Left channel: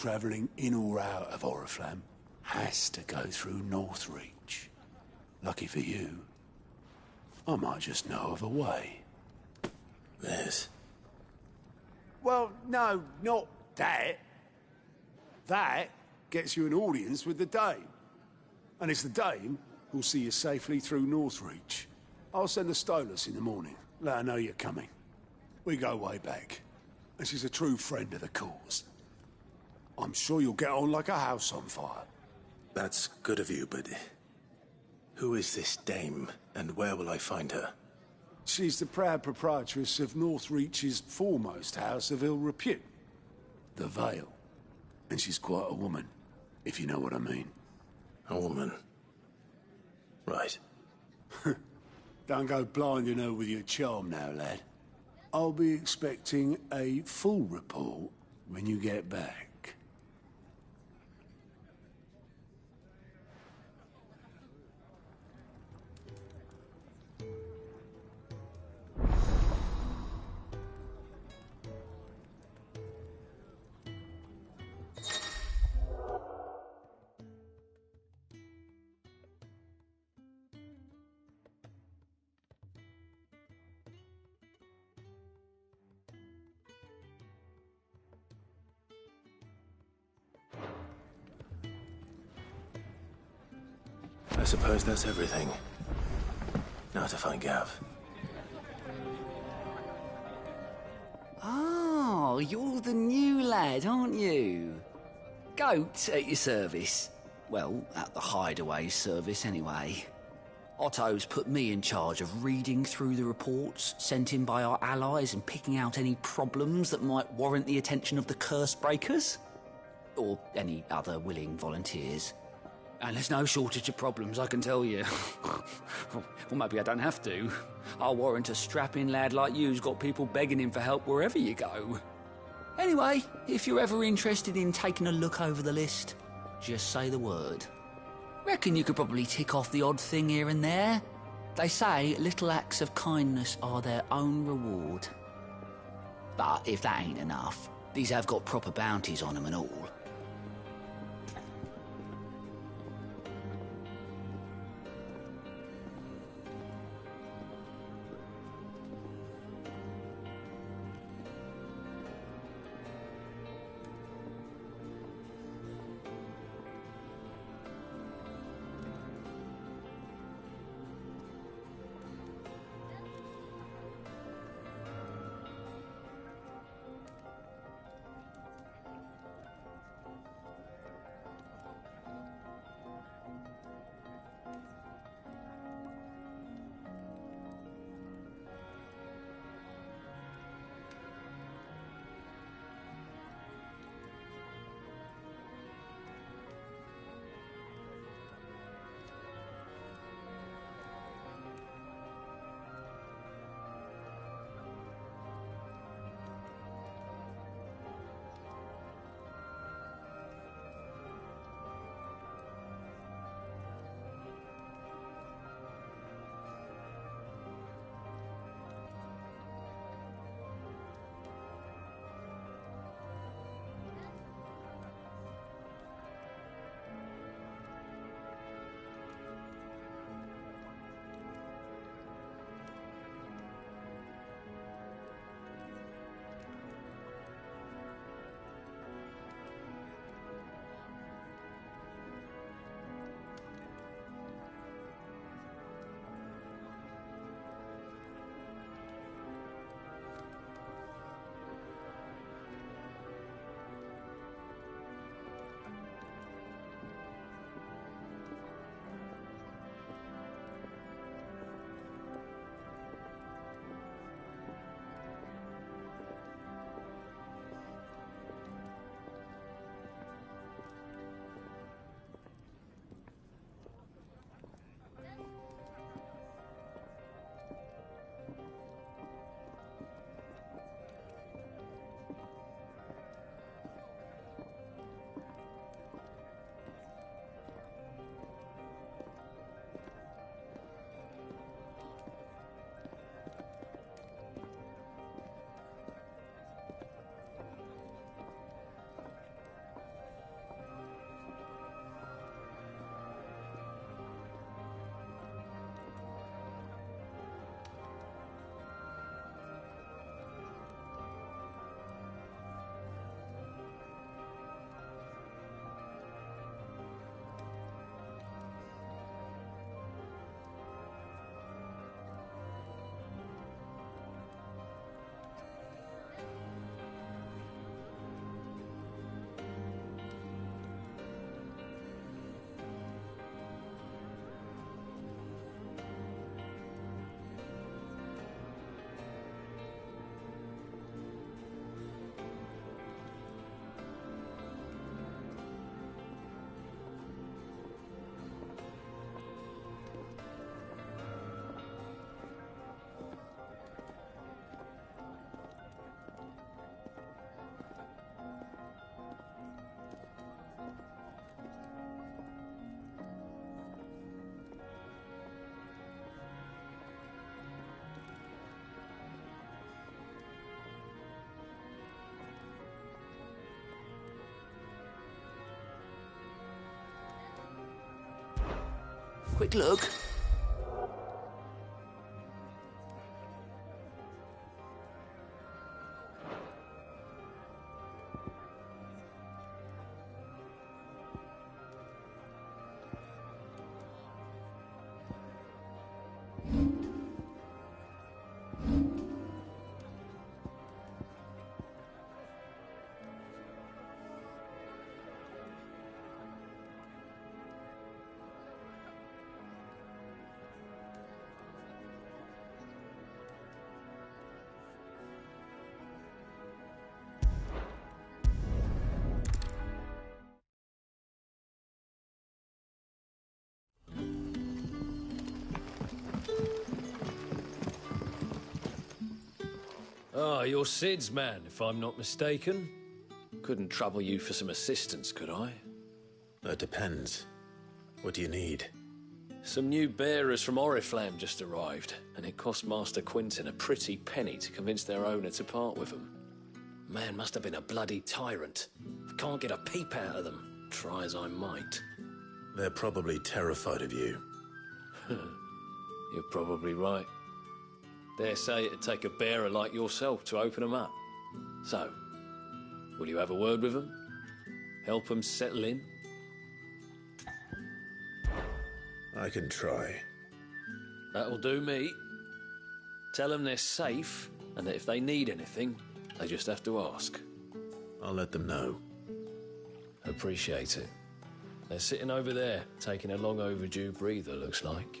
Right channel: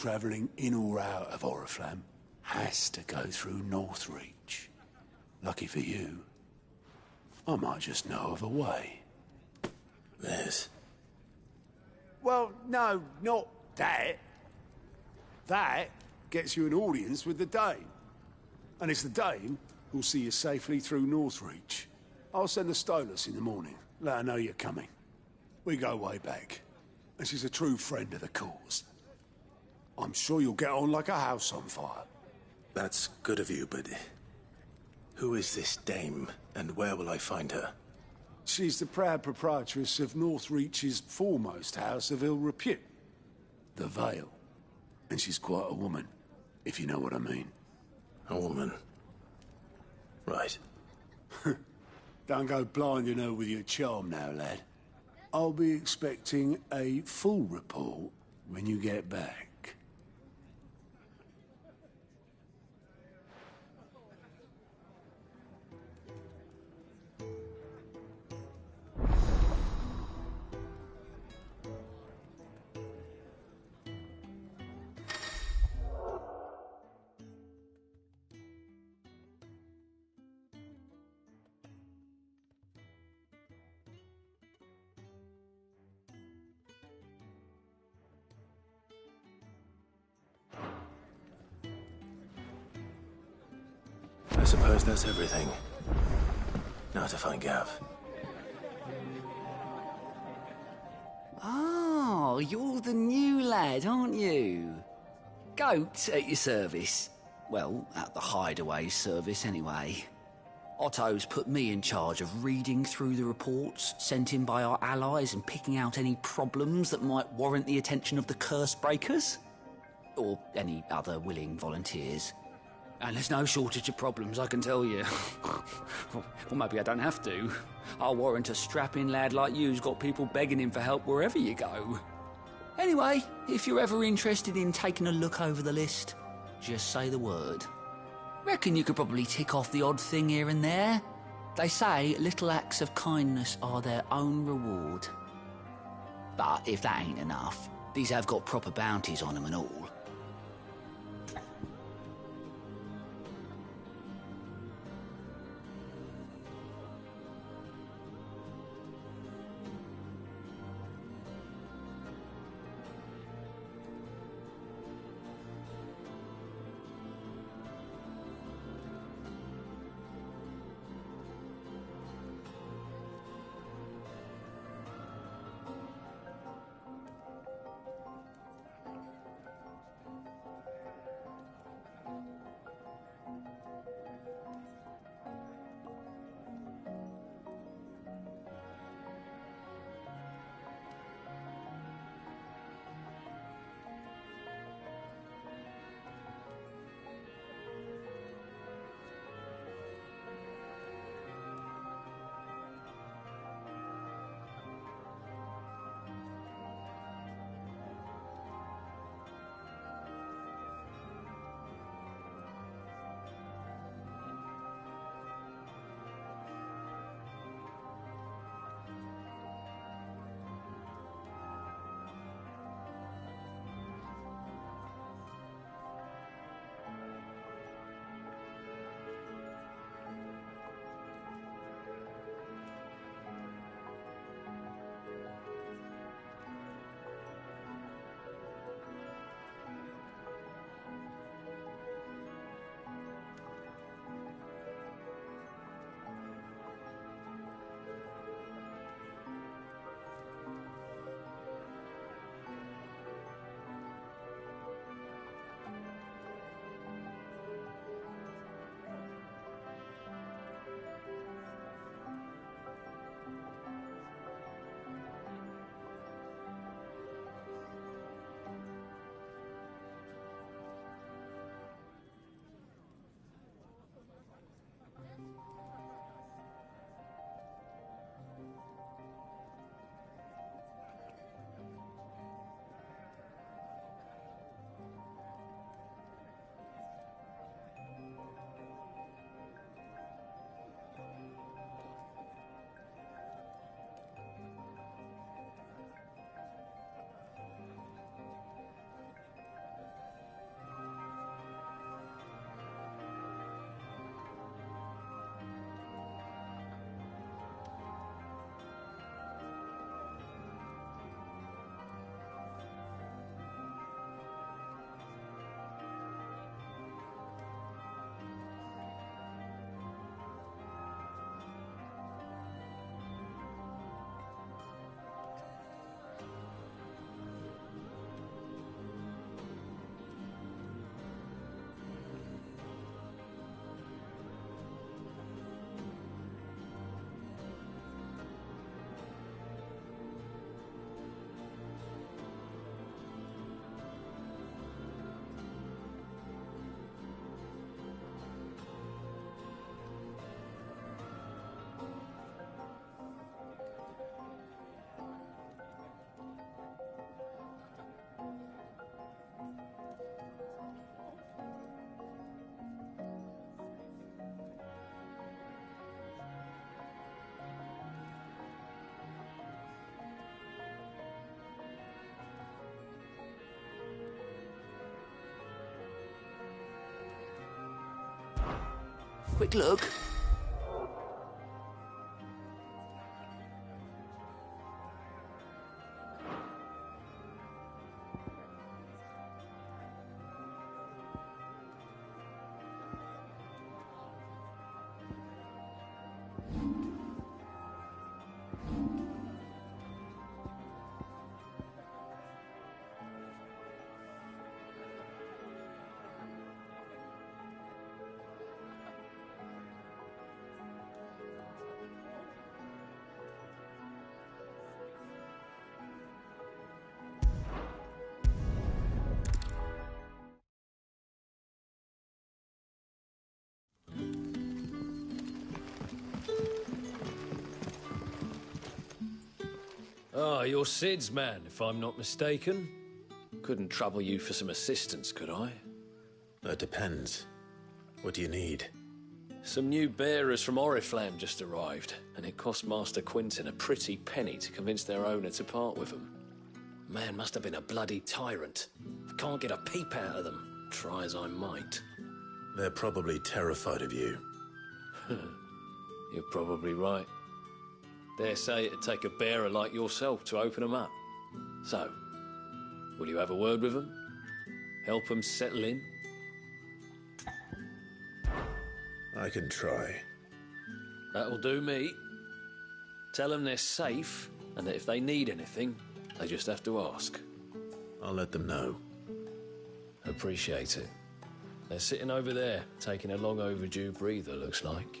travelling in or out of Oriflamme has to go through Northreach. Lucky for you, I might just know of a way. Yes. Well, no, not that. That gets you an audience with the Dame. And it's the Dame who'll see you safely through Northreach. I'll send the Stolas in the morning, let her know you're coming. We go way back, and she's a true friend of the cause. I'm sure you'll get on like a house on fire. That's good of you, but who is this dame, and where will I find her? She's the proud proprietress of Northreach's foremost house of ill repute, the Vale. And she's quite a woman, if you know what I mean. A woman. Right. Don't go blinding her with your charm now, lad. I'll be expecting a full report when you get back. I suppose that's everything. Now to find Gav. Oh, you're the new lad, aren't you? Goat at your service. Well, at the Hideaway service, anyway. Otto's put me in charge of reading through the reports sent in by our allies and picking out any problems that might warrant the attention of the curse breakers. Or any other willing volunteers. And there's no shortage of problems, I can tell you. Well, maybe I don't have to. I'll warrant a strapping lad like you's got people begging him for help wherever you go. Anyway, if you're ever interested in taking a look over the list, just say the word. Reckon you could probably tick off the odd thing here and there. They say little acts of kindness are their own reward. But if that ain't enough, these have got proper bounties on them and all. quick look. Ah, you're Sid's man, if I'm not mistaken. Couldn't trouble you for some assistance, could I? That depends. What do you need? Some new bearers from Oriflamme just arrived, and it cost Master Quinton a pretty penny to convince their owner to part with them. Man must have been a bloody tyrant. I can't get a peep out of them, try as I might. They're probably terrified of you. You're probably right. Dare say it'd take a bearer like yourself to open them up. So, will you have a word with them? Help them settle in? I can try. That'll do me. Tell them they're safe, and that if they need anything, they just have to ask. I'll let them know. Appreciate it. They're sitting over there, taking a long overdue breather, looks like.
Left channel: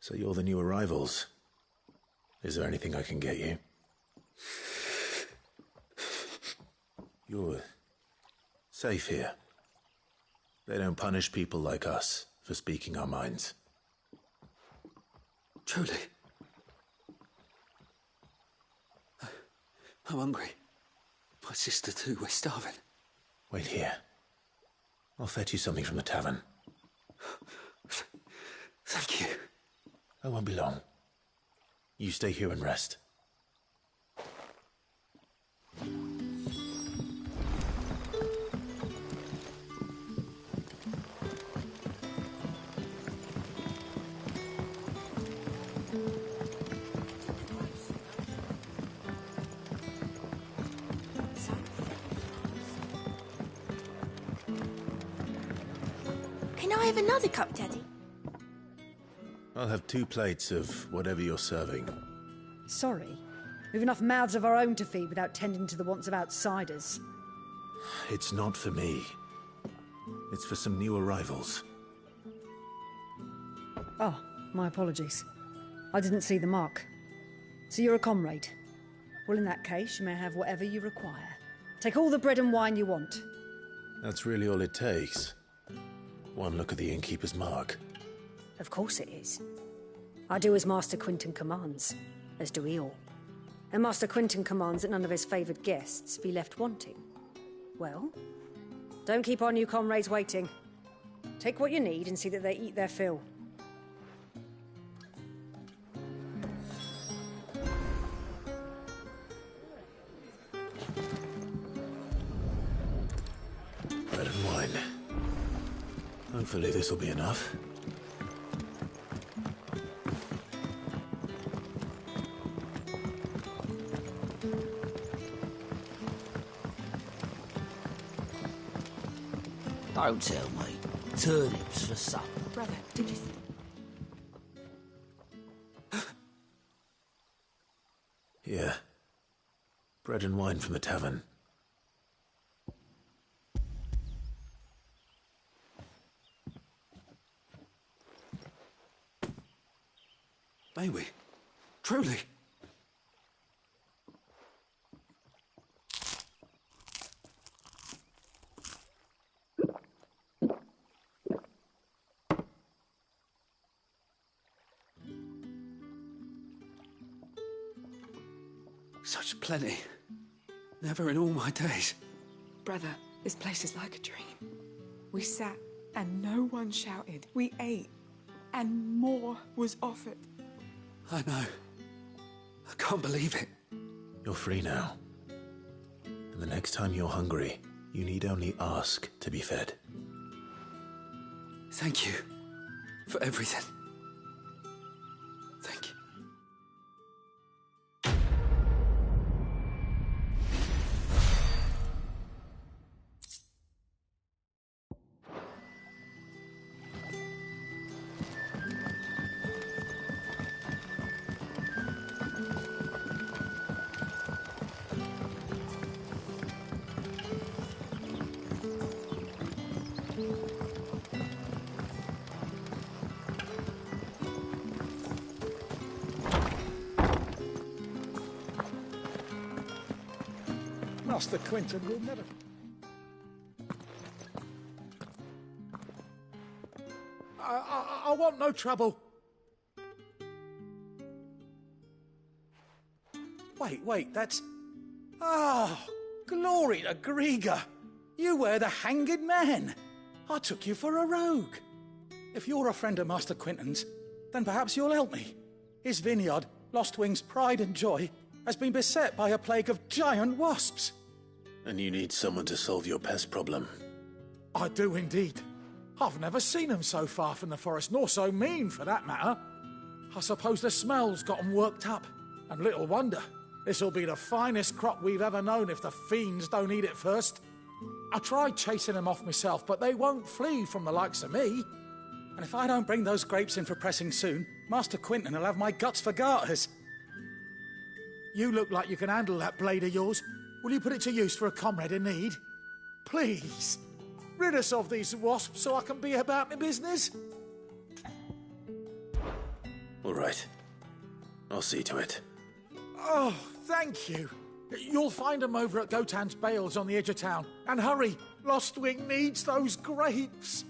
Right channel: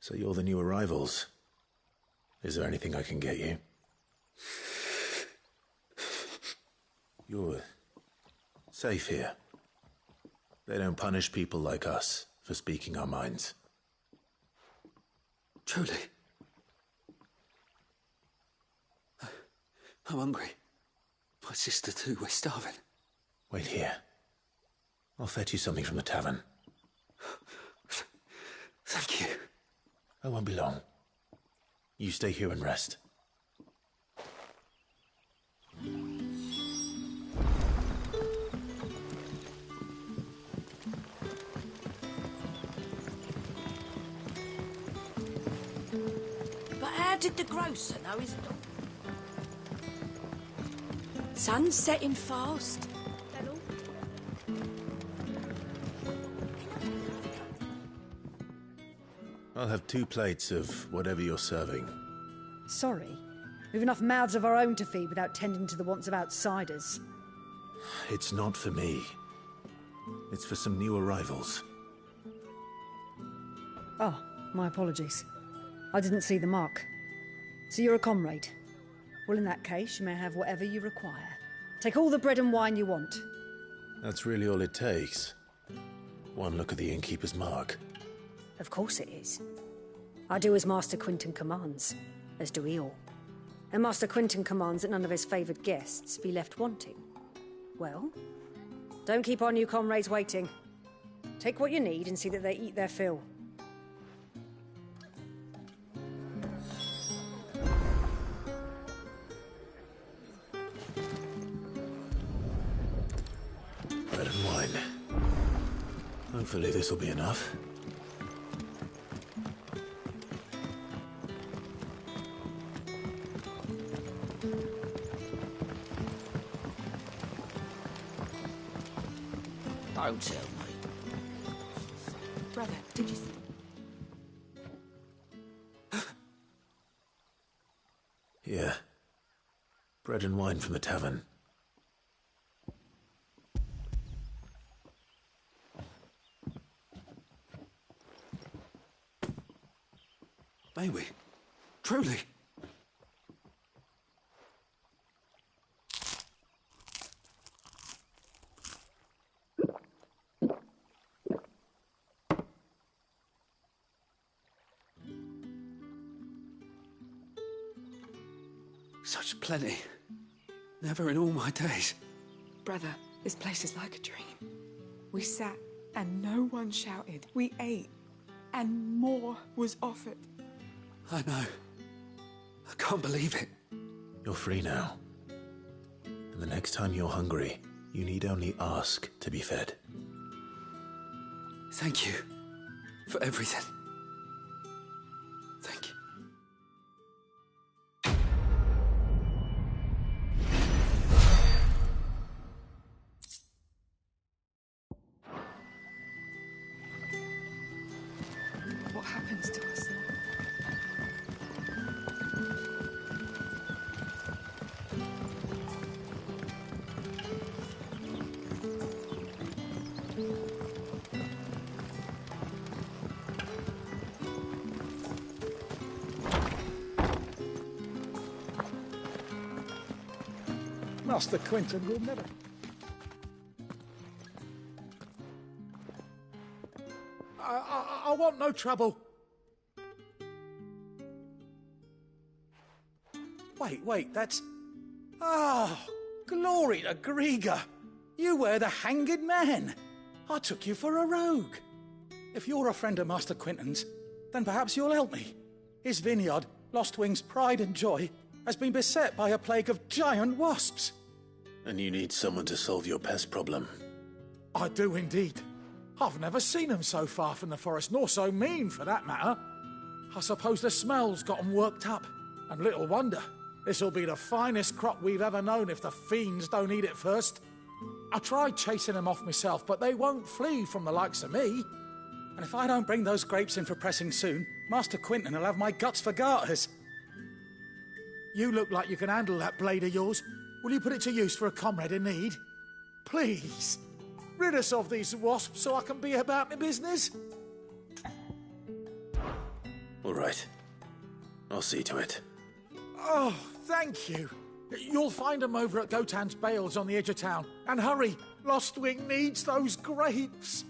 So you're the new arrivals. Is there anything I can get you? You're safe here. They don't punish people like us for speaking our minds. Truly. I'm hungry. My sister too, we're starving. Wait here. I'll fetch you something from the tavern. Thank you. I won't be long. You stay here and rest. But how did the grocer know his... Sun's setting fast. Can I have another cup, Daddy? I'll have 2 plates of whatever you're serving. Sorry. We've enough mouths of our own to feed without tending to the wants of outsiders. It's not for me. It's for some new arrivals. Oh, my apologies. I didn't see the mark. So you're a comrade. Well, in that case, you may have whatever you require. Take all the bread and wine you want. That's really all it takes. One look at the innkeeper's mark. Of course it is. I do as Master Quinton commands, as do we all. And Master Quinton commands that none of his favoured guests be left wanting. Well, don't keep our new comrades waiting. Take what you need and see that they eat their fill. Bread and wine. Hopefully this will be enough. Don't tell me. Turnips for supper. Brother, did you... Here. Bread and wine from the tavern. May we? Truly? Such plenty. Never in all my days. Brother, this place is like a dream. We sat and no one shouted. We ate and more was offered. I know. I can't believe it. You're free now. And the next time you're hungry, you need only ask to be fed. Thank you for everything. Thank you. What happens to us? Master Quentin will never... I want no trouble. Wait, that's... Oh, glory to Grieger. You were the hanged man. I took you for a rogue. If you're a friend of Master Quentin's, then perhaps you'll help me. His vineyard, Lostwing's pride and joy, has been beset by a plague of giant wasps. And you need someone to solve your pest problem. I do indeed. I've never seen them so far from the forest, nor so mean, for that matter. I suppose the smell's got 'em worked up. And little wonder. This'll be the finest crop we've ever known if the fiends don't eat it first. I tried chasing them off myself, but they won't flee from the likes of me. And if I don't bring those grapes in for pressing soon, Master Quentin will have my guts for garters. You look like you can handle that blade of yours. Will you put it to use for a comrade in need? Please. Rid us of these wasps so I can be about my business. All right. I'll see to it. Oh, thank you. You'll find them over at Gotan's Bales on the edge of town. And hurry, Lostwing needs those grapes.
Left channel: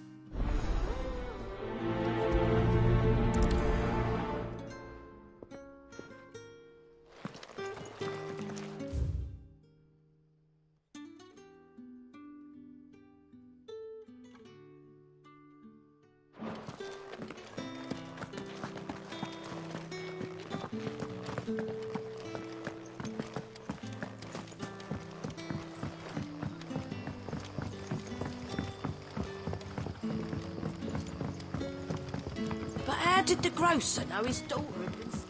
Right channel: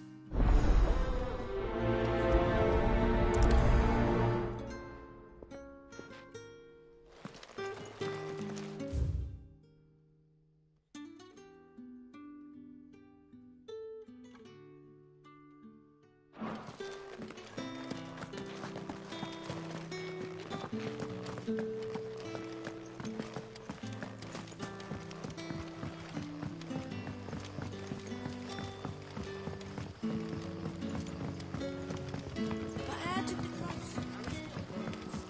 But how did the grocer know his daughter was...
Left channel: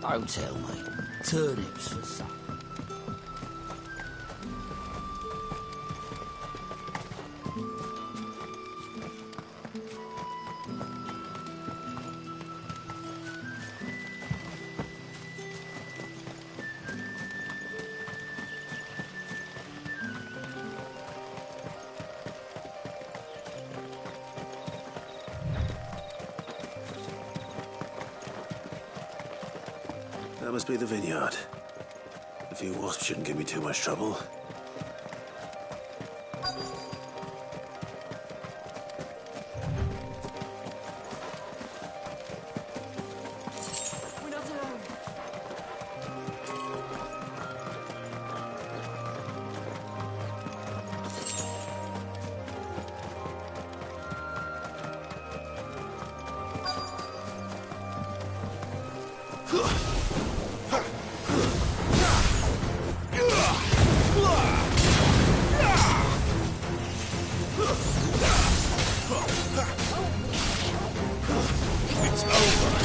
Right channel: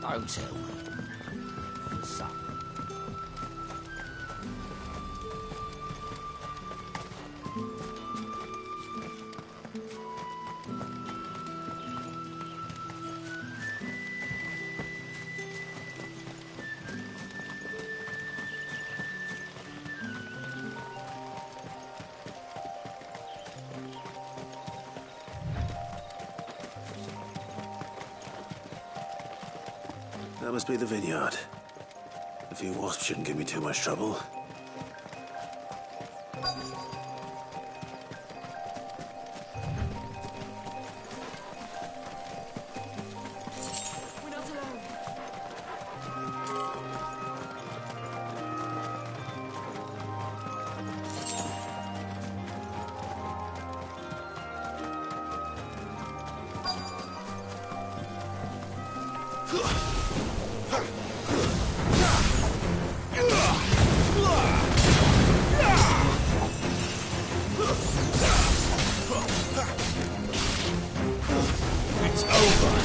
Don't tell me. Turnips for supper. That must be the vineyard. A few wasps shouldn't give me too much trouble. We're not alone. It's over.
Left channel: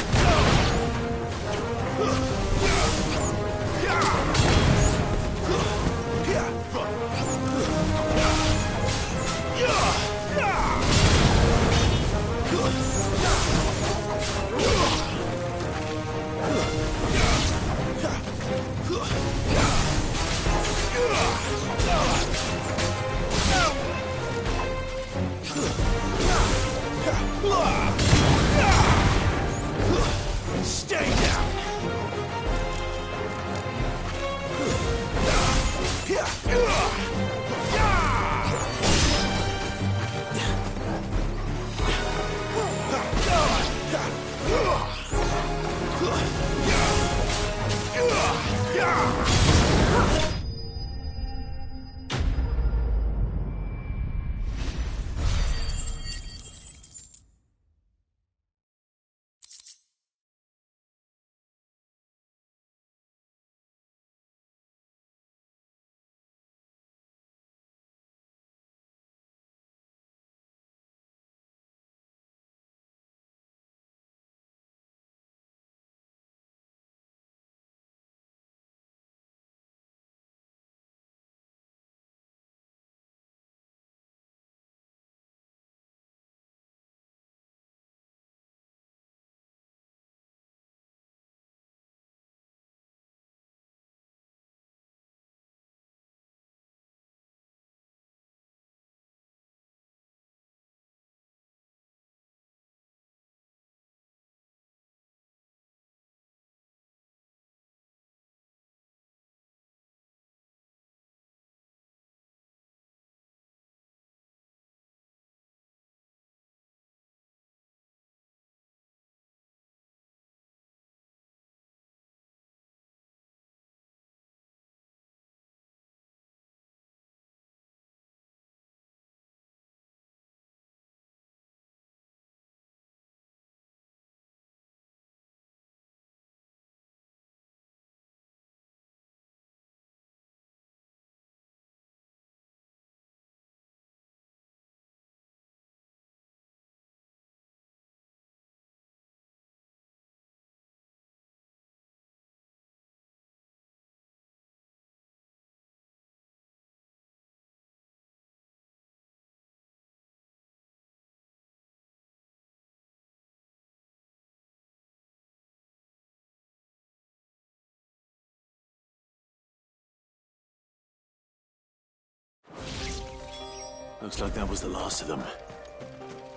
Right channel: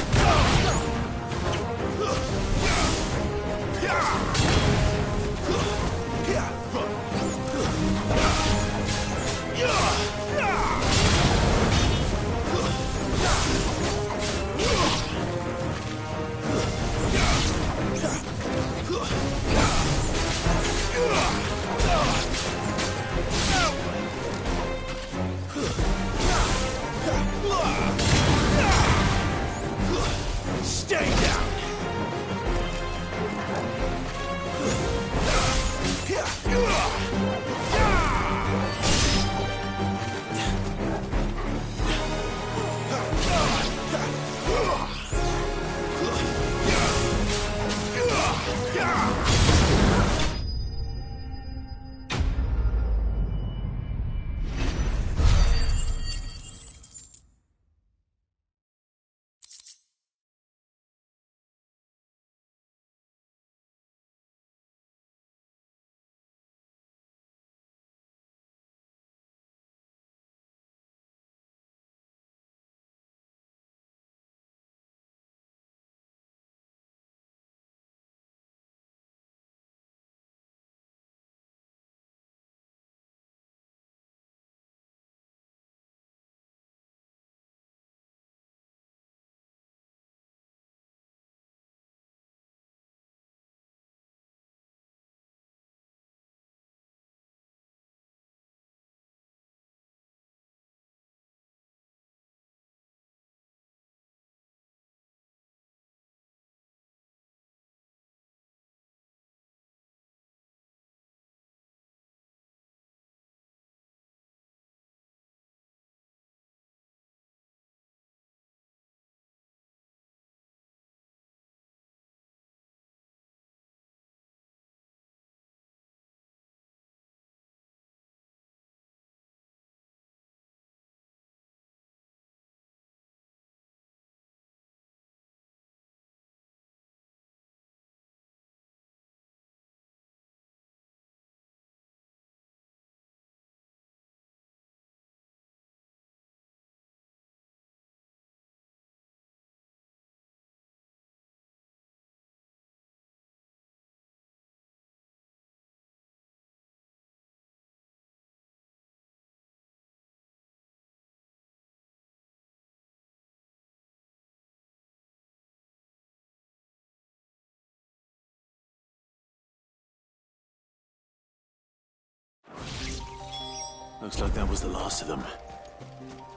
Looks like that was the last of them.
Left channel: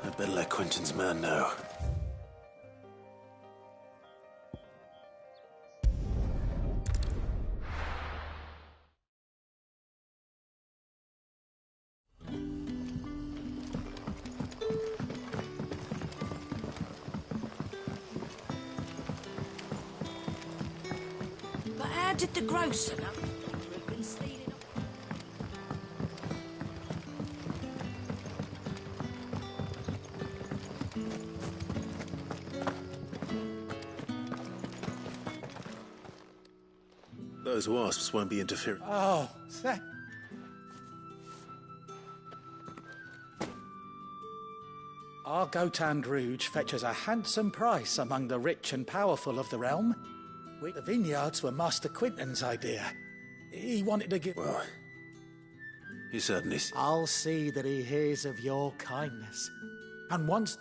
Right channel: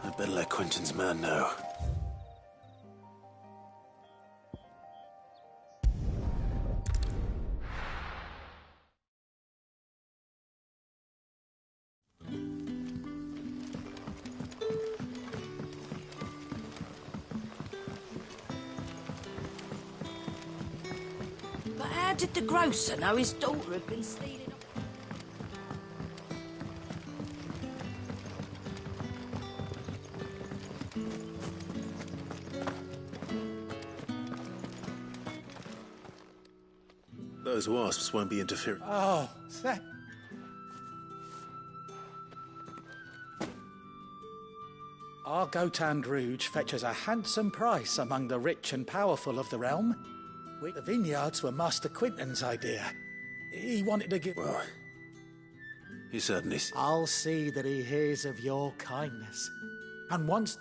I'd better let Quentin's man know. But how did the grocer know his daughter had been stealing? Those wasps won't be interfering. Oh, thank... Our Gotand Rouge fetches a handsome price among the rich and powerful of the realm. The vineyards were Master Quinton's idea. He wanted to give... Well, he certainly... I'll see that he hears of your kindness. And once...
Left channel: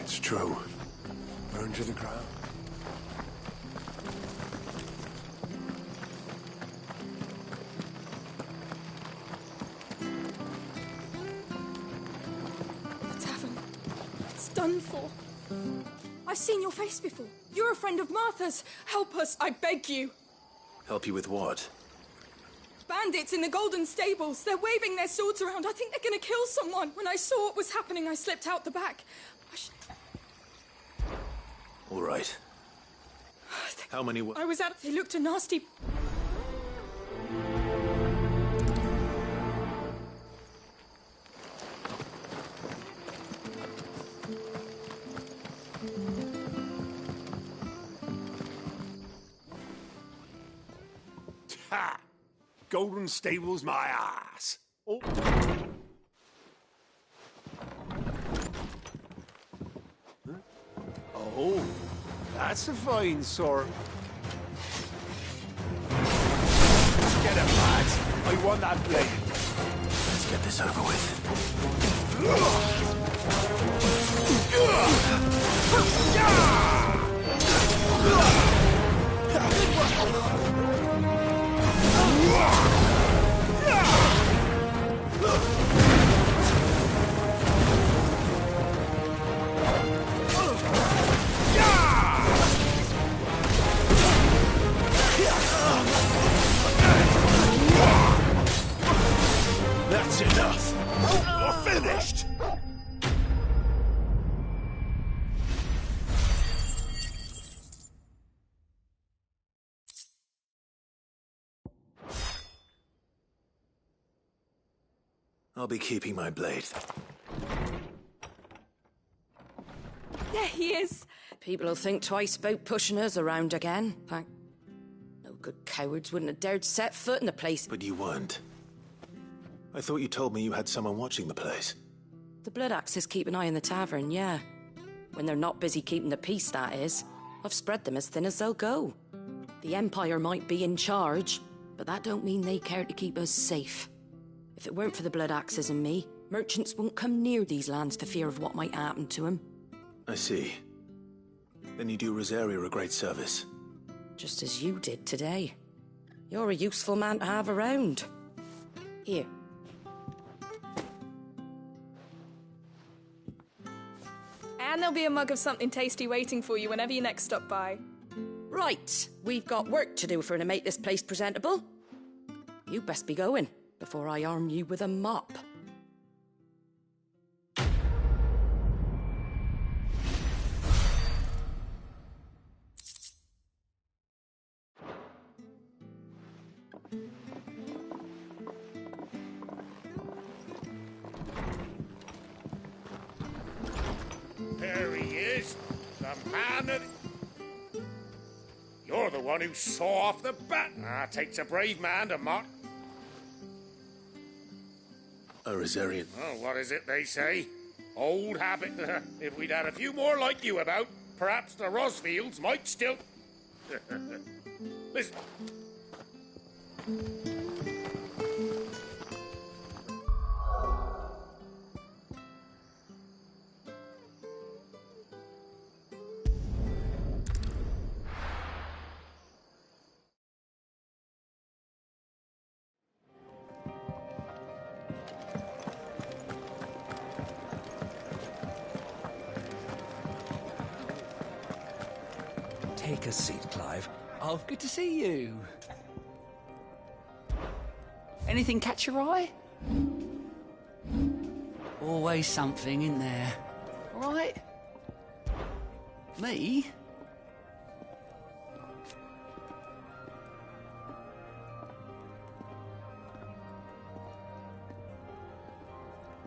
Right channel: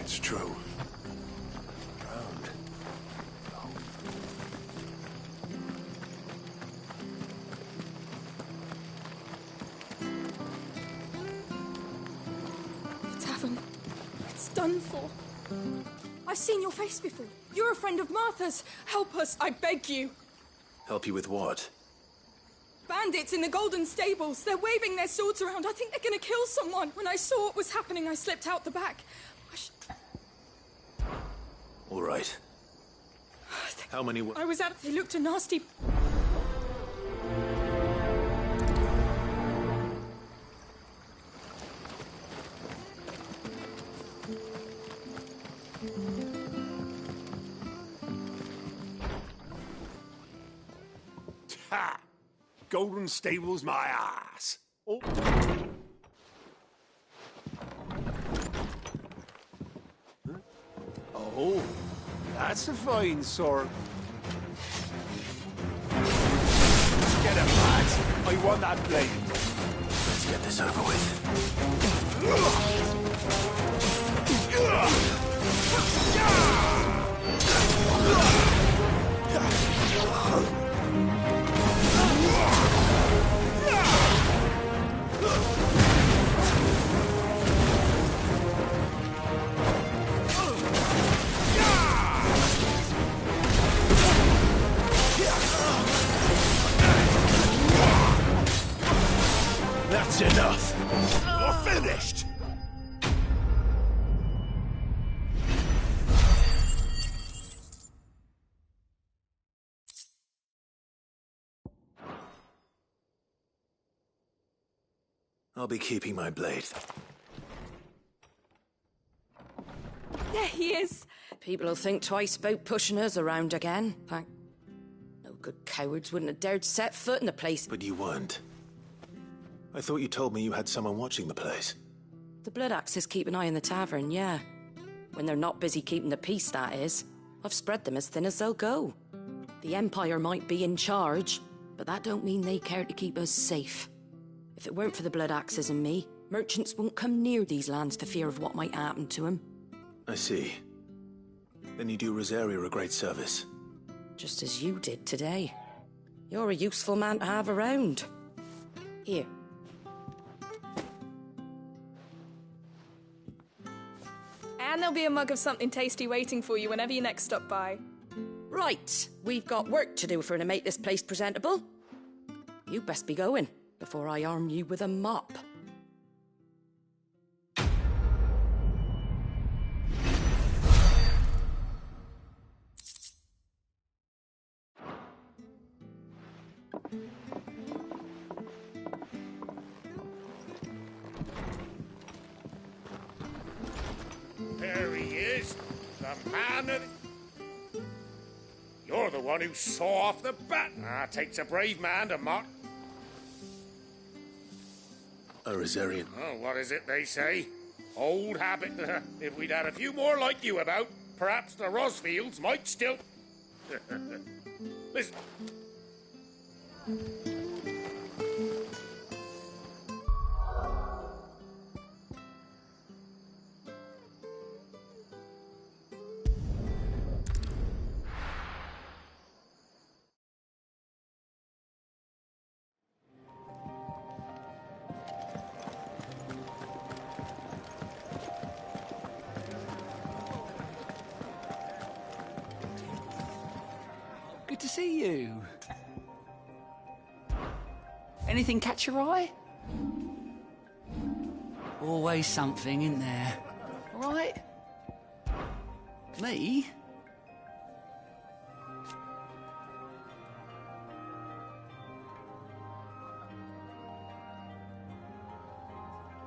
It's true. Burn to the ground. The tavern. It's done for. I've seen your face before. You're a friend of Martha's. Help us, I beg you. Help you with what? Bandits in the Golden Stables. They're waving their swords around. I think they're gonna kill someone. When I saw what was happening, I slipped out the back. All right. How many... I was out. They looked a nasty... Ha! Golden Stables my ass. Oh. Huh? Oh, that's a fine sort. Get him, lads. I want that blade. Let's get this over with. That's enough. You're finished. I'll be keeping my blade. There he is. People will think twice about pushing us around again. Like, no good cowards wouldn't have dared set foot in the place. But you weren't. I thought you told me you had someone watching the place. The Blood Axes keep an eye on the tavern, yeah. When they're not busy keeping the peace, that is. I've spread them as thin as they'll go. The Empire might be in charge, but that don't mean they care to keep us safe. If it weren't for the Blood Axes and me, merchants won't come near these lands for fear of what might happen to them. I see. Then you do Rosaria a great service. Just as you did today. You're a useful man to have around. Here. And there'll be a mug of something tasty waiting for you whenever you next stop by. Right, we've got work to do for to make this place presentable. You best be going before I arm you with a mop. There he is, the man of... one who saw off the bat. Takes a brave man to mark. A Rosarian. Oh, what is it they say? Old habit. If we'd had a few more like you about, perhaps the Rosfields might still... Listen. Take a seat, Clive. Oh, good to see you. Anything catch your eye? Always something in there. All right? Me?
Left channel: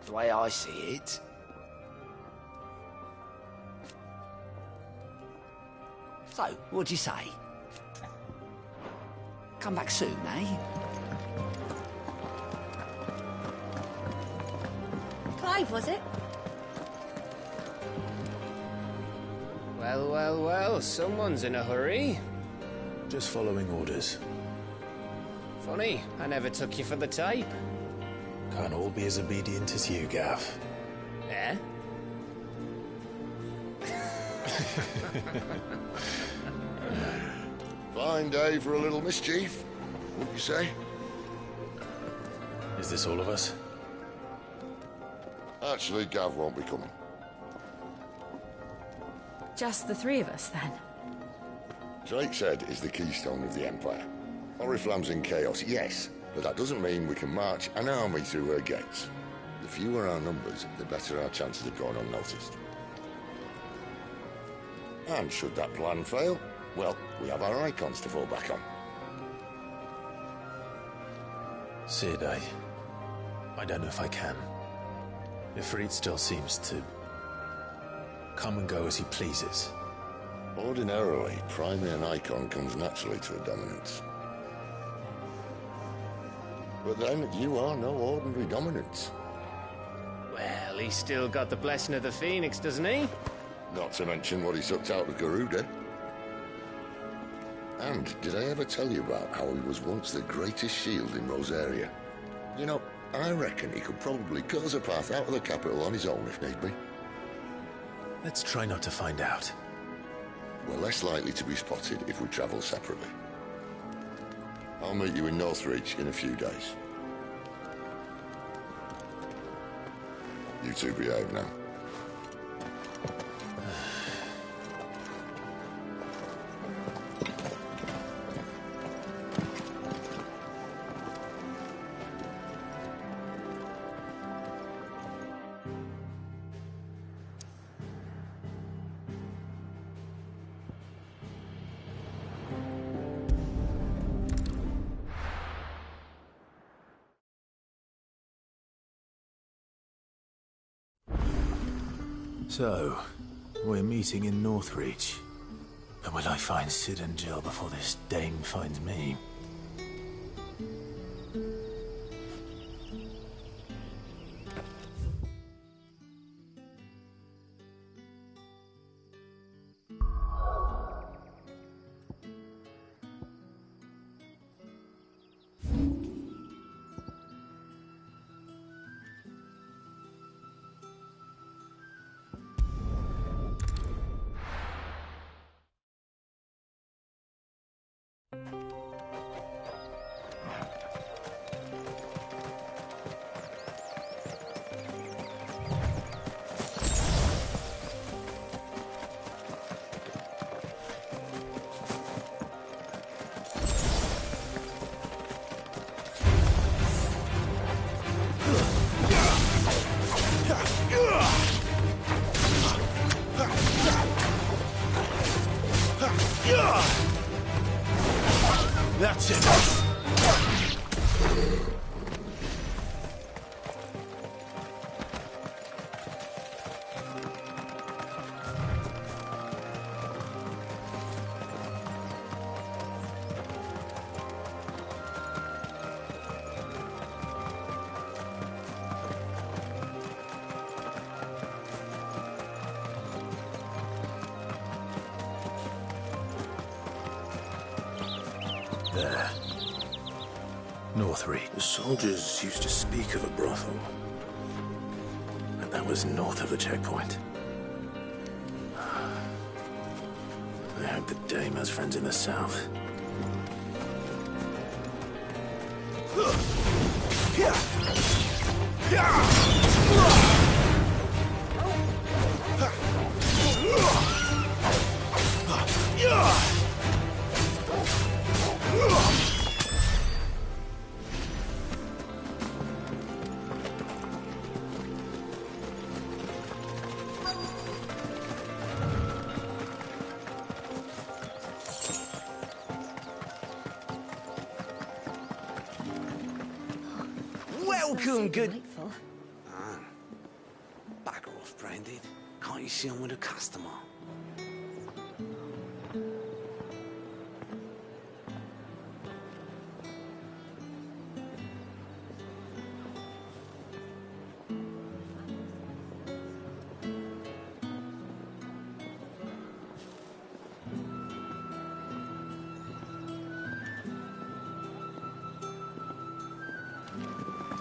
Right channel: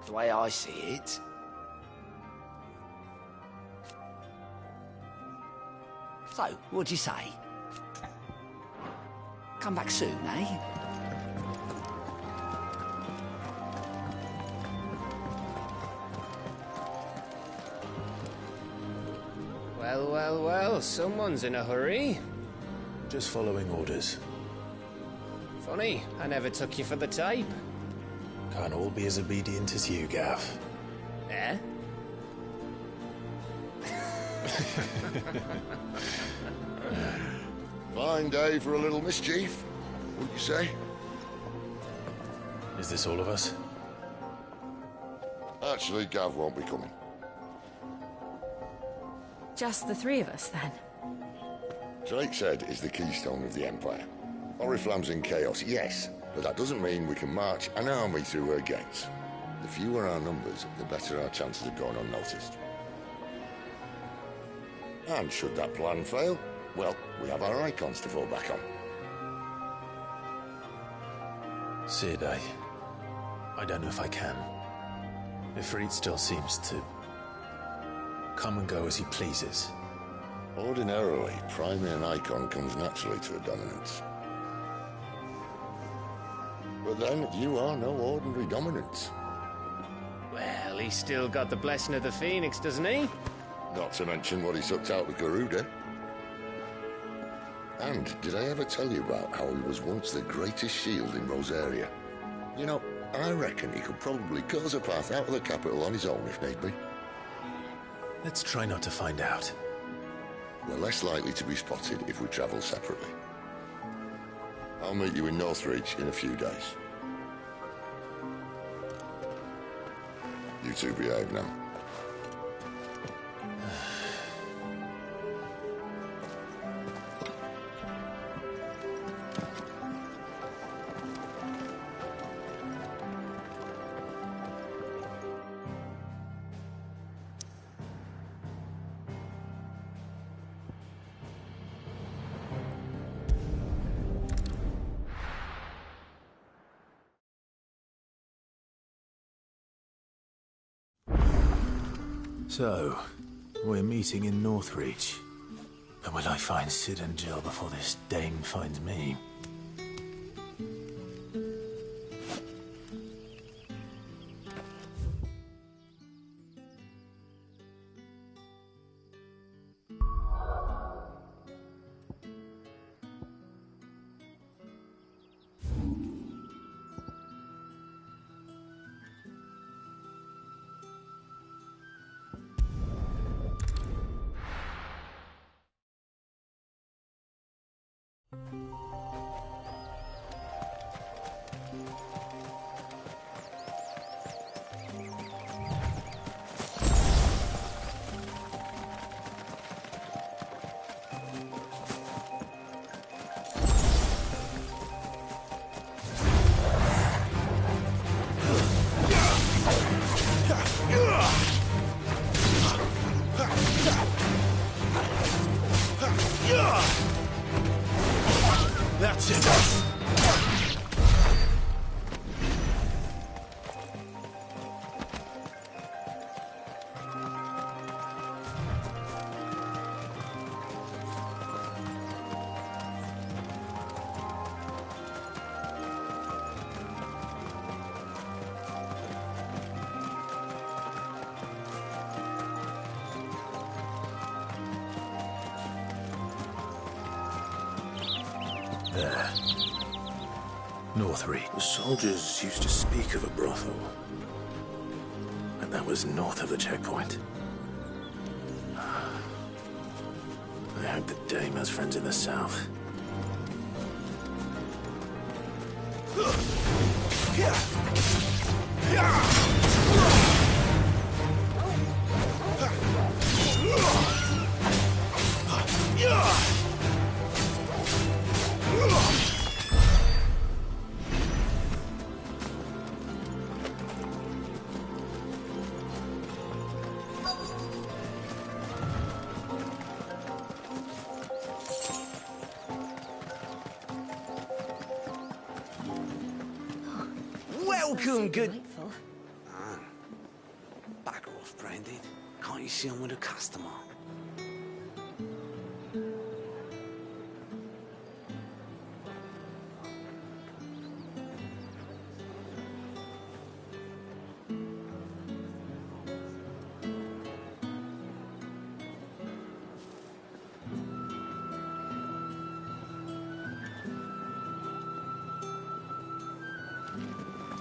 The way I see it, so, what'd you say? Come back soon, eh? Clive, was it? Well, well, well, someone's in a hurry. Just following orders. Funny, I never took you for the type. Can't all be as obedient as you, Gav. Eh? Fine day for a little mischief, wouldn't you say? Is this all of us? Actually, Gav won't be coming. Just the three of us, then? Drake's Head is the keystone of the Empire. Oriflamme's in chaos, yes, but that doesn't mean we can march an army through her gates. The fewer our numbers, the better our chances of going unnoticed. And should that plan fail, well, we have our icons to fall back on. Sid, I don't know if I can. Ifrit still seems to come and go as he pleases. Ordinarily, priming an icon comes naturally to a dominance. But then, you are no ordinary dominance. Well, he's still got the blessing of the Phoenix, doesn't he? Not to mention what he sucked out of Garuda. And did I ever tell you about how he was once the greatest shield in Rosaria? You know, I reckon he could probably cut us a path out of the capital on his own if need be. Let's try not to find out. We're less likely to be spotted if we travel separately. I'll meet you in Northreach in a few days. You two behave now. So, we're meeting in Northreach. But will I find Sid and Jill before this Dane finds me? There. Northreach. The soldiers used to speak of a brothel. And that was north of the checkpoint. I hope the dame has friends in the south. Welcome, good... Bugger off, Brandon. Can't you see I'm with a customer?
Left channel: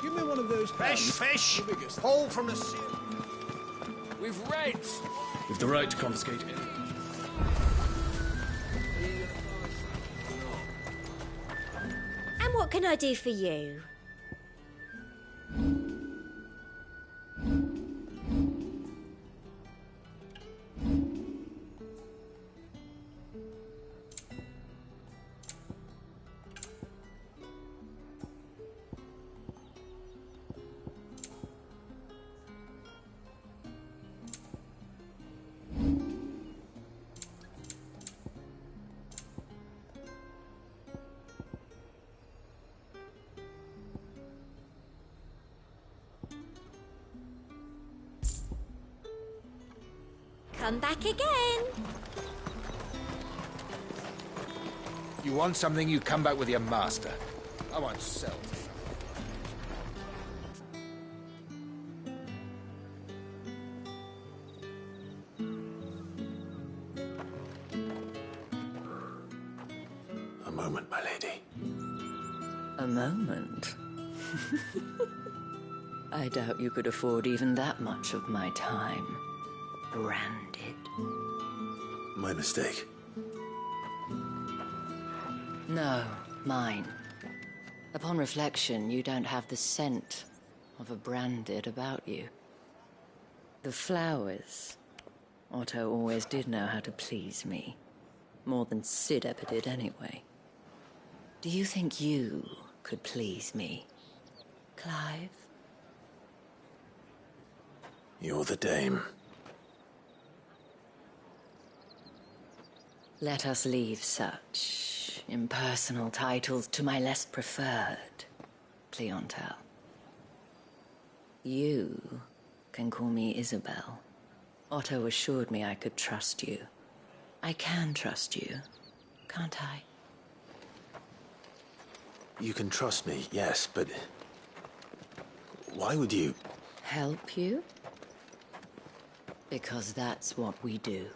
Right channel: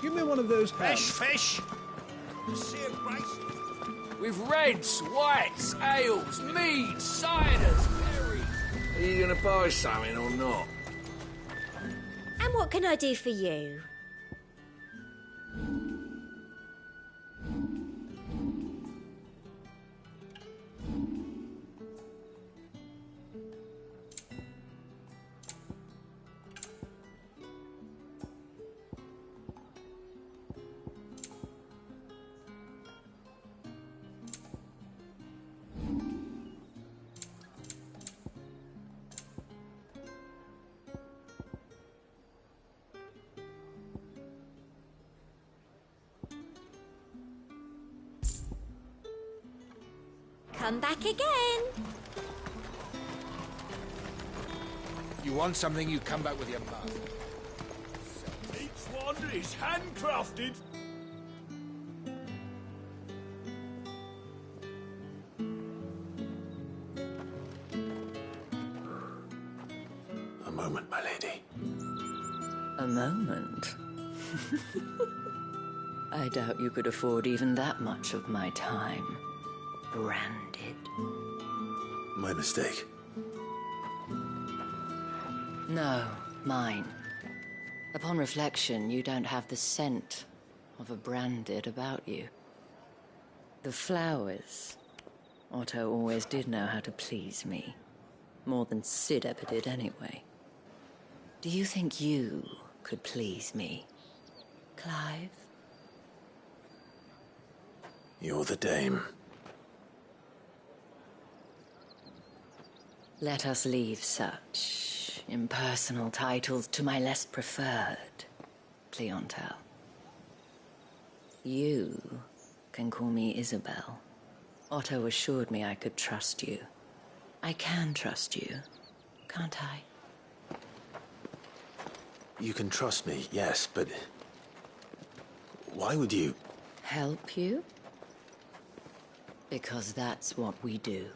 Give me one of those Fresh fish! All from the sea of grace. With reds, whites, The road ales, comes, mead, ciders. Are you gonna buy something or not? And what can I do for you? Come back again. You want something, you come back with your master. I won't sell. Each one is handcrafted. A moment, my lady. A moment? I doubt you could afford even that much of my time. Branded. My mistake. No, mine. Upon reflection, you don't have the scent of a branded about you. The flowers. Otto always did know how to please me. More than Sid ever did anyway. Do you think you could please me, Clive? You're the dame. Let us leave such impersonal titles to my less preferred clientele. You can call me Isabel. Otto assured me I could trust you. I can trust you, can't I? You can trust me, yes, but... why would you... Help you? Because that's what we do.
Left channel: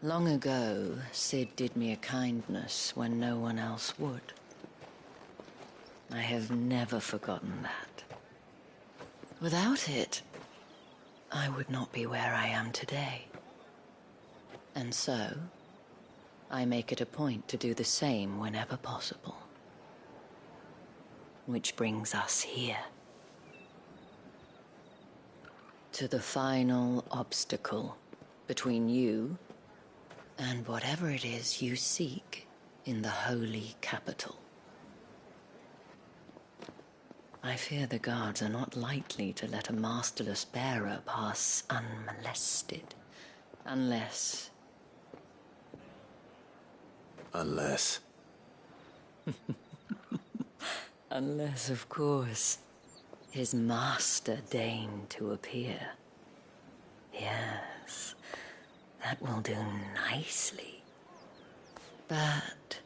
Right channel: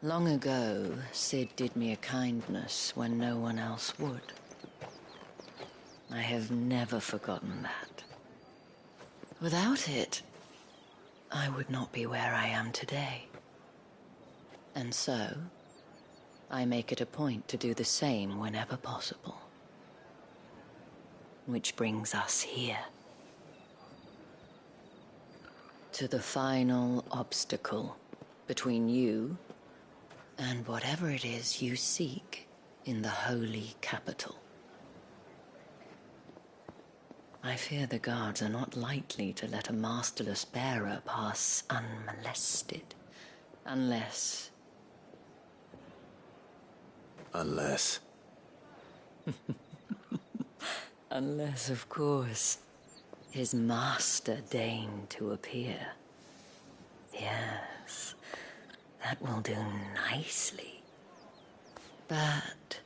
Long ago, Sid did me a kindness when no one else would. I have never forgotten that. Without it, I would not be where I am today. And so, I make it a point to do the same whenever possible. Which brings us here. To the final obstacle between you and whatever it is you seek in the holy capital. I fear the guards are not likely to let a masterless bearer pass unmolested, unless... Unless... Unless, of course, his master deigned to appear. Yes, that will do nicely. But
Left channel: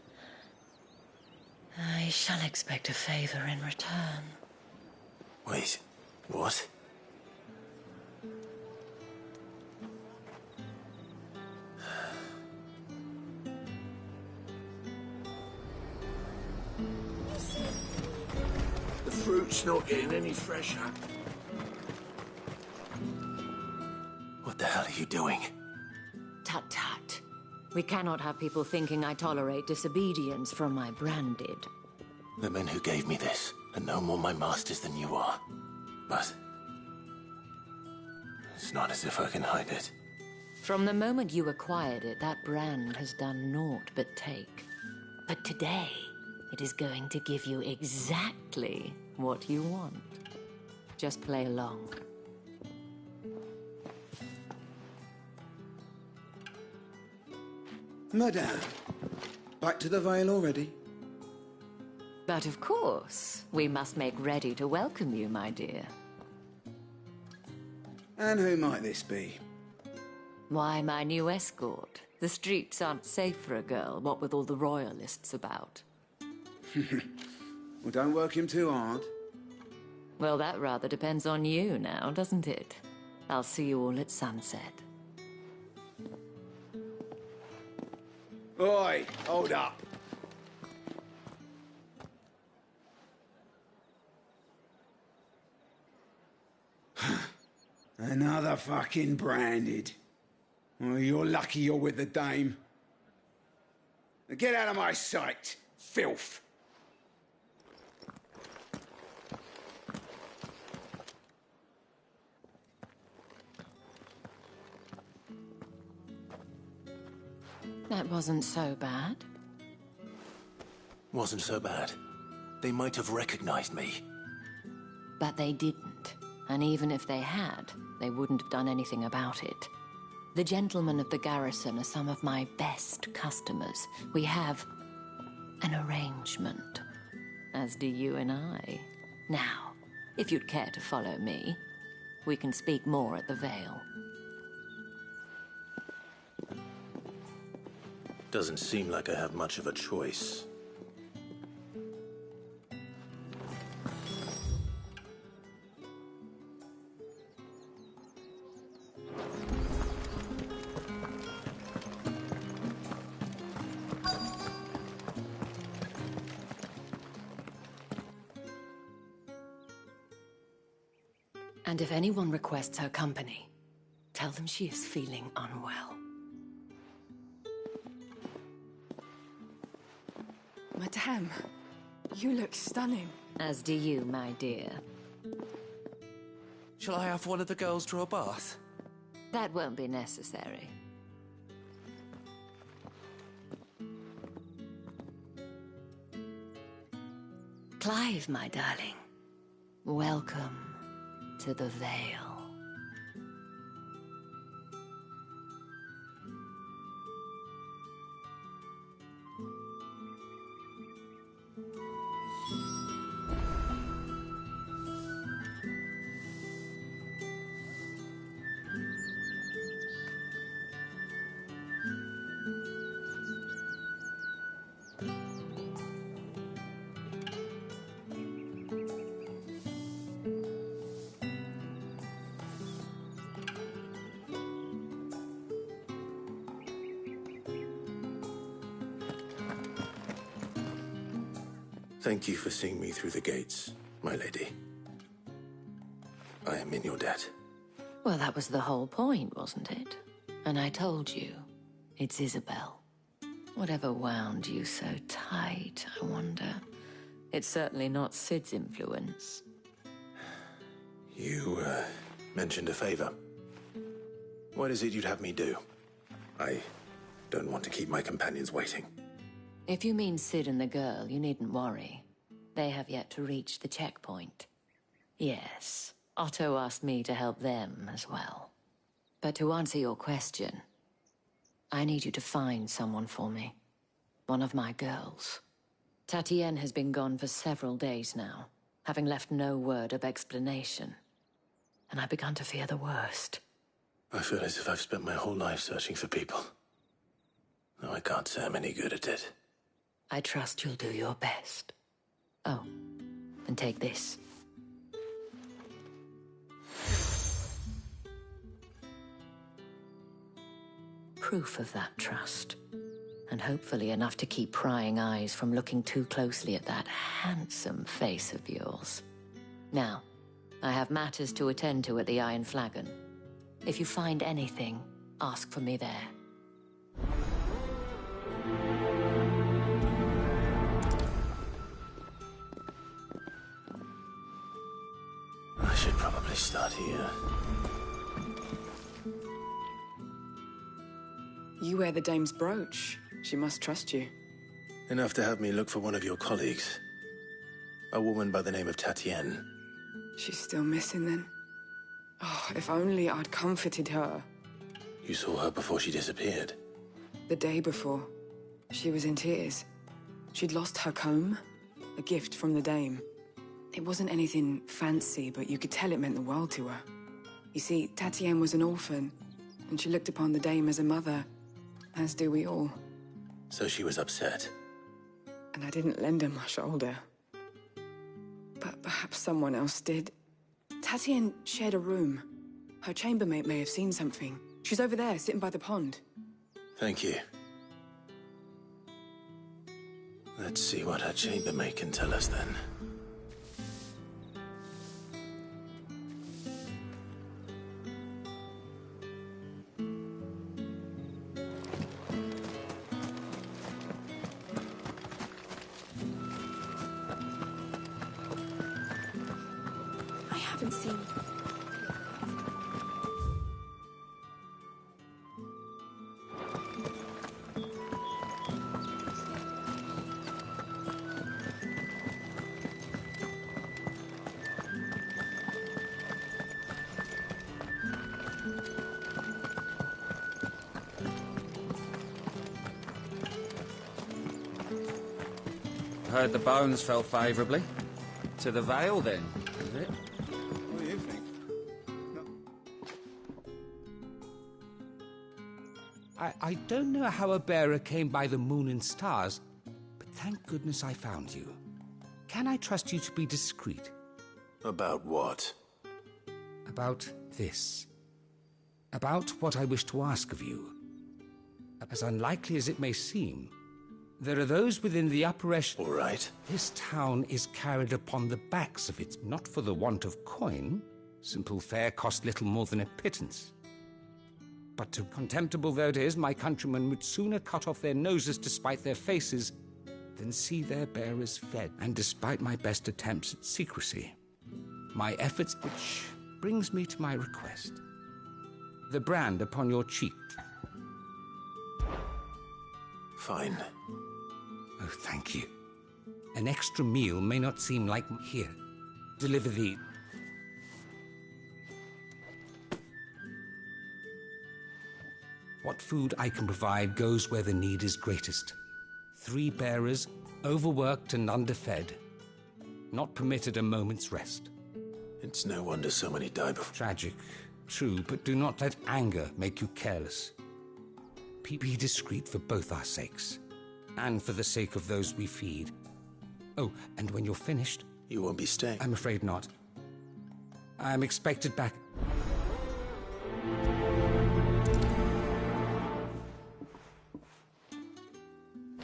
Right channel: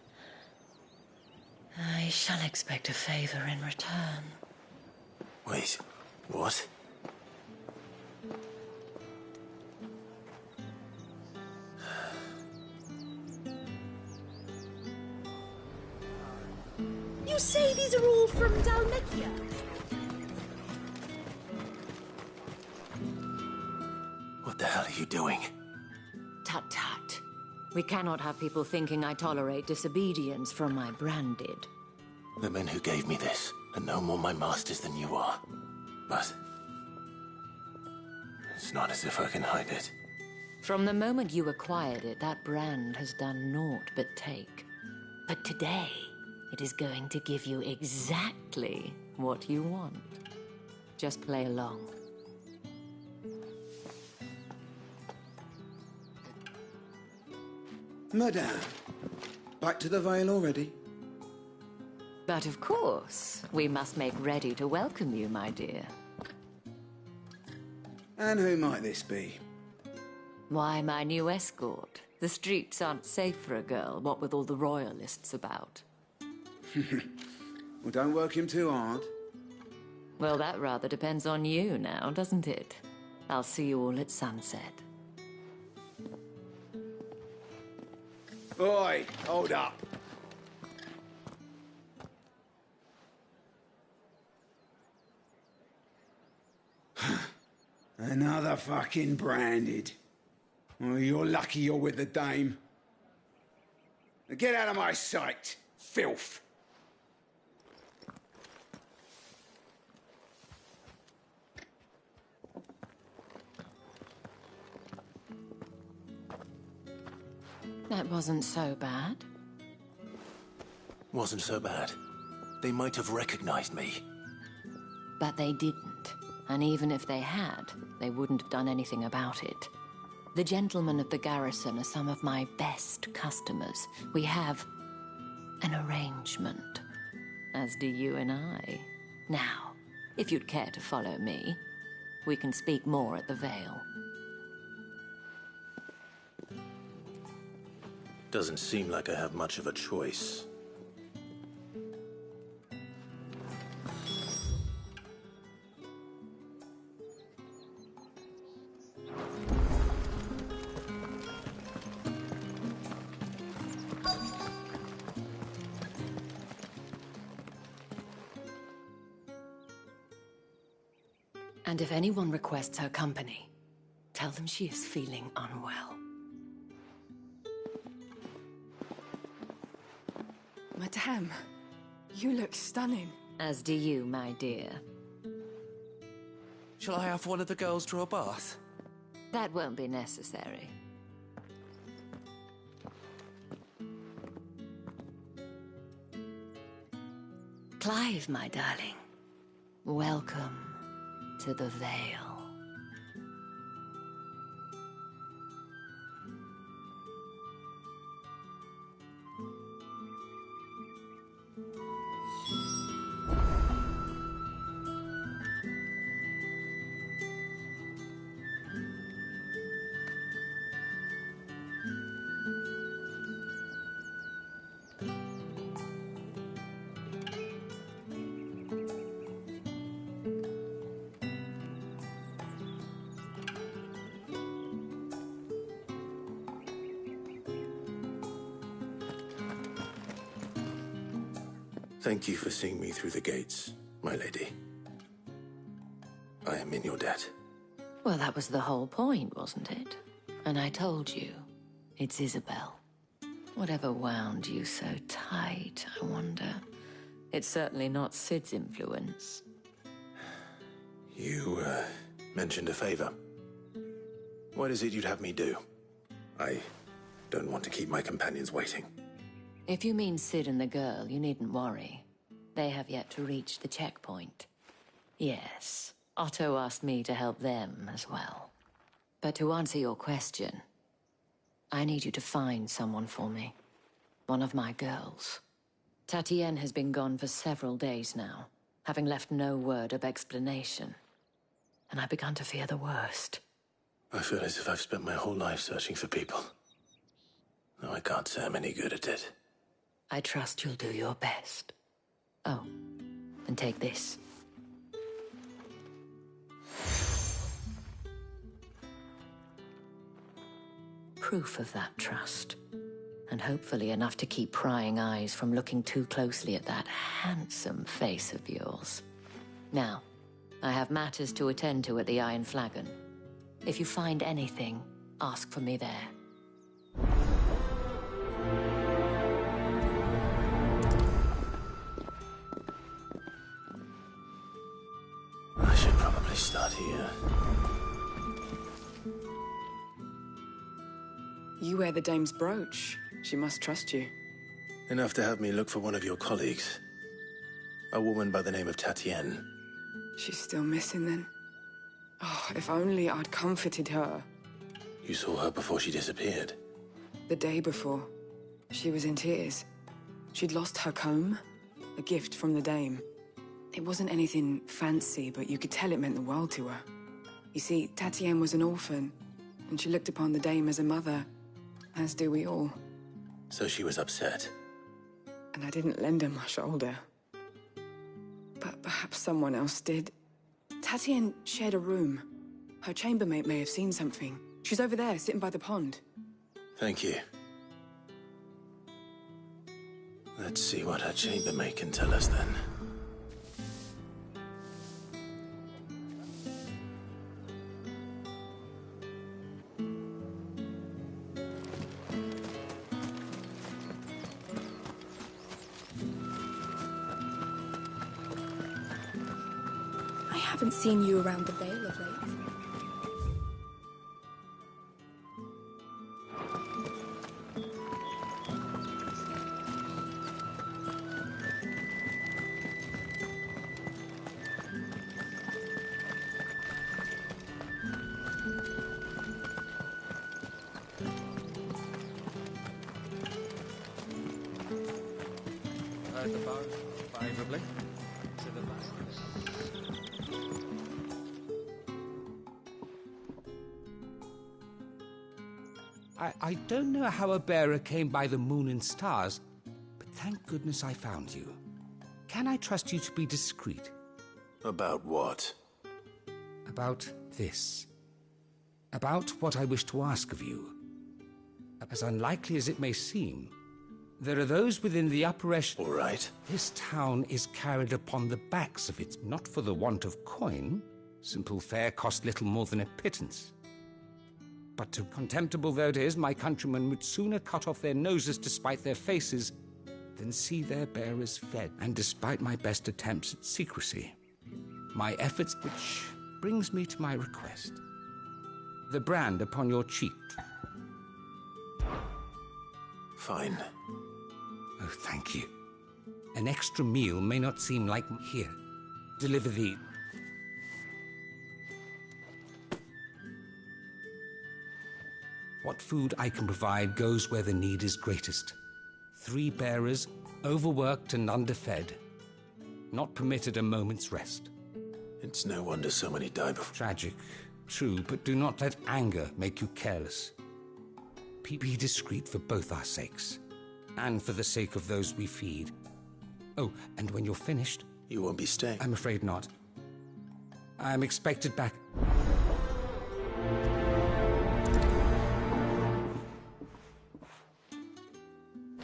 I shall expect a favor in return. Wait, what? say these are all from down there? The fruit's not getting any fresher. What the hell are you doing? Tut tut. We cannot have people thinking I tolerate disobedience from my branded. The men who gave me this are no more my masters than you are. But it's not as if I can hide it. From the moment you acquired it, that brand has done naught but take. But today, it is going to give you exactly what you want. Just play along. Madame, back to the Vale already? But of course, we must make ready to welcome you, my dear. And who might this be? Why, my new escort. The streets aren't safe for a girl, what with all the royalists about. Well, don't work him too hard. Well, that rather depends on you now, doesn't it? I'll see you all at sunset. Oi, hold up. Another fucking branded. Well, you're lucky you're with the dame. Now get out of my sight, filth. That wasn't so bad. Wasn't so bad. They might have recognized me. But they didn't. And even if they had, they wouldn't have done anything about it. The gentlemen of the garrison are some of my best customers. We have an arrangement, as do you and I. Now, if you'd care to follow me, we can speak more at the Vale. Doesn't seem like I have much of a choice. And if anyone requests her company, tell them she is feeling unwell. Madame, you look stunning. As do you, my dear. Shall I have one of the girls draw a bath? That won't be necessary. Clive, my darling. Welcome to the Vale. Thank you for seeing me through the gates, my lady. I am in your debt. Well, that was the whole point, wasn't it? And I told you, it's Isabel. Whatever wound you so tight, I wonder. It's certainly not Sid's influence. You, mentioned a favor. What is it you'd have me do? I don't want to keep my companions waiting. If you mean Sid and the girl, you needn't worry. They have yet to reach the checkpoint. Yes, Otto asked me to help them as well. But to answer your question, I need you to find someone for me. One of my girls. Tatienne has been gone for several days now, having left no word of explanation. And I've begun to fear the worst. I feel as if I've spent my whole life searching for people. Though I can't say I'm any good at it. I trust you'll do your best. Oh, and take this. Proof of that trust. and hopefully enough to keep prying eyes from looking too closely at that handsome face of yours. Now, I have matters to attend to at the Iron Flagon. If you find anything, ask for me there. I should probably start here. You wear the dame's brooch. She must trust you. Enough to have me look for one of your colleagues. A woman by the name of Tatienne. She's still missing then. Oh, if only I'd comforted her. You saw her before she disappeared? The day before. She was in tears. She'd lost her comb, a gift from the dame. It wasn't anything fancy, but you could tell it meant the world to her. You see, Tatienne was an orphan, and she looked upon the dame as a mother, as do we all. So she was upset. And I didn't lend her my shoulder. But perhaps someone else did. Tatienne shared a room. Her chambermaid may have seen something. She's over there, sitting by the pond. Thank you. Let's see what her chambermaid can tell us then. I haven't seen you around the Vale of late. Heard the bones fell favourably. To the Vale, then, is it? I don't know how a bearer came by the moon and stars, but thank goodness I found you. Can I trust you to be discreet? About what? About this. About what I wish to ask of you. As unlikely as it may seem, there are those within the upper echelon. All right. This town is carried upon the backs of its, not for the want of coin. Simple fare cost little more than a pittance. But to contemptible though it is, my countrymen would sooner cut off their noses to spite their faces than see their bearers fed. And despite my best attempts at secrecy, my efforts, which brings me to my request. The brand upon your cheek. Fine. Oh, thank you. An extra meal may not seem like... Here, deliver the... What food I can provide goes where the need is greatest. 3 bearers, overworked and underfed, not permitted a moment's rest. It's no wonder so many die before. Tragic, true, but do not let anger make you careless. Be discreet for both our sakes, and for the sake of those we feed. Oh, and when you're finished... You won't be staying? I'm afraid not. I'm expected back...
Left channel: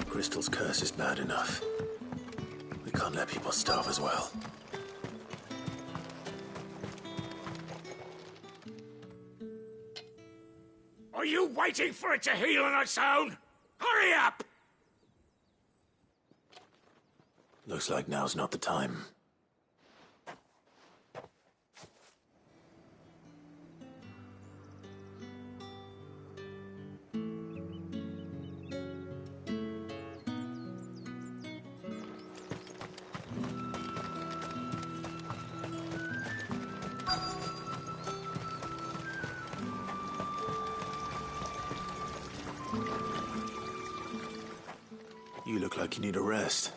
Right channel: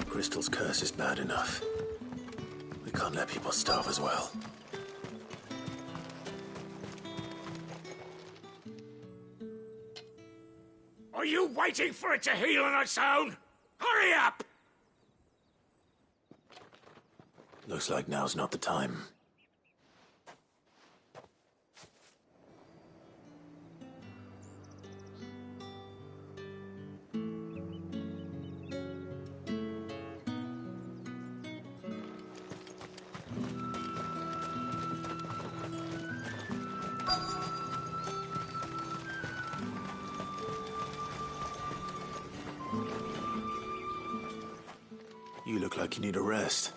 Crystal's curse is bad enough. We can't let people starve as well. Are you waiting for it to heal on its own? Hurry up! Looks like now's not the time. You look like you need a rest.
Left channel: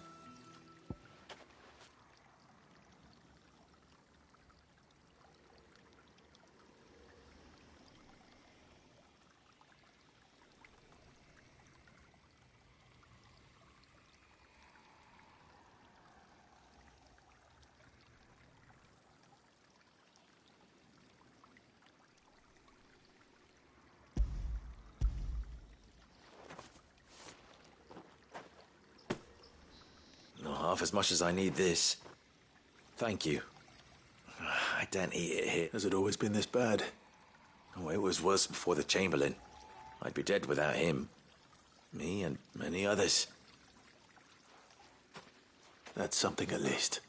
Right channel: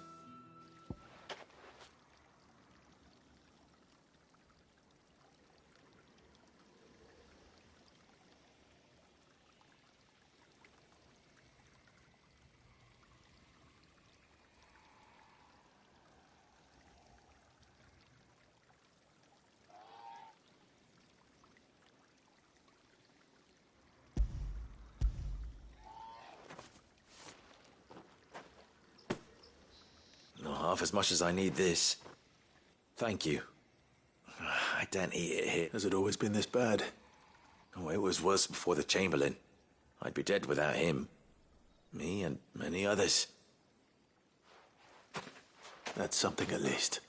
half as much as I need this. Thank you. I don't eat it here. Has it always been this bad? Oh, it was worse before the Chamberlain. I'd be dead without him. Me and many others. That's something at least.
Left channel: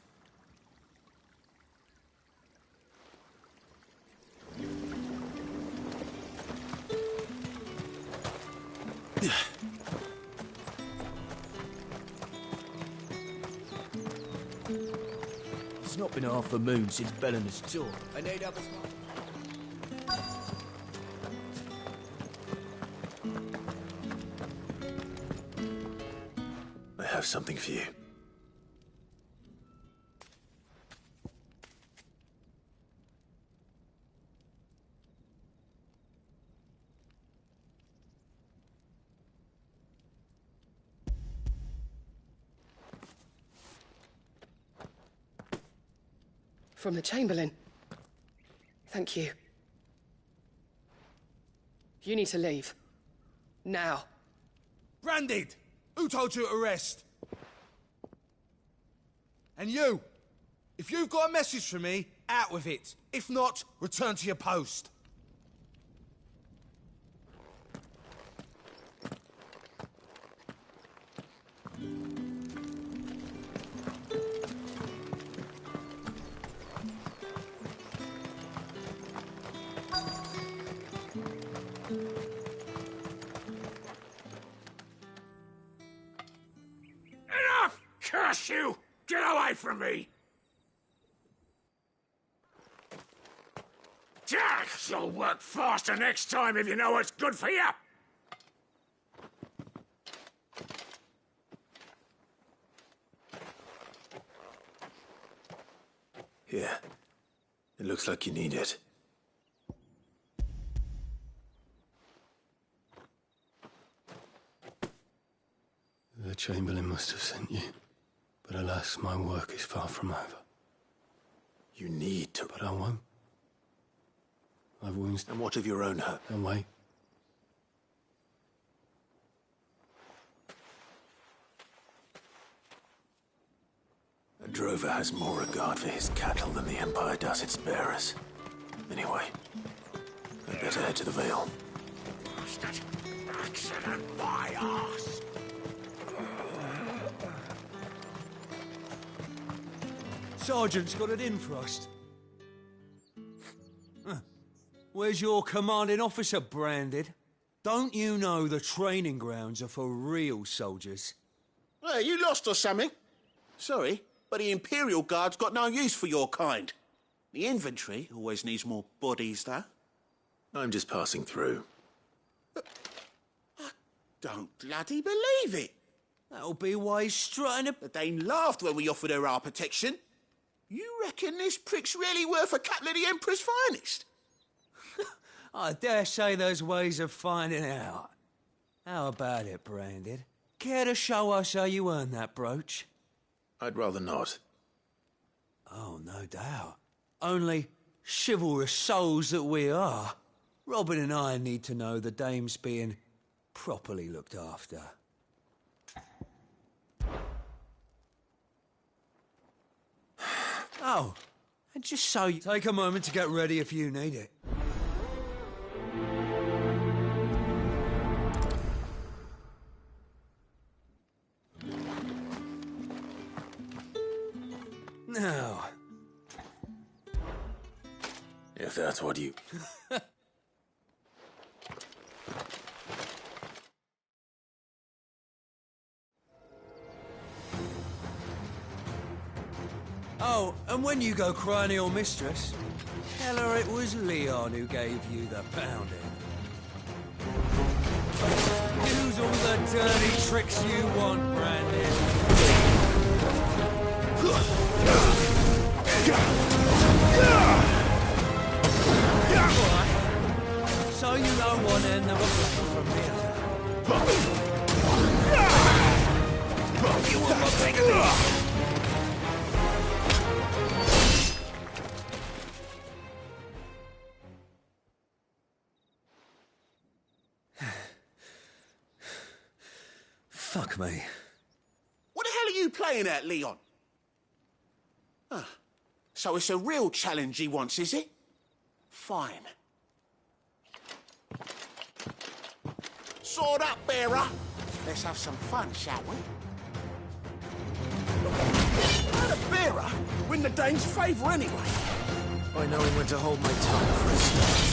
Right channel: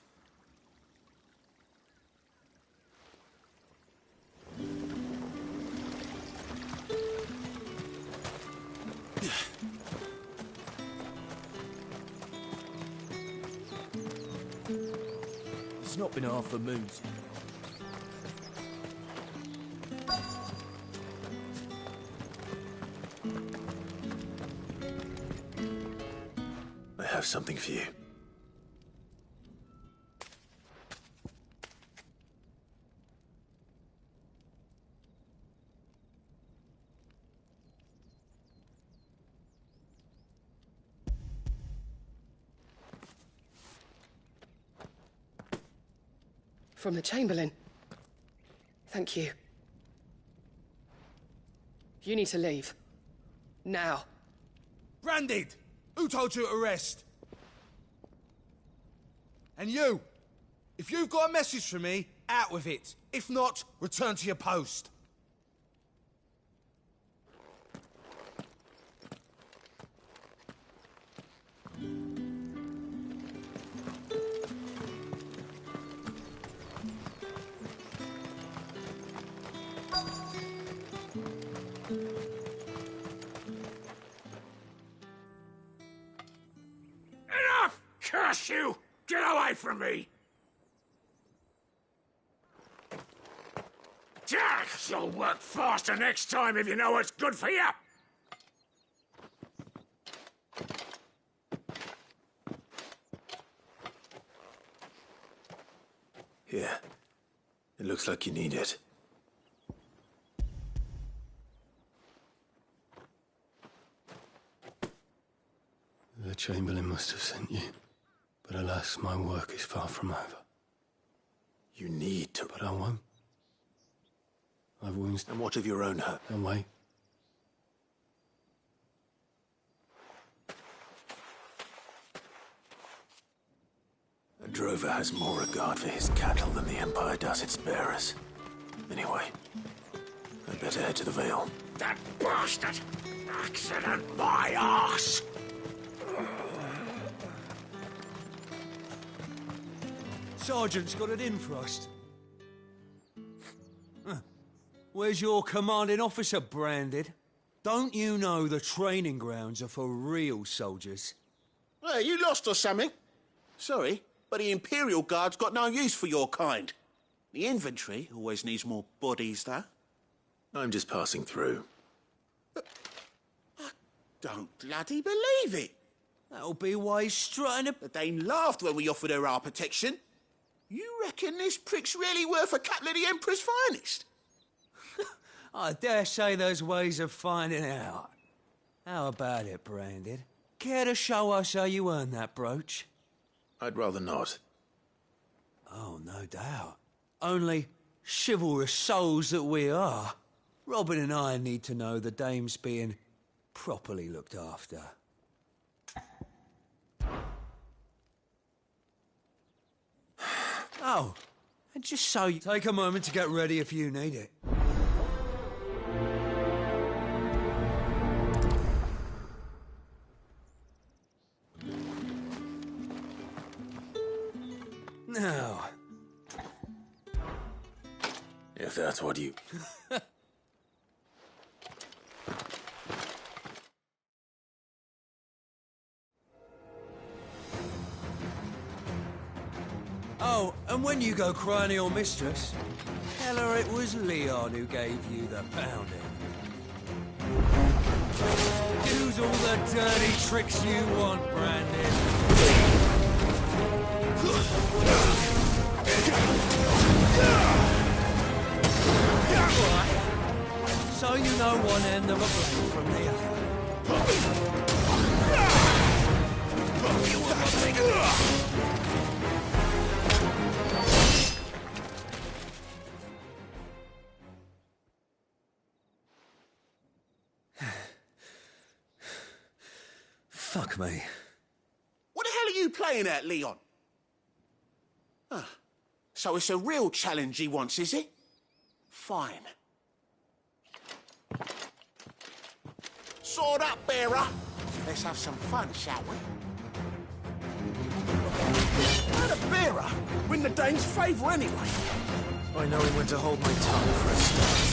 It's not been half a moon since Bellamy's tour. I need up. I have something for you. From the Chamberlain. Thank you. You need to leave. Now. Branded! Who told you to rest? And you! If you've got a message for me, out with it. If not, return to your post. Enough! Curse you! Get away from me! You'll work faster next time if you know what's good for you! Here. It looks like you need it. The Chamberlain must have sent you. But alas, my work is far from over. You need to... But I won't. I've wounds... And what of your own hurt? Now wait. A drover has more regard for his cattle than the Empire does its bearers. Anyway, I'd better head to the Vale. That bastard! Accident my arse! Sergeant's got it in for us. Where's your commanding officer, Branded? Don't you know the training grounds are for real soldiers? Well, you lost or something? Sorry, but the Imperial Guard's got no use for your kind. The infantry always needs more bodies, though. I'm just passing through. I don't bloody believe it. That'll be why he's strutting a... The Dane laughed when we offered her our protection. You reckon this prick's really worth a couple of the Emperor's finest? I dare say there's ways of finding out. How about it, Branded? Care to show us how you earned that brooch? I'd rather not. Oh, no doubt. Only chivalrous souls that we are, Robin and I need to know the dame's being properly looked after. Oh, and just so you... Take a moment to get ready if you need it. Now... If that's what you... Oh, and when you go crying to your mistress, tell her it was Leon who gave you the pounding. Use all the dirty tricks you want, Brandon. Right. So you know one end of a blade from the other. You want one thing of this? Fuck me. What the hell are you playing playing at, Leon? Ah, so it's a real challenge he wants, is it? Fine. Sword up, bearer. Let's have some fun, shall we? How the bearer win the dame's favour anyway? By knowing when to hold my tongue for a start.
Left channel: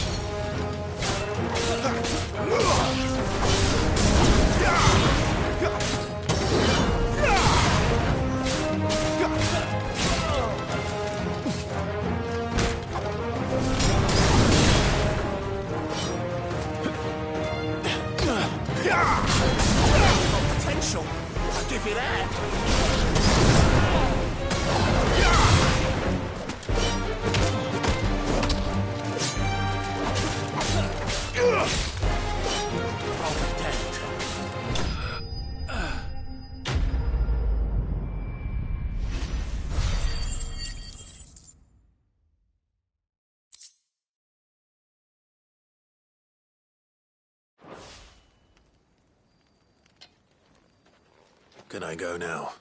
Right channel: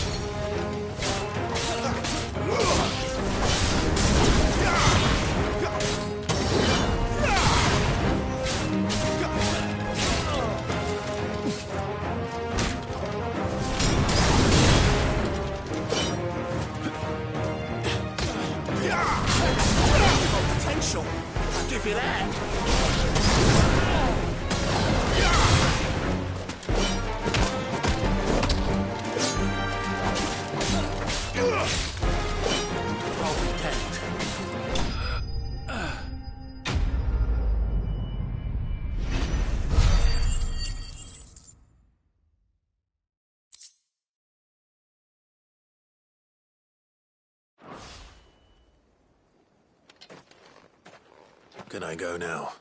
Potential. I'll give you that. I'll be damned. Can I go now?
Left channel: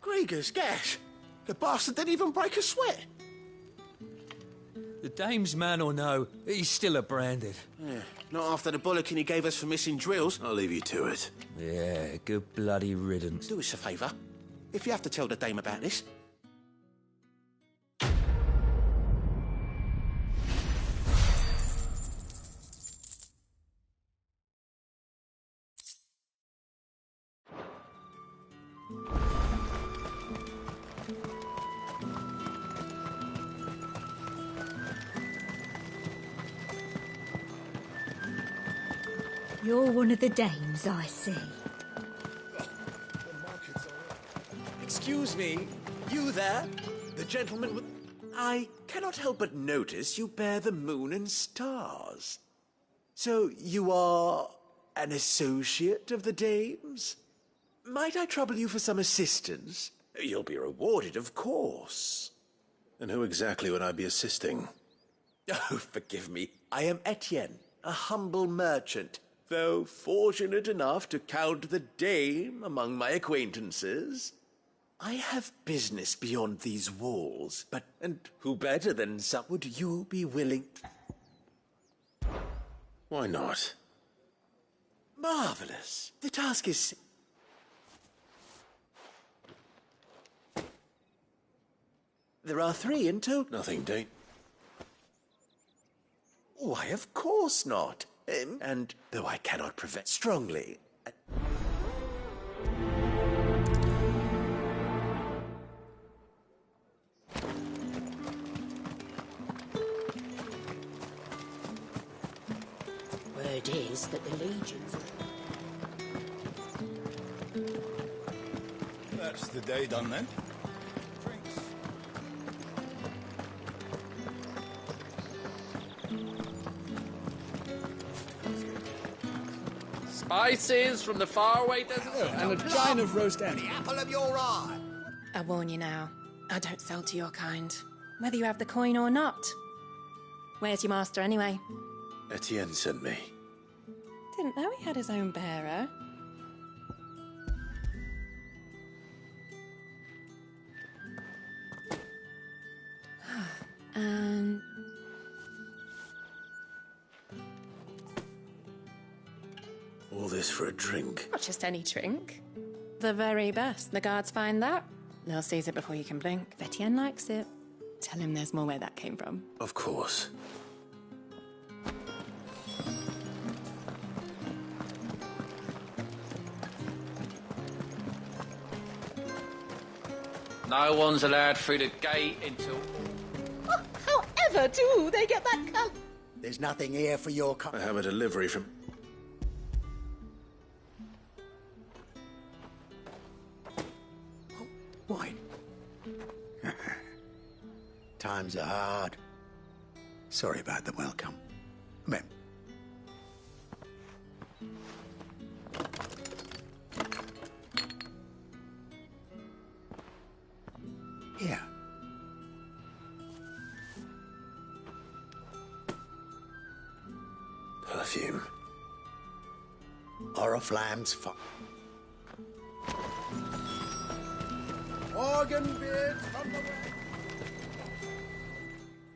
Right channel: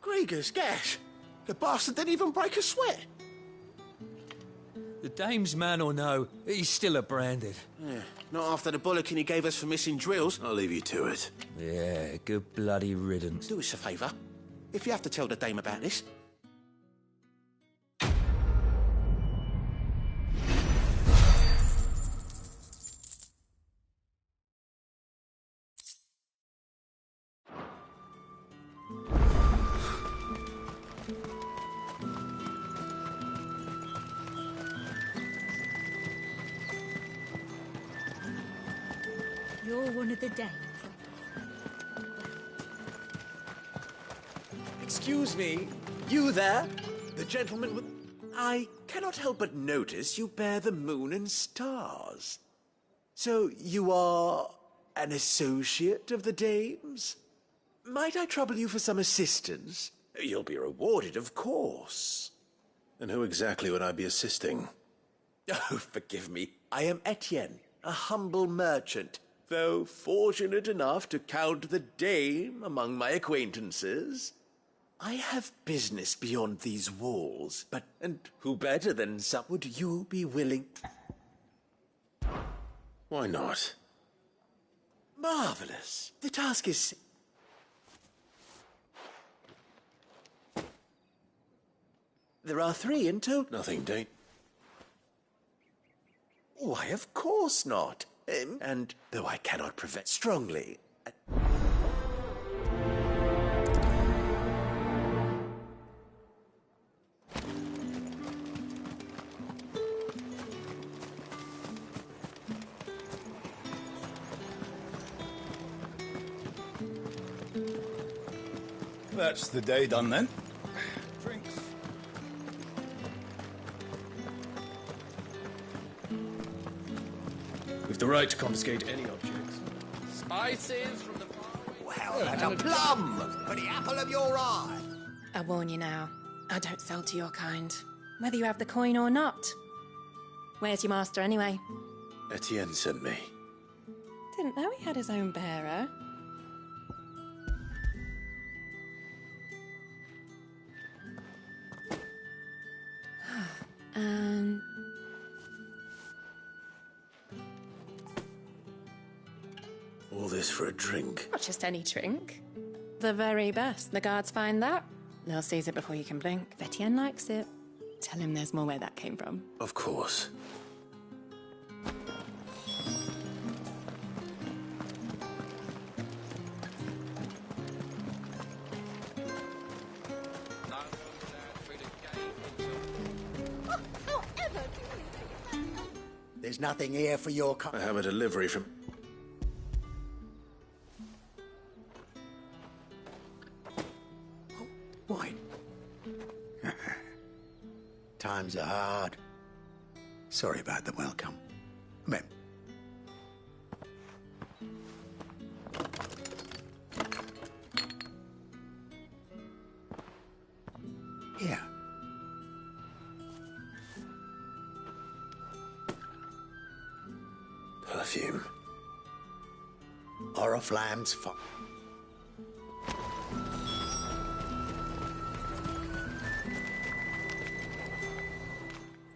Grieger's gas. The bastard didn't even break a sweat. The dame's man or no, he's still a branded. Yeah, not after the bollocking he gave us for missing drills. I'll leave you to it. Yeah, good bloody riddance. Do us a favour. If you have to tell the dame about this, You're one of the dames, I see. Excuse me, you there? The gentleman with... I cannot help but notice you bear the moon and stars. So you are an associate of the dames? Might I trouble you for some assistance? You'll be rewarded, of course. And who exactly would I be assisting? Oh, forgive me. I am Etienne, a humble merchant, though fortunate enough to count the dame among my acquaintances. I have business beyond these walls, but... And who better than some... Would you be willing... Why not? Marvelous. The task is... There are 3 in total. Nothing, Dane. Why, of course not. And though I cannot prevent strongly... Word is that the Legion... That's the day done then. Drinks. We've the right to confiscate any object. Spices from the faraway desert. And a plum of roast The apple of your eye. I warn you now, I don't sell to your kind, whether you have the coin or not. Where's your master anyway? Etienne sent me. Didn't know he had his own bearer. All this for a drink. Not just any drink. The very best. The guards find that. They'll seize it before you can blink. Etienne likes it. Tell him there's more where that came from. Of course. No one's allowed through the gate until... However do they get that cup? There's nothing here for your I have a delivery from... Why? Times are hard. Sorry about the welcome. Come in. Here. Perfume. Oriflamme's fire.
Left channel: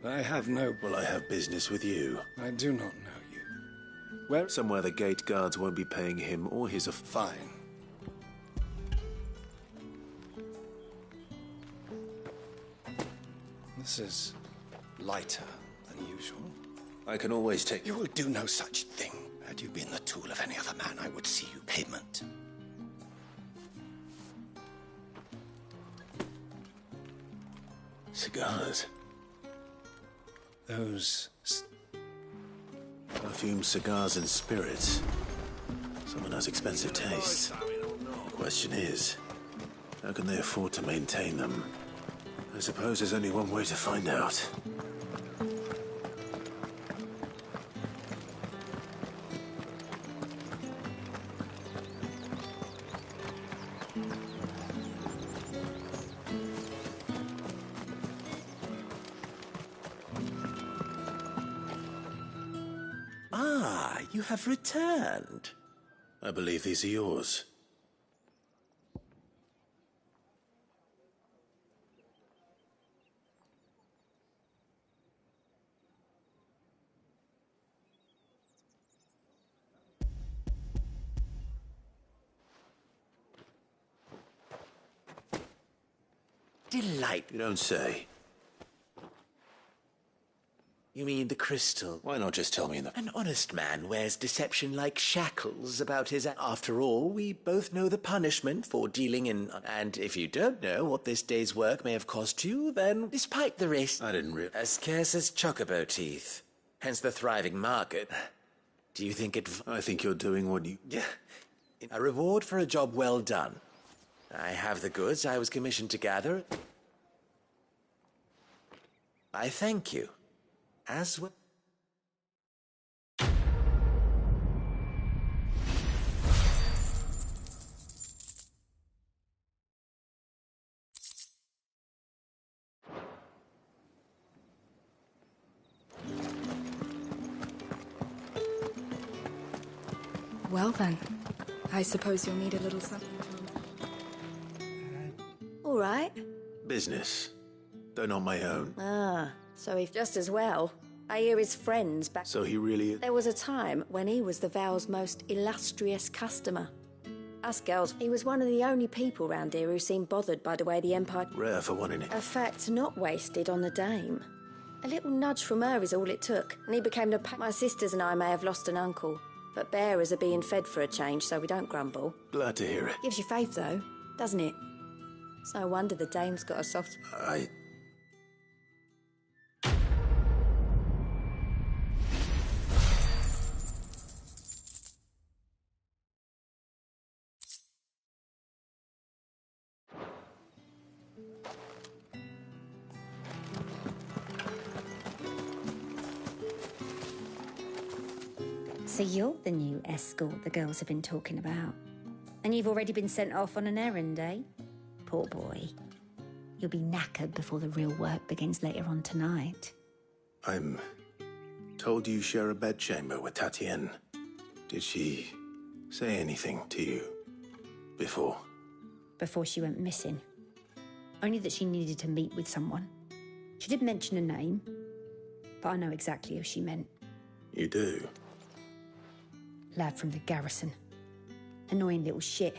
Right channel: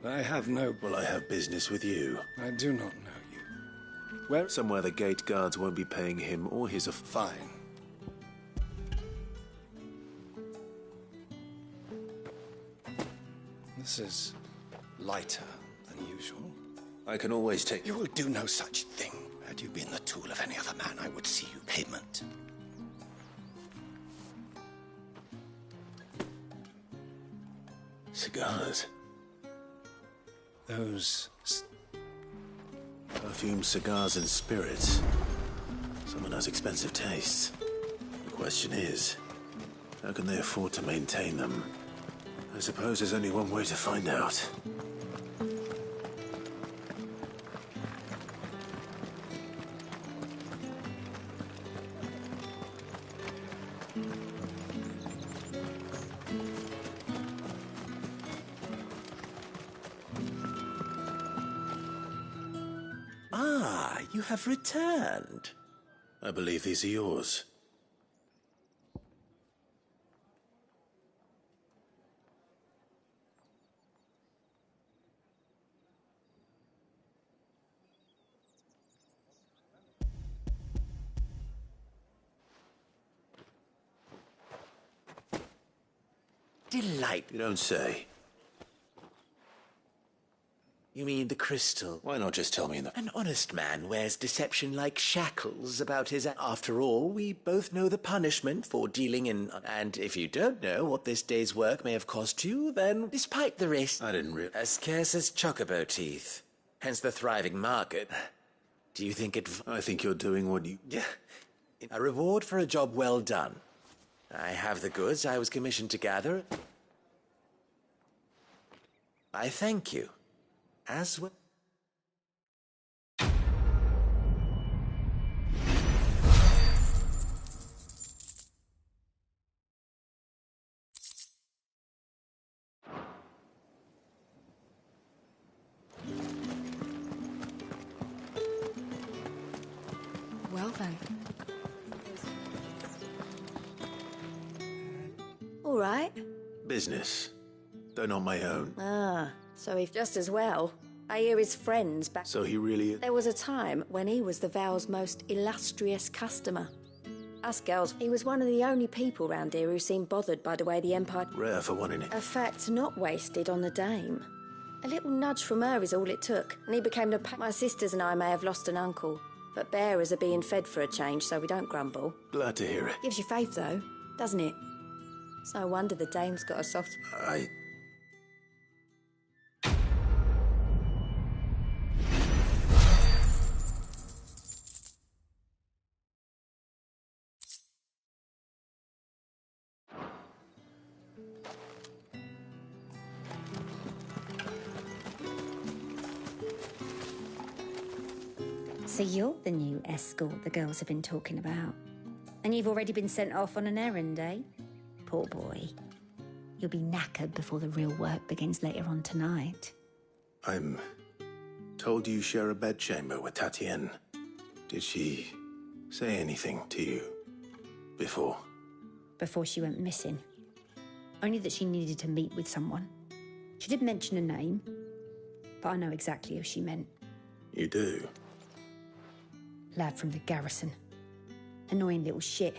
I have no... Well, I have business with you. I do not know you. Where? Somewhere the gate guards won't be paying him or his... Fine. This is lighter than usual. I can always take... You will do no such thing. Had you been the tool of any other man, I would see you payment. Cigars. Those... Perfumed cigars and spirits. Someone has expensive tastes. The question is, how can they afford to maintain them? I suppose there's only one way to find out. Ah, you have returned. I believe these are yours. Delightful. You don't say. You mean the crystal? Why not just tell me in the... An honest man wears deception like shackles about his... After all, we both know the punishment for dealing in... And if you don't know what this day's work may have cost you, then despite the risk... I didn't realize... As scarce as chocobo teeth. Hence the thriving market. Do you think it... I think you're doing what you... A reward for a job well done. I have the goods I was commissioned to gather. I thank you. As well. Well then, I suppose you'll need a little something. All right. Business. Though not my own. Ah, so if just as well. I hear his friends back. So he really is... There was a time when he was the Val's most illustrious customer. Us girls, he was one of the only people round here who seemed bothered by the way the Empire... Rare for one in it. A fact not wasted on the dame. A little nudge from her is all it took, and he became the... My sisters and I may have lost an uncle, but bearers are being fed for a change, so we don't grumble. Glad to hear it. Gives you faith, though, doesn't it? It's no wonder the dame's got a soft... So you're the new escort the girls have been talking about. And you've already been sent off on an errand, eh? Poor boy. You'll be knackered before the real work begins later on tonight. I'm told you share a bedchamber with Tatienne. Did she say anything to you before? Before she went missing. Only that she needed to meet with someone. She did mention a name, but I know exactly who she meant. You do? Lad from the garrison. Annoying little shit.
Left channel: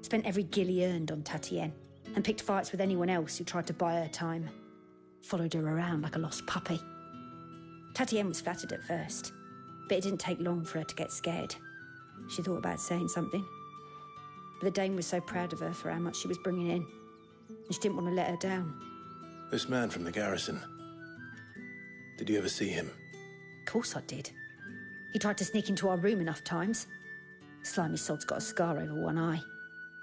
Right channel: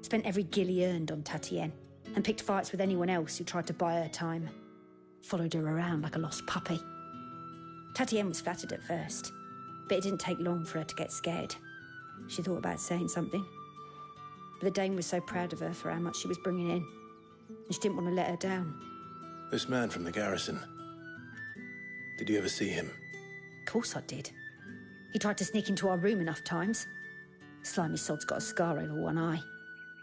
Spent every guil he earned on Tatienne, and picked fights with anyone else who tried to buy her time. Followed her around like a lost puppy. Tatienne was flattered at first, but it didn't take long for her to get scared. She thought about saying something. But the dame was so proud of her for how much she was bringing in, and she didn't want to let her down. This man from the garrison. Did you ever see him? Of course I did. He tried to sneak into our room enough times. Slimy sod's got a scar over one eye.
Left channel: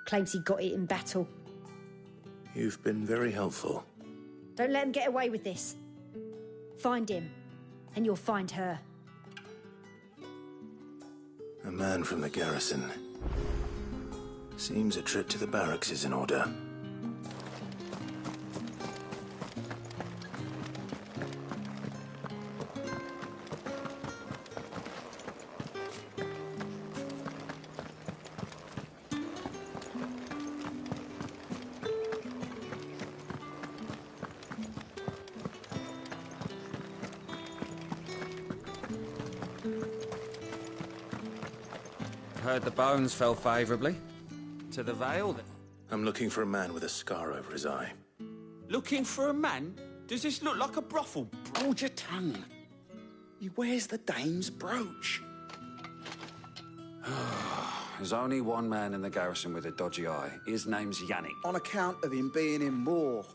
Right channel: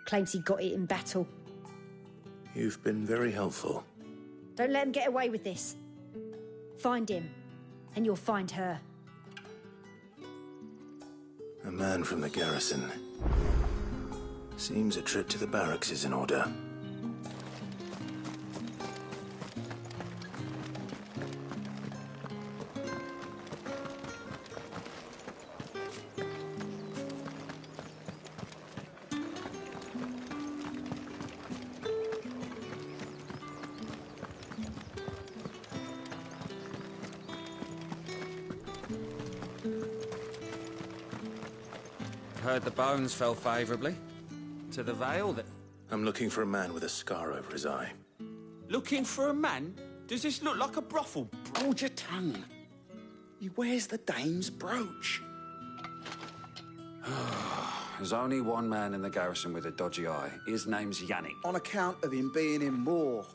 Claims he got it in battle. You've been very helpful. Don't let him get away with this. Find him, and you'll find her. A man from the garrison. Seems a trip to the barracks is in order. Heard the bones fell favourably. To the Vale then. I'm looking for a man with a scar over his eye. Looking for a man? Does this look like a brothel? Hold your tongue. He wears the dame's brooch. There's only one man in the garrison with a dodgy eye. His name's Yannick. On account of him being in Moor.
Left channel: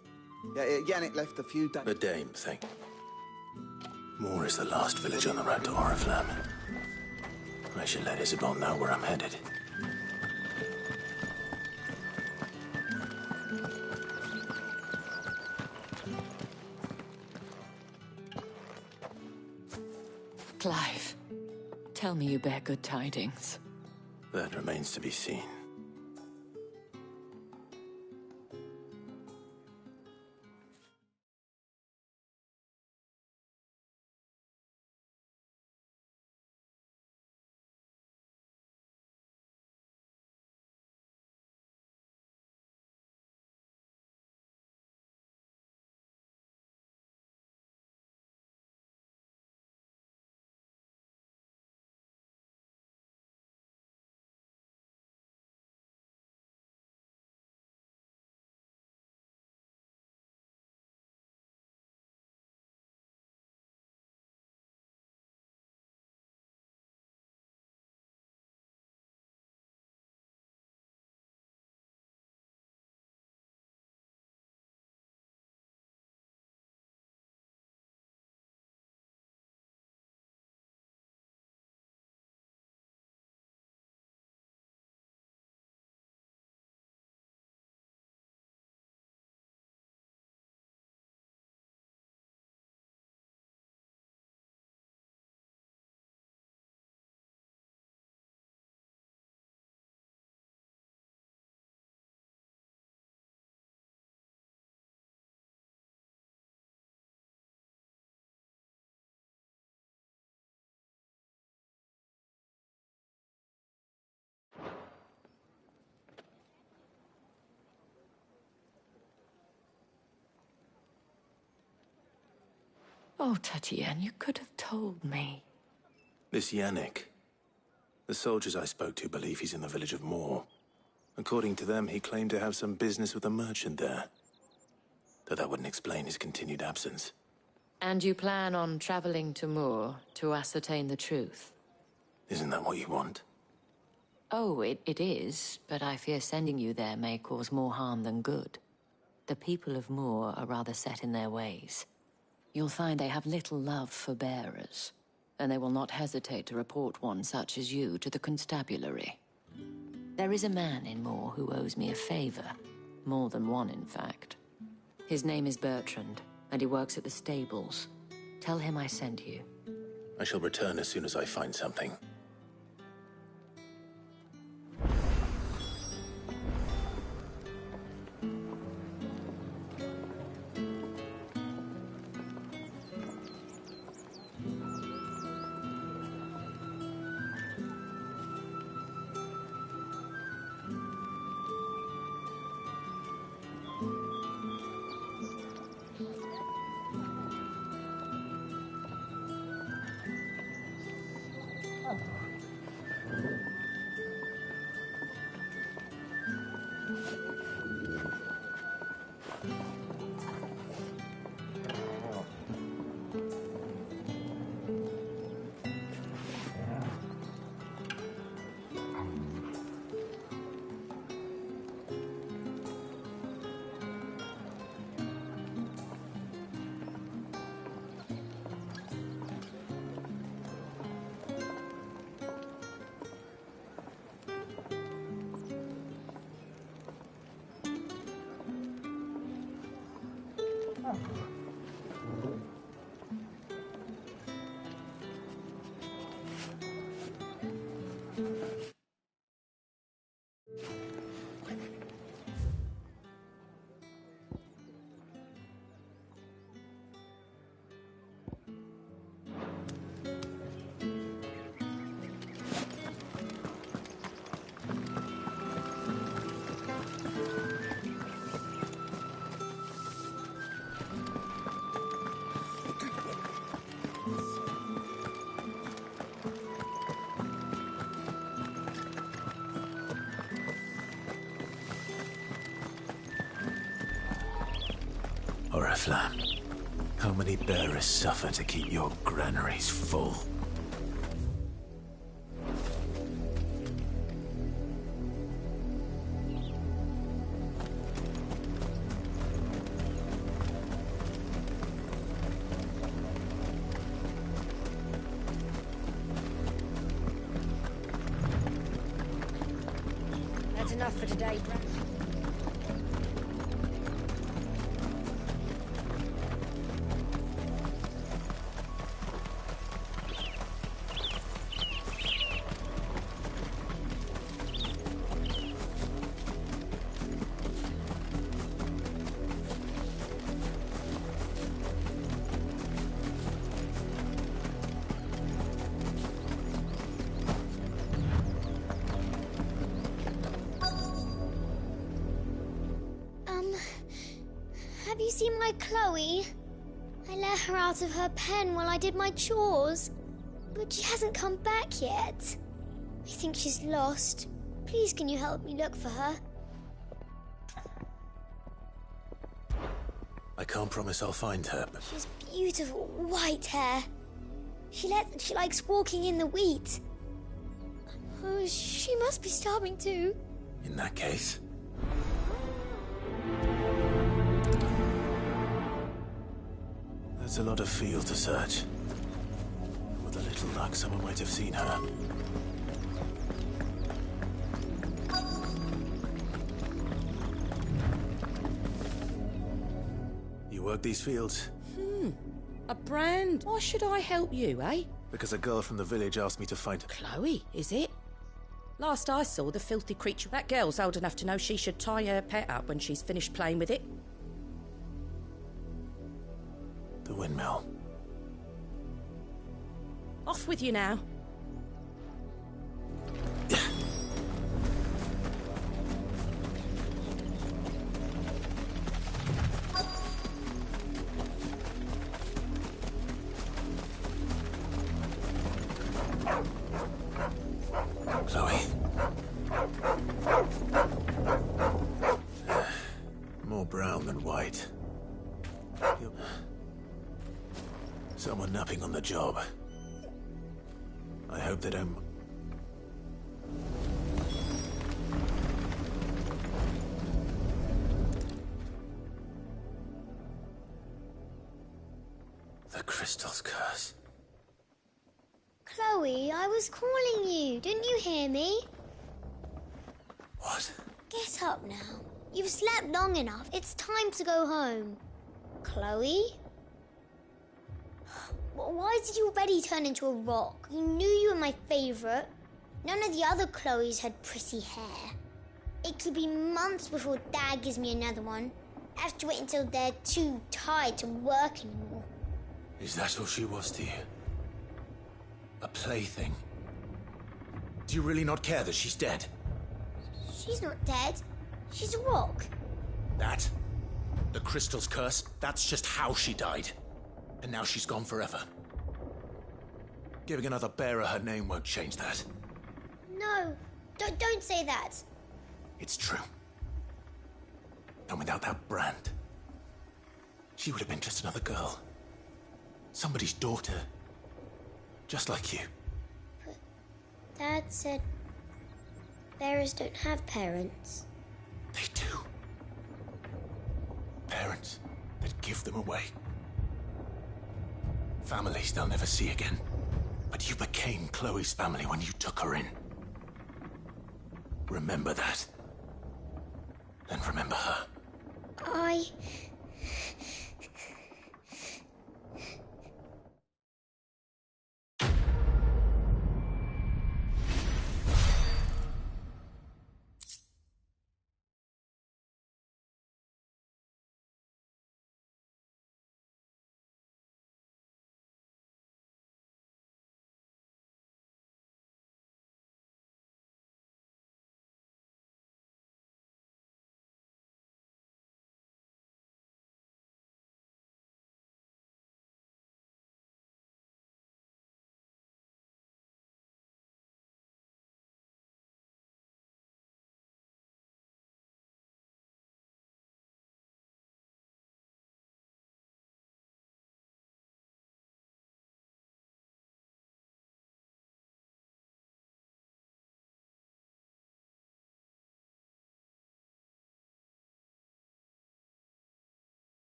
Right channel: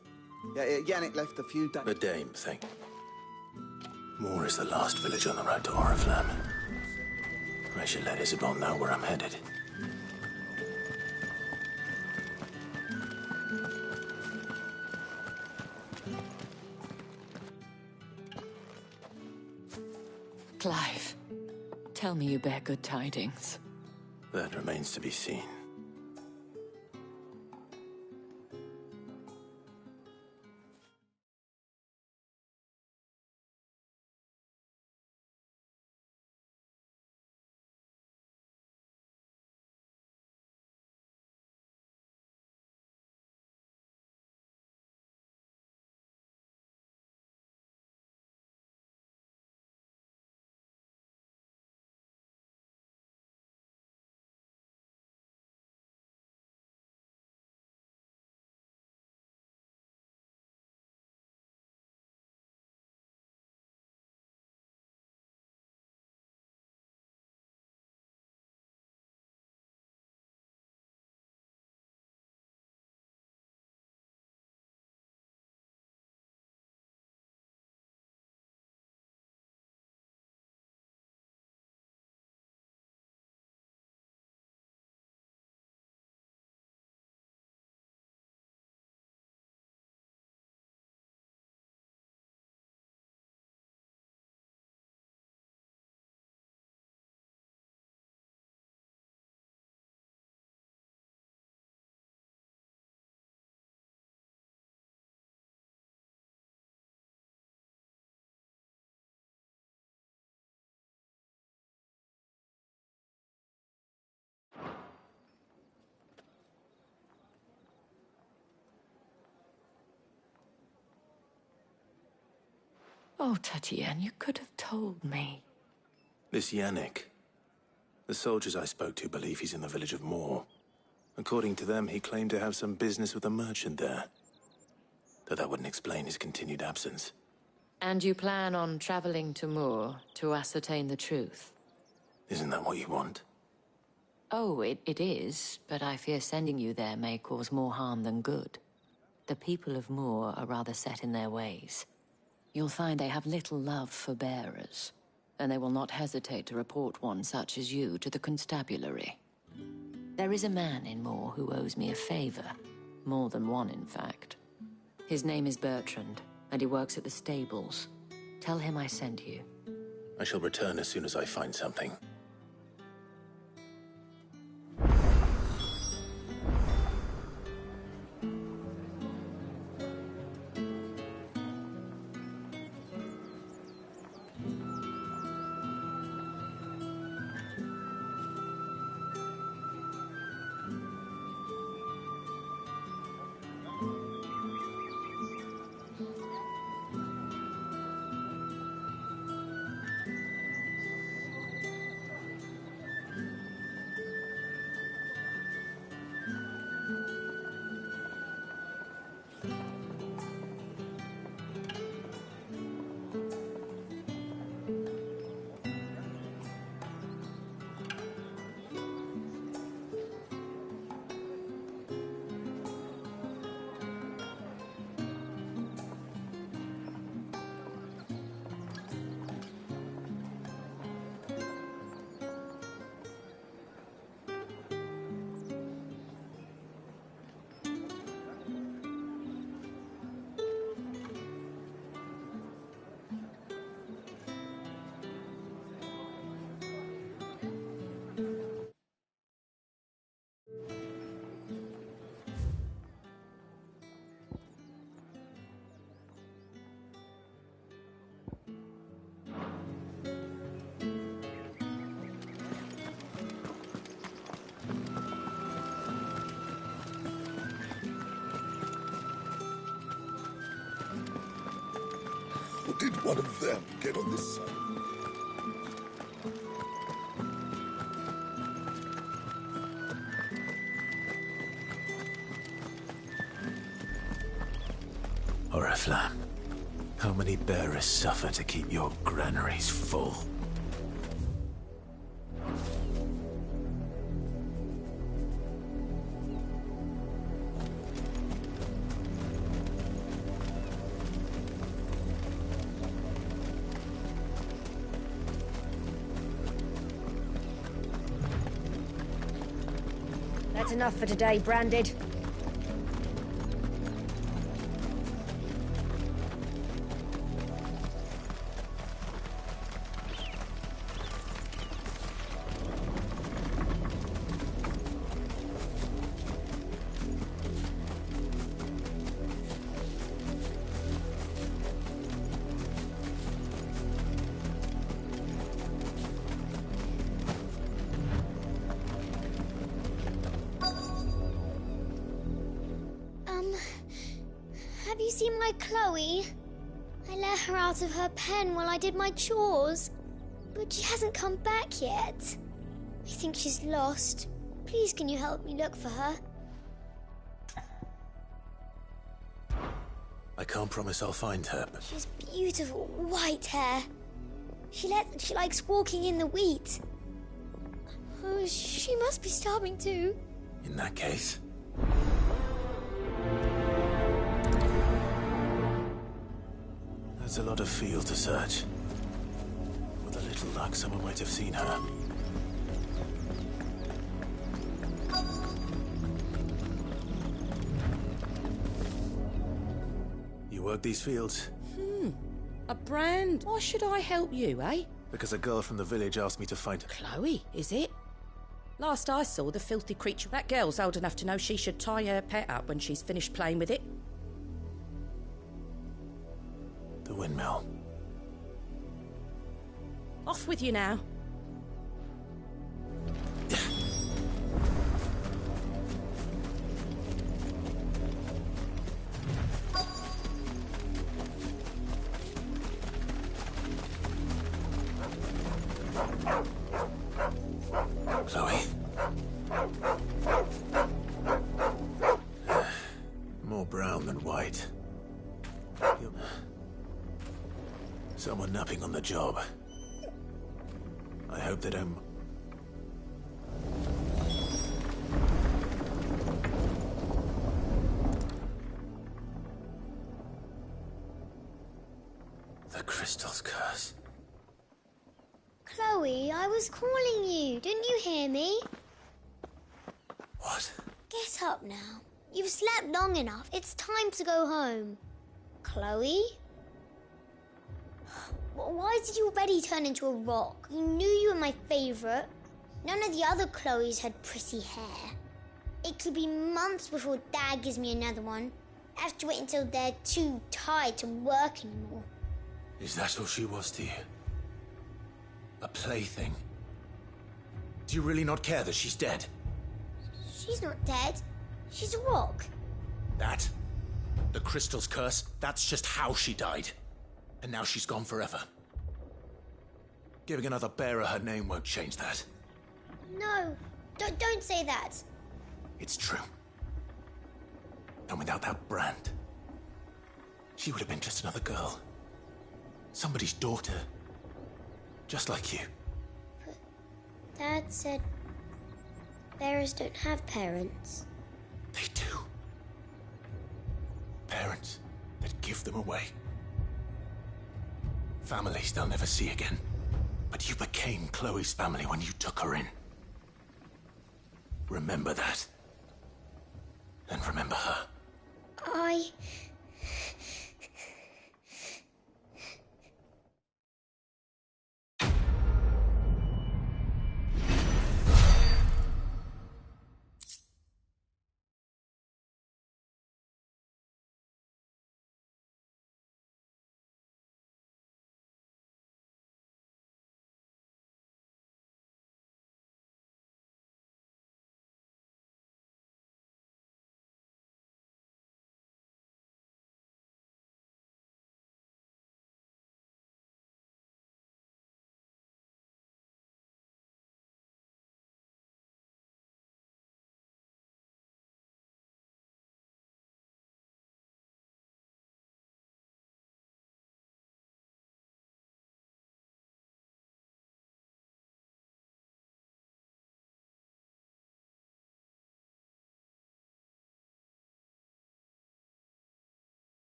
Yeah, Yannick left a few days... The dame thing. Moor is the last village on the road to Oriflamme. I should let Isabel know where I'm headed. Clive, tell me you bear good tidings. That remains to be seen. Oh, Tatiane, you could have told me. This Yannick. The soldiers I spoke to believe he's in the village of Moor. According to them, he claimed to have some business with a merchant there. Though that wouldn't explain his continued absence. And you plan on traveling to Moor to ascertain the truth? Isn't that what you want? Oh, it is, but I fear sending you there may cause more harm than good. The people of Moor are rather set in their ways. You'll find they have little love for bearers, and they will not hesitate to report one such as you to the constabulary. There is a man in Moor who owes me a favor. More than one, in fact. His name is Bertrand, and he works at the stables. Tell him I sent you. I shall return as soon as I find something. Did one of them get on the side? Oriflamme, how many bearers suffer to keep your granaries full? That's enough for today, Branded. Have you seen my Chloe? I let her out of her pen while I did my chores, but she hasn't come back yet. I think she's lost. Please, can you help me look for her? I can't promise I'll find her, but... She has beautiful white hair. She likes walking in the wheat. Oh, she must be starving too. In that case... That's a lot of field to search. With a little luck, someone might have seen her. You work these fields? A brand? Why should I help you, eh? Because a girl from the village asked me to find... Chloe, is it? Last I saw, the filthy creature... That girl's old enough to know she should tie her pet up when she's finished playing with it. The windmill. Off with you now. Chloe. More brown than white. Someone napping on the job. I hope they don't... The crystal's curse. Chloe, I was calling you. Didn't you hear me? What? Get up now. You've slept long enough. It's time to go home. Chloe? Why did you already turn into a rock? You knew you were my favourite. None of the other Chloes had pretty hair. It could be months before Dad gives me another one. I have to wait until they're too tired to work anymore. Is that all she was to you? A plaything? Do you really not care that she's dead? She's not dead. She's a rock. That? The crystal's curse? That's just how she died. And now she's gone forever. Giving another bearer her name won't change that. No, don't say that. It's true. And without that brand, she would have been just another girl. Somebody's daughter. Just like you. But Dad said bearers don't have parents. They do. Parents that give them away. Families they'll never see again. But you became Chloe's family when you took her in. Remember that. And remember her. I...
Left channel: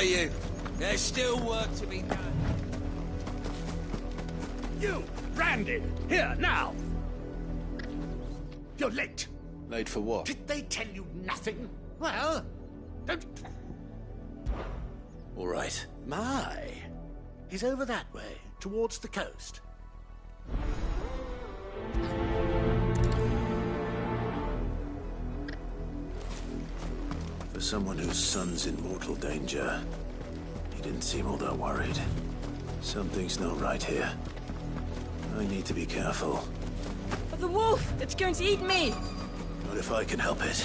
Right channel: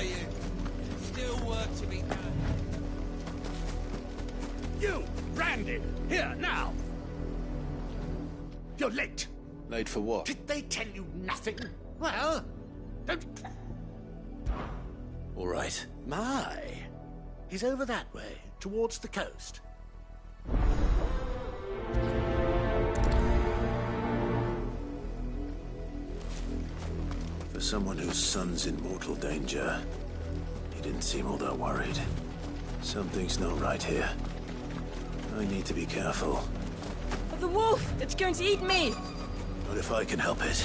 got you. There's still work to be done. You, Brandon, here, now! You're late. Late for what? Did they tell you nothing? Well, don't... All right. My. He's over that way, towards the coast. For someone whose son's in mortal danger, he didn't seem all that worried. Something's not right here. I need to be careful. The wolf! It's going to eat me! Not if I can help it.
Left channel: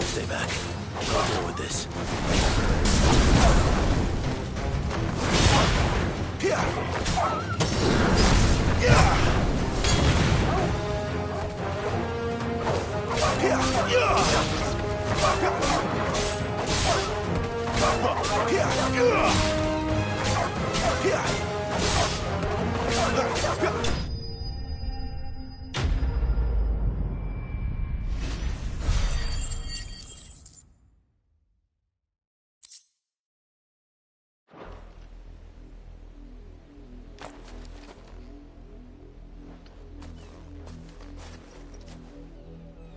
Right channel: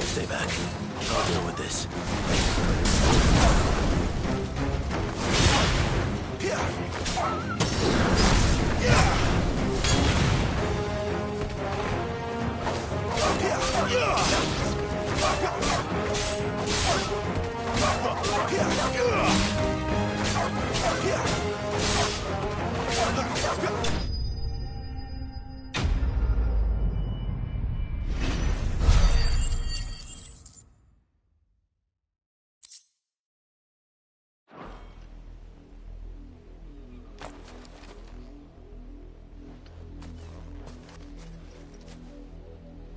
Stay back. I'll deal with this.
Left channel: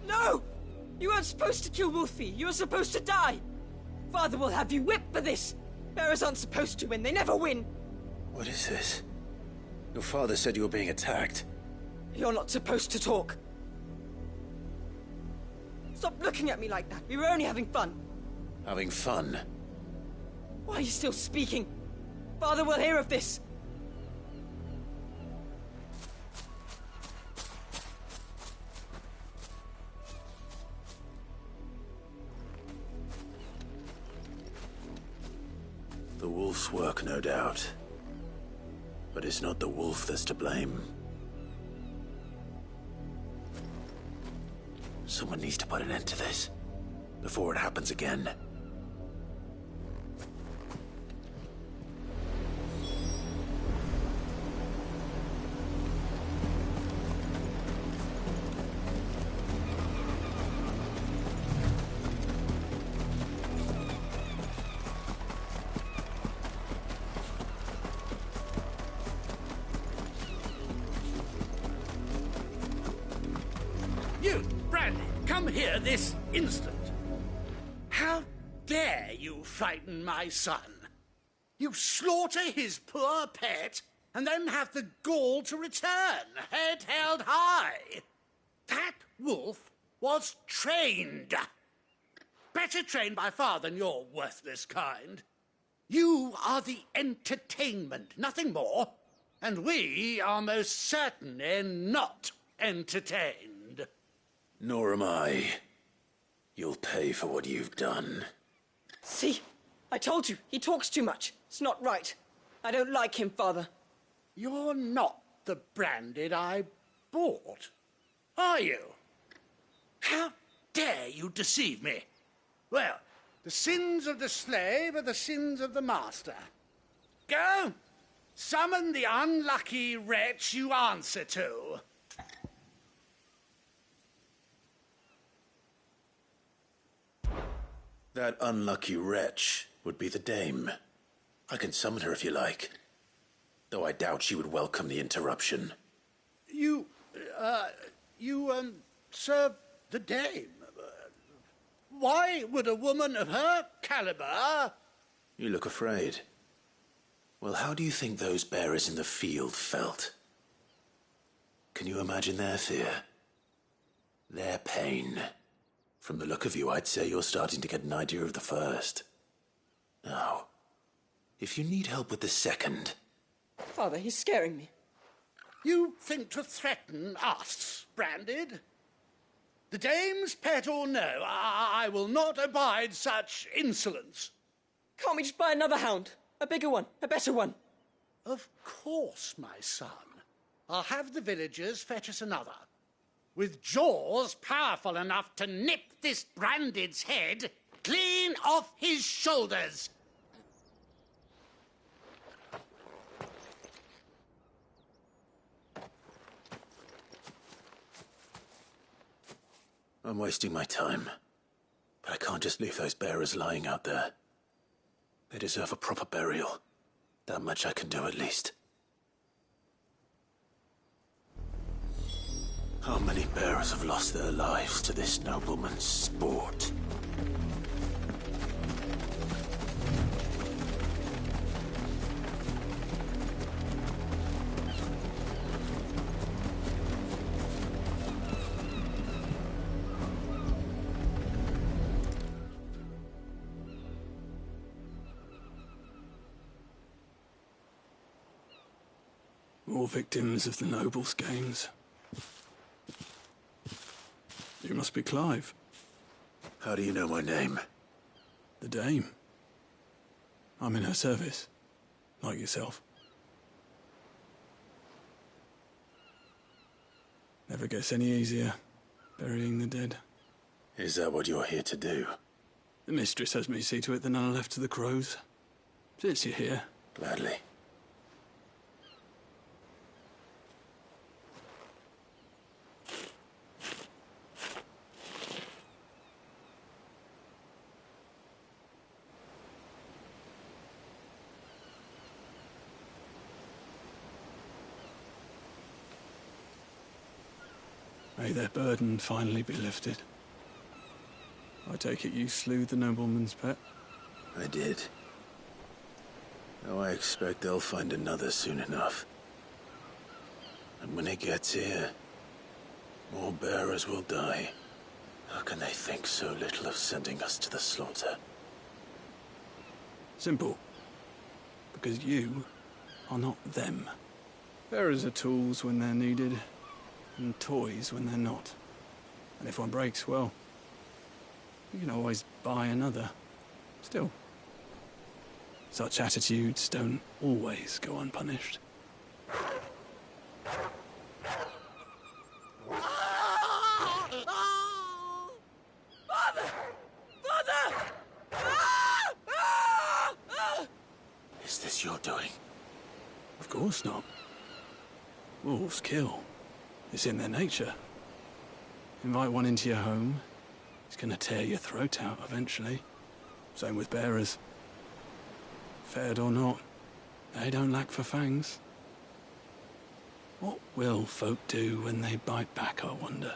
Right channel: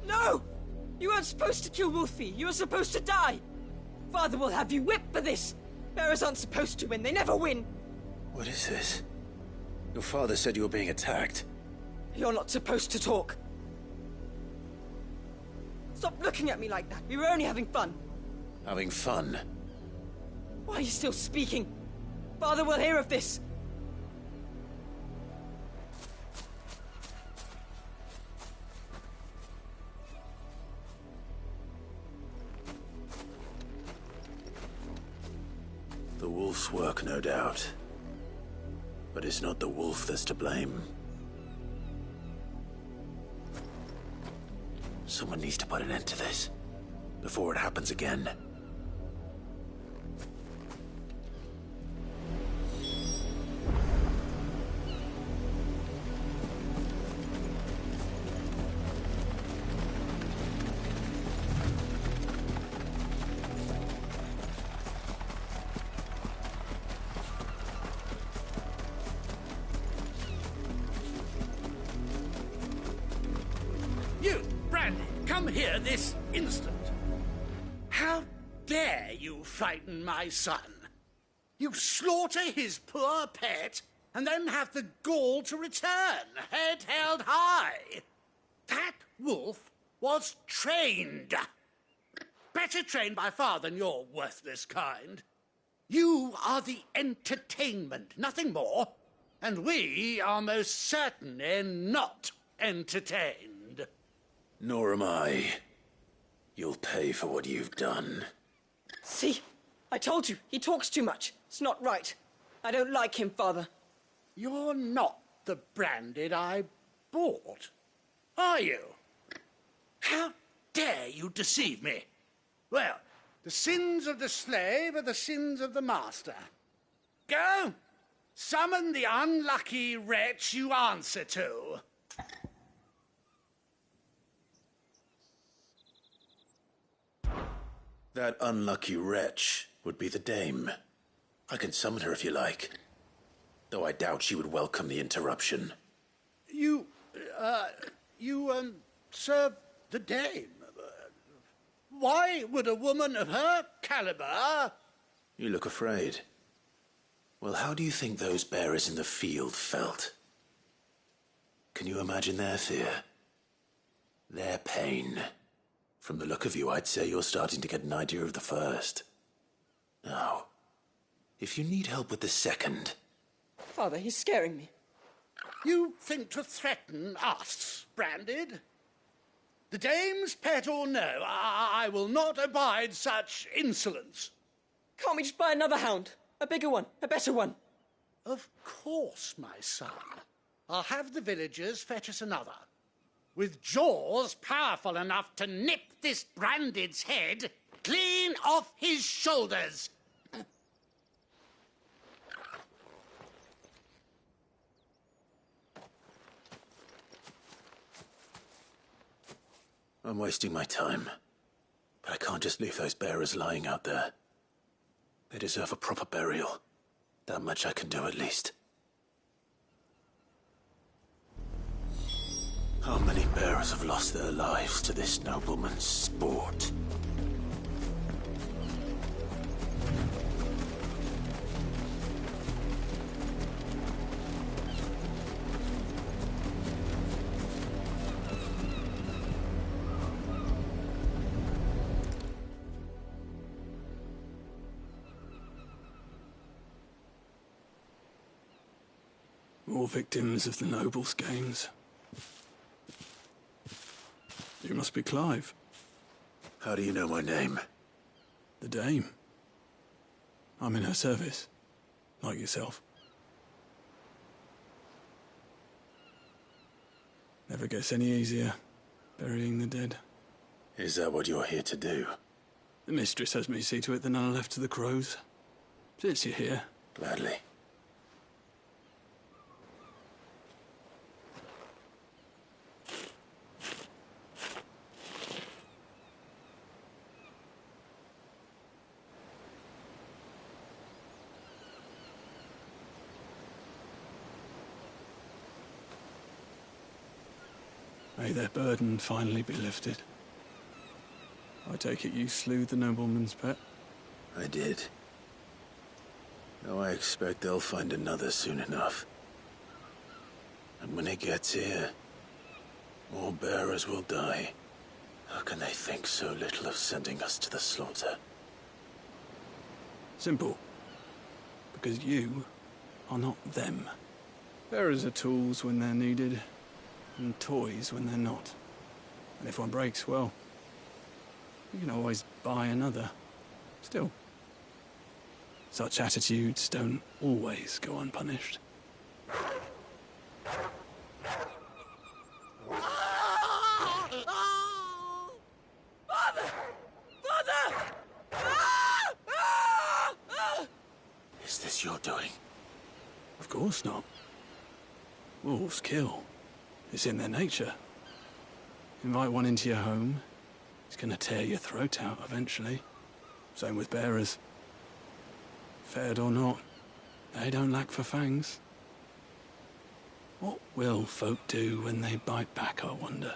No! You weren't supposed to kill Wolfie. You were supposed to die. Father will have you whipped for this. Bearers aren't supposed to win. They never win. What is this? Your father said you were being attacked. You're not supposed to talk. Stop looking at me like that. We were only having fun. Having fun? Why are you still speaking? Father will hear of this. The wolf's work, no doubt. But it's not the wolf that's to blame. Someone needs to put an end to this, before it happens again. You, Brandon, come here this instant. How dare you frighten my son? You slaughter his poor pet, and then have the gall to return, head held high. That wolf was trained. Better trained by far than your worthless kind. You are the entertainment, nothing more. And we are most certainly not entertained. Nor am I. You'll pay for what you've done. See? I told you, he talks too much. It's not right. I don't like him, Father. You're not the Branded I bought, are you? How dare you deceive me? Well, the sins of the slave are the sins of the master. Go, summon the unlucky wretch you answer to. That unlucky wretch would be the dame. I can summon her if you like. Though I doubt she would welcome the interruption. You serve the dame. Why would a woman of her caliber... You look afraid. Well, how do you think those bearers in the field felt? Can you imagine their fear? Their pain? From the look of you, I'd say you're starting to get an idea of the first. Now, if you need help with the second... Father, he's scaring me. You think to threaten us, Branded? The dame's pet or no, I will not abide such insolence. Can't we just buy another hound? A bigger one, a better one. Of course, my son. I'll have the villagers fetch us another. With jaws powerful enough to nip this Branded's head clean off his shoulders. I'm wasting my time. But I can't just leave those bearers lying out there. They deserve a proper burial. That much I can do at least. How many bearers have lost their lives to this nobleman's sport? More victims of the nobles' games. You must be Clive. How do you know my name? The Dame. I'm in her service, like yourself. Never gets any easier, burying the dead. Is that what you're here to do? The mistress has me see to it that none are left to the crows. Since you're here. Gladly. May their burden finally be lifted. I take it you slew the nobleman's pet? I did. Now I expect they'll find another soon enough. And when it gets here, more bearers will die. How can they think so little of sending us to the slaughter? Simple. Because you are not them. Bearers are tools when they're needed, and toys when they're not. And if one breaks, well, you can always buy another. Still, such attitudes don't always go unpunished. Is this your doing? Of course not. Wolves kill. It's in their nature. Invite one into your home, he's gonna tear your throat out eventually. Same with bearers. Fed or not, they don't lack for fangs. What will folk do when they bite back, I wonder?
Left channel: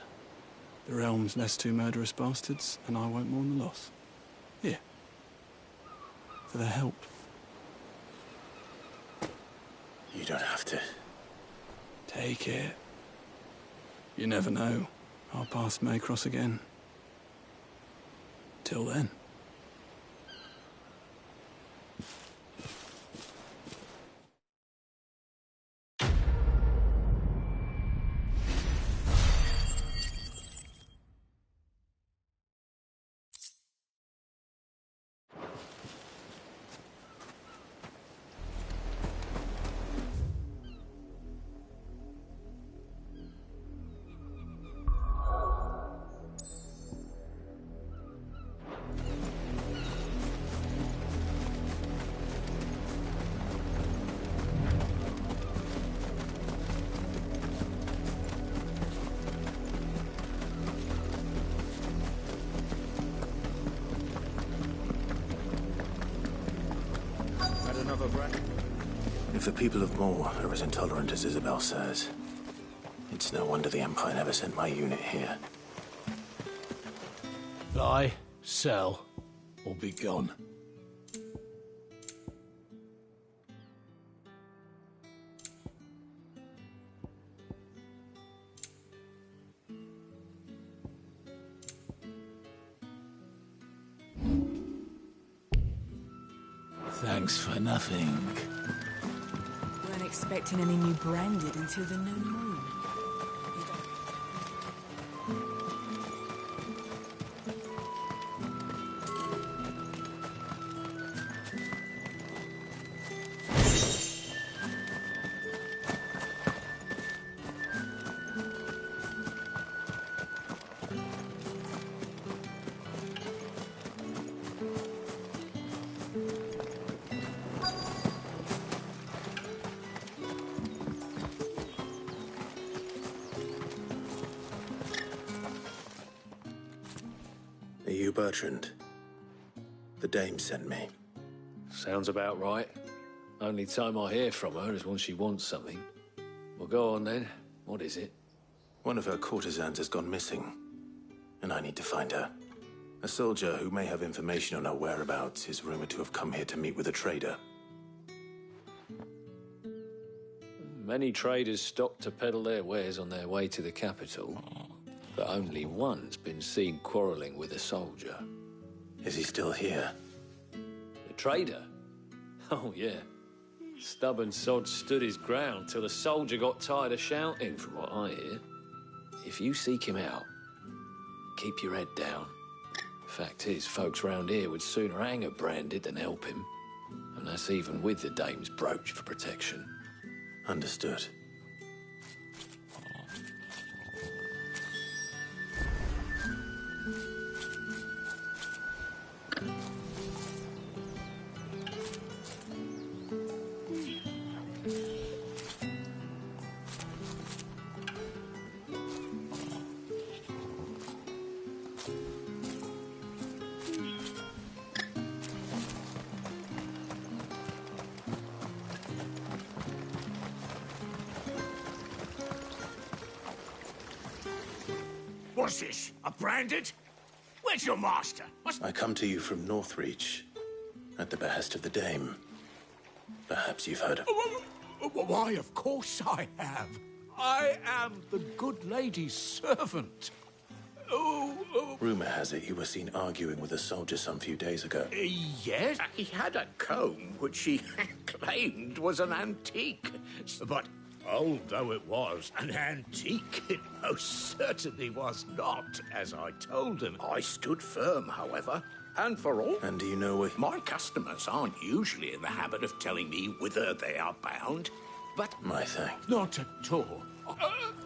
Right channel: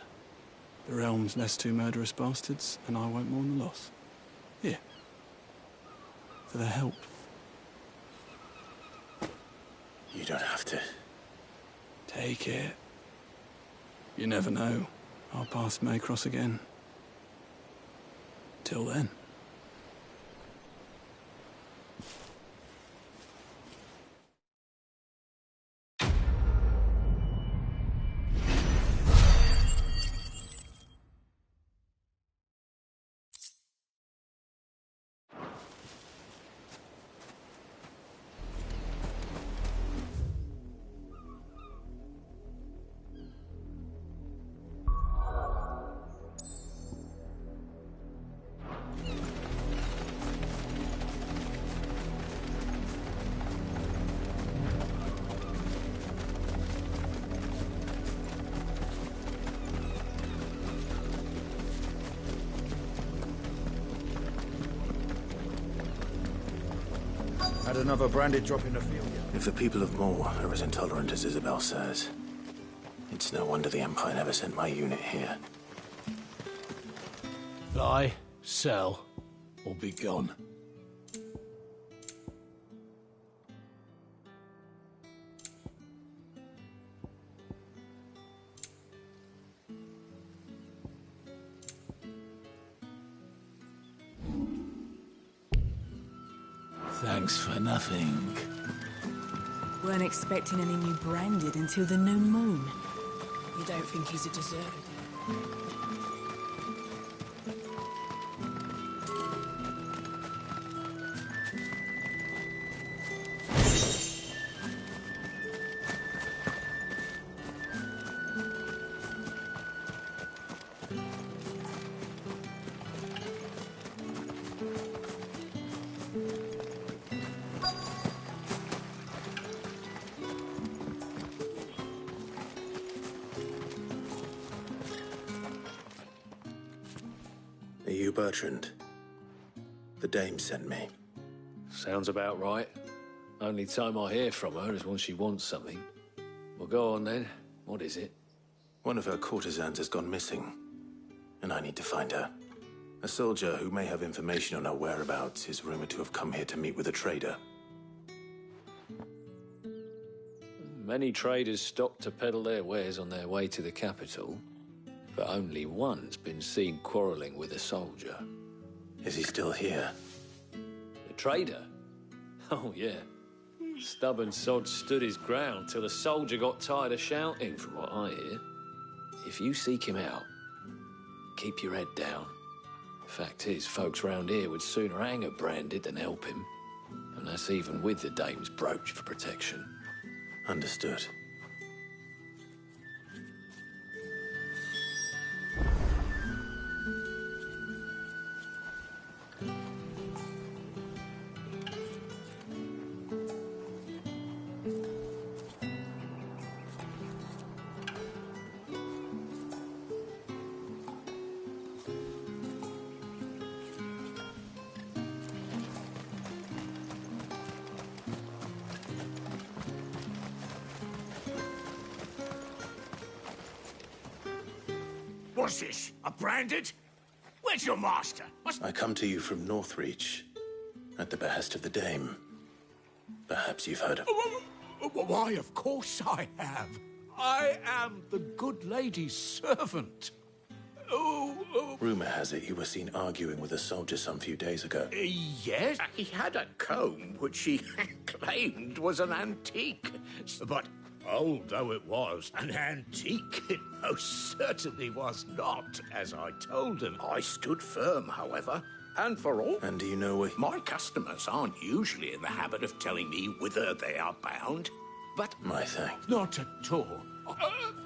The realm's less two murderous bastards, and I won't mourn the loss. Here. For their help. You don't have to. Take it. You never know. Our paths may cross again. Till then. Had another branded drop in the field. If the people of Moor are as intolerant as Isabel says, it's no wonder the Empire never sent my unit here. Buy, sell, or be gone. Thanks for nothing. Weren't expecting any new branded until the new moon. You don't think he's a dessert? Are you Bertrand? The dame sent me. Sounds about right. Only time I hear from her is when she wants something. Well, go on then. What is it? One of her courtesans has gone missing, and I need to find her. A soldier who may have information on her whereabouts is rumored to have come here to meet with a trader. Many traders stop to peddle their wares on their way to the capital, but only one's been seen quarrelling with a soldier. Is he still here? The trader? Oh, yeah. Stubborn sod stood his ground till the soldier got tired of shouting, from what I hear. If you seek him out, keep your head down. Fact is, folks round here would sooner hang a branded than help him. And that's even with the dame's brooch for protection. Understood. What's this? A branded? Where's your master? I come to you from Northreach, at the behest of the dame. Perhaps you've heard of... Why, of course I have. I am the good lady's servant. Rumor has it you were seen arguing with a soldier some few days ago. Yes? He had a comb which he claimed was an antique. But old though it was, an antique it most certainly was not, as I told him. I stood firm, however. And for all... And do you know where... My customers aren't usually in the habit of telling me whither they are bound, but... My thanks. Not at all.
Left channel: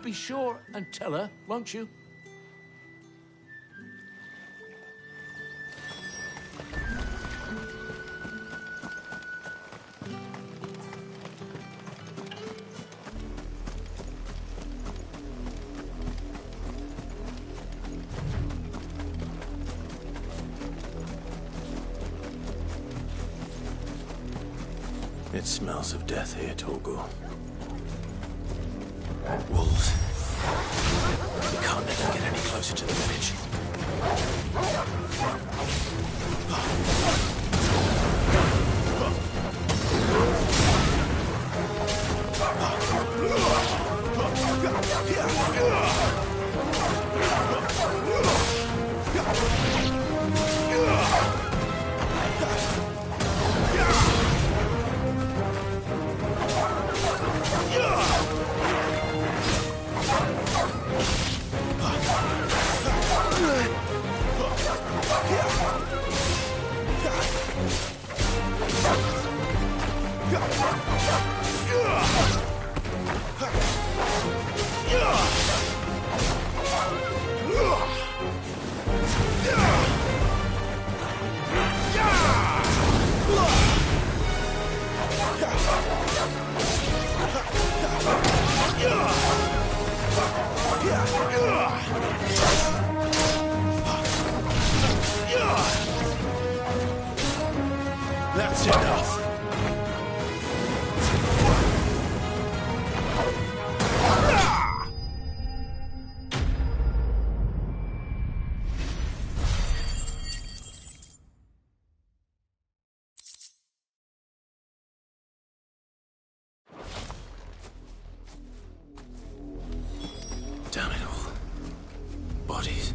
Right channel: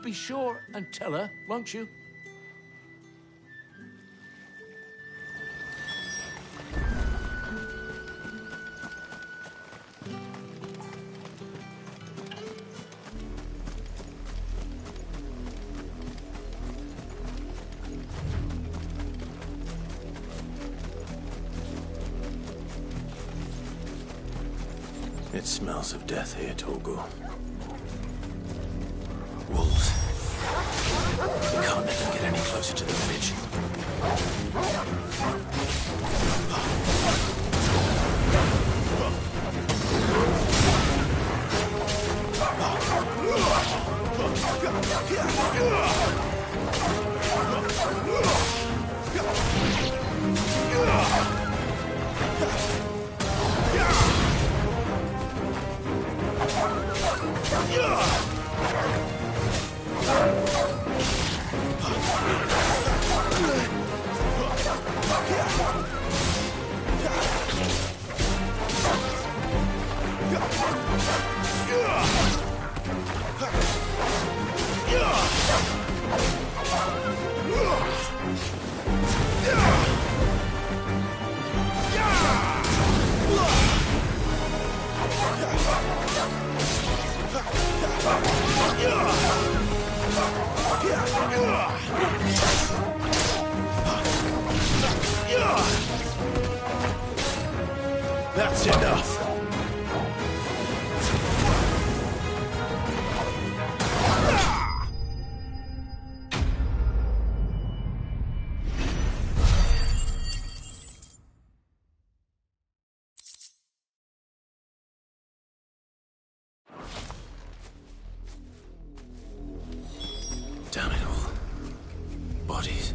Be sure and tell her, won't you? It smells of death here, Torgor. Wolves. We can't let them get any closer to the village. That's enough. Damn it all. Bodies.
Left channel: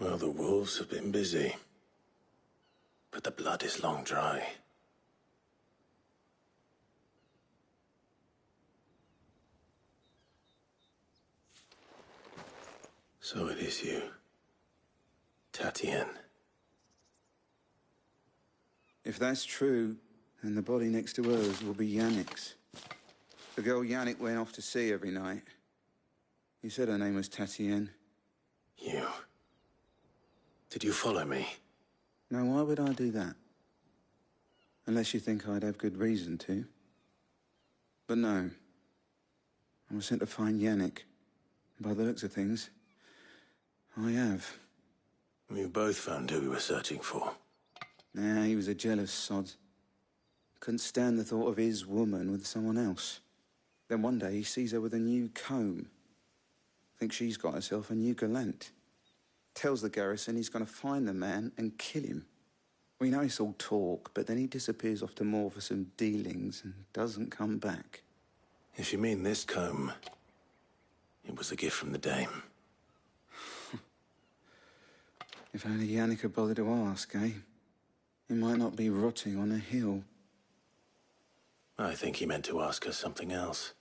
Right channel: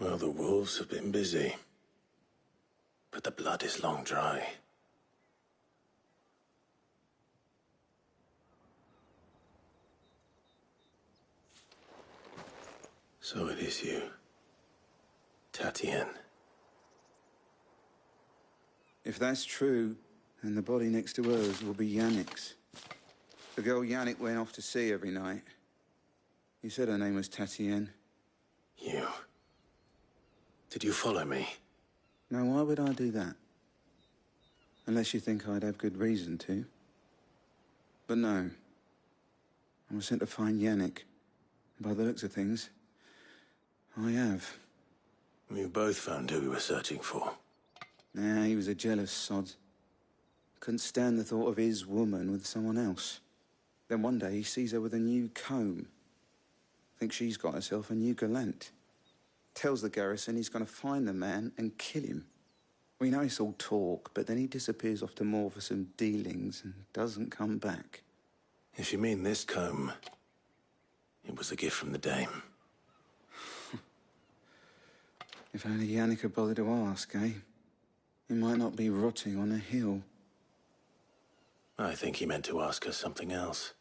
Well, the wolves have been busy. But the blood is long dry. So it is you, Tatienne. If that's true, then the body next to hers will be Yannick's. The girl Yannick went off to sea every night. He said her name was Tatienne. You... Did you follow me? Now, why would I do that? Unless you think I'd have good reason to. But no. I was sent to find Yannick. By the looks of things, I have. We both found who we were searching for. Nah, he was a jealous sod. Couldn't stand the thought of his woman with someone else. Then one day he sees her with a new comb. Thinks she's got herself a new gallant. Tells the garrison he's going to find the man and kill him. We know it's all talk, but then he disappears off to Moor for some dealings and doesn't come back. If you mean this comb, it was a gift from the dame. If only Yannick had bothered to ask, eh? He might not be rotting on a hill. I think he meant to ask her something else.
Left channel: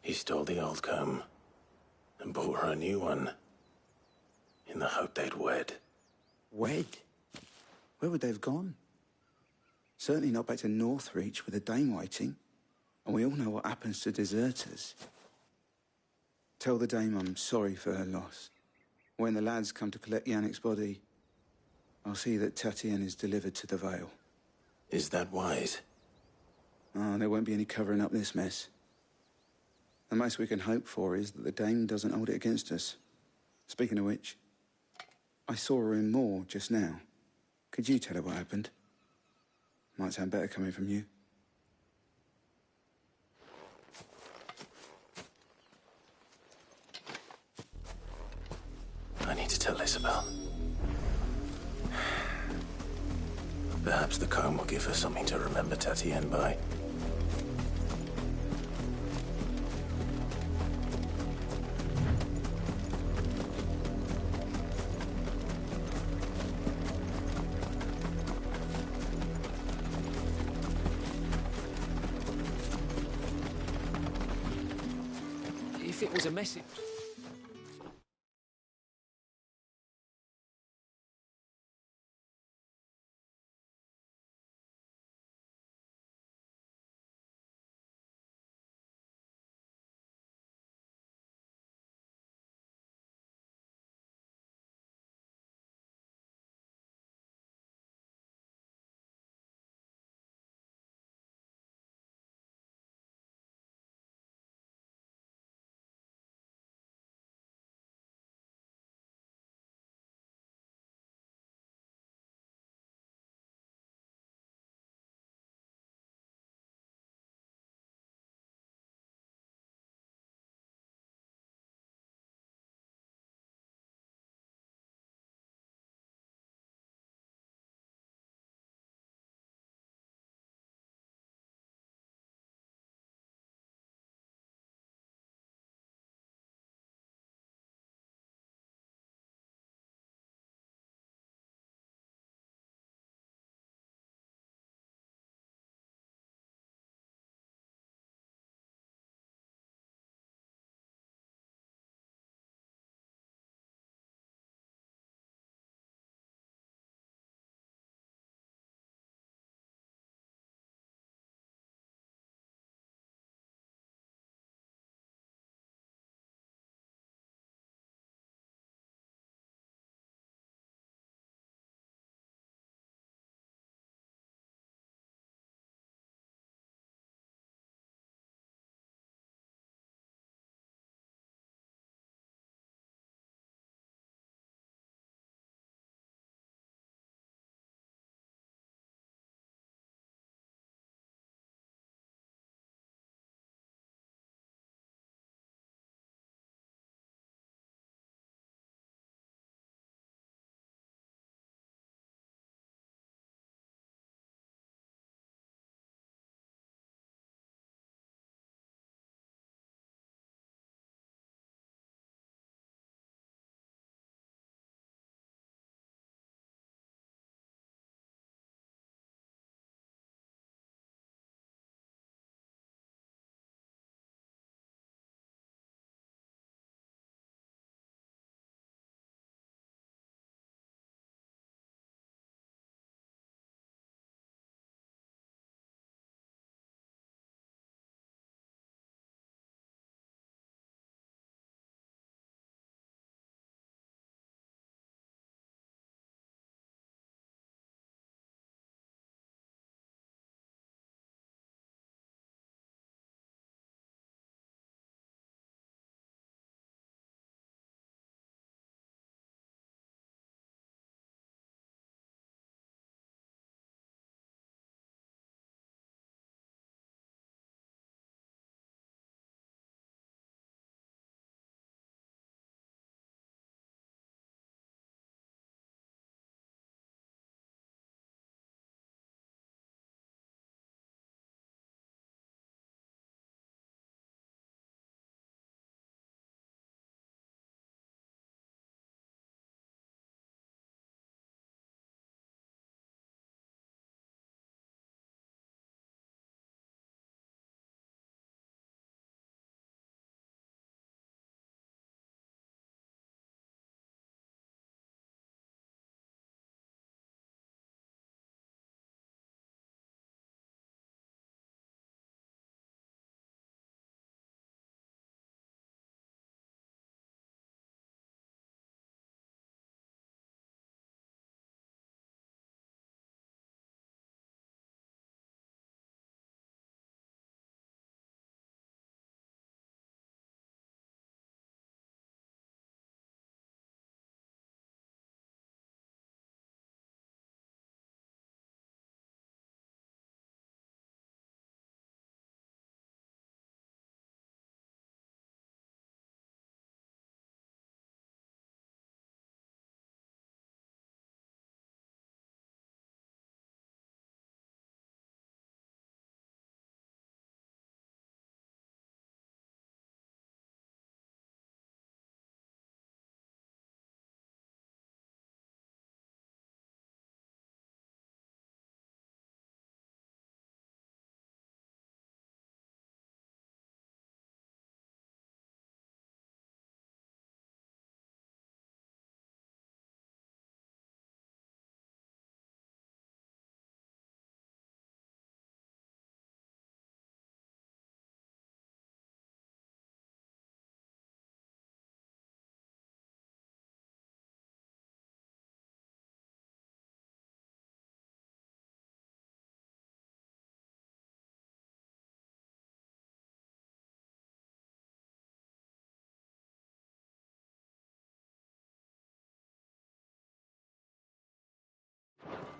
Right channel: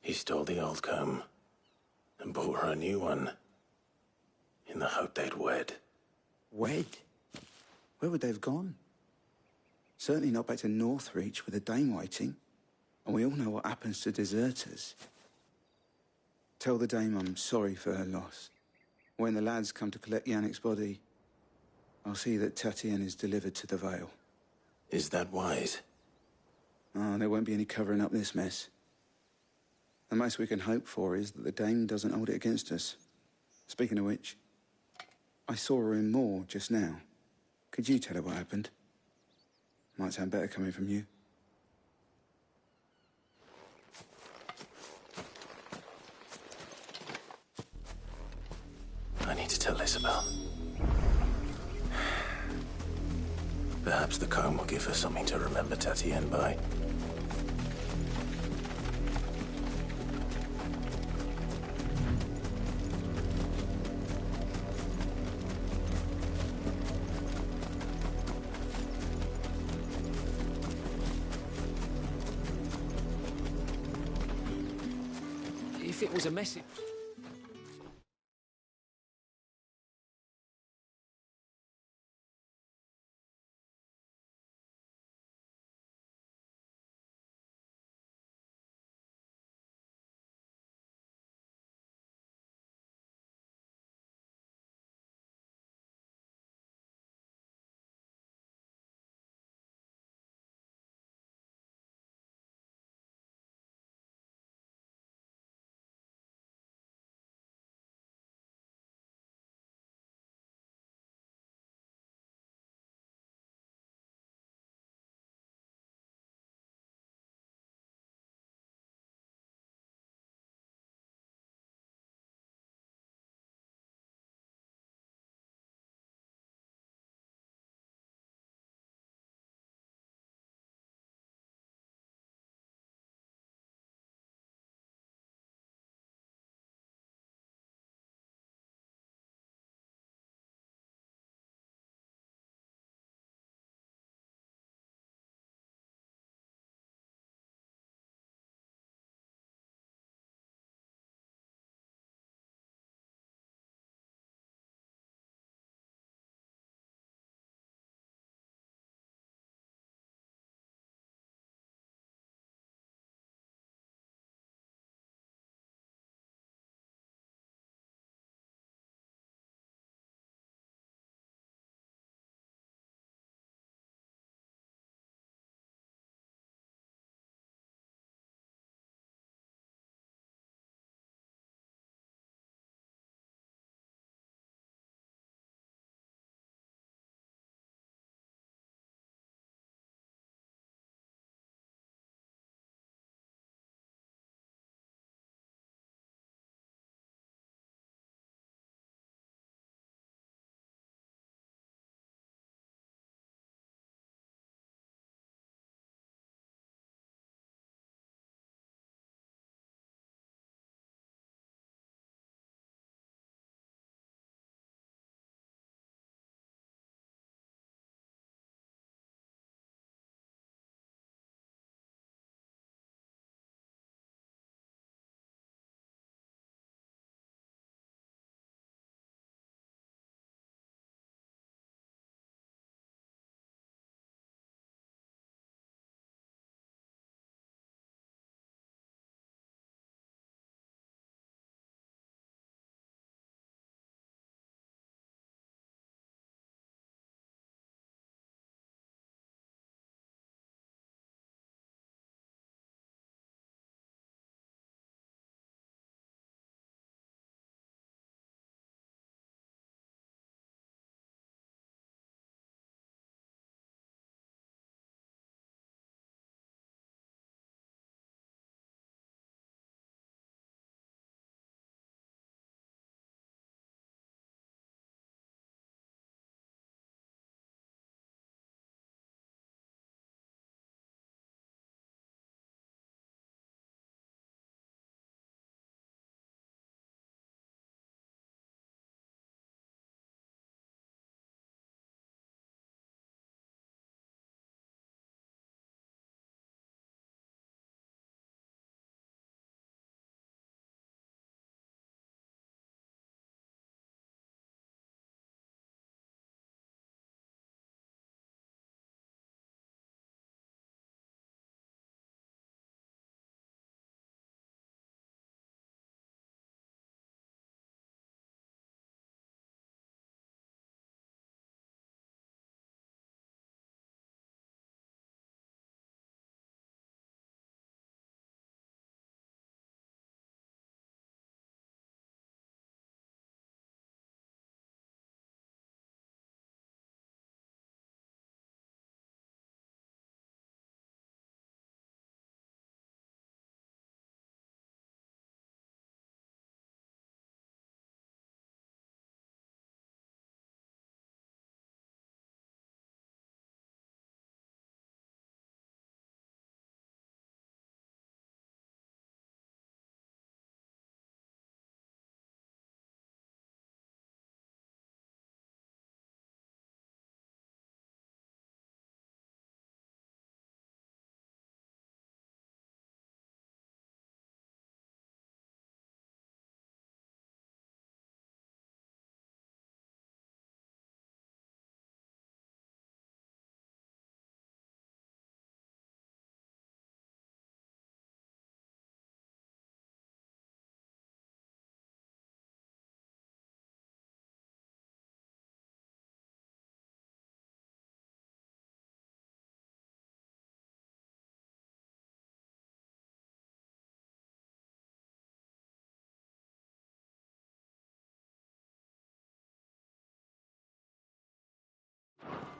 He stole the old comb and bought her a new one in the hope they'd wed. Wed? Where would they have gone? Certainly not back to Northreach with a dame waiting. And we all know what happens to deserters. Tell the dame I'm sorry for her loss. When the lads come to collect Yannick's body, I'll see that Tatienne is delivered to the Vale. Is that wise? Oh, there won't be any covering up this mess. The most we can hope for is that the dame doesn't hold it against us. Speaking of which, I saw her in Moor just now. Could you tell her what happened? Might sound better coming from you. I need to tell Isabel. Perhaps the comb will give her something to remember Tatienne by. If it was a message...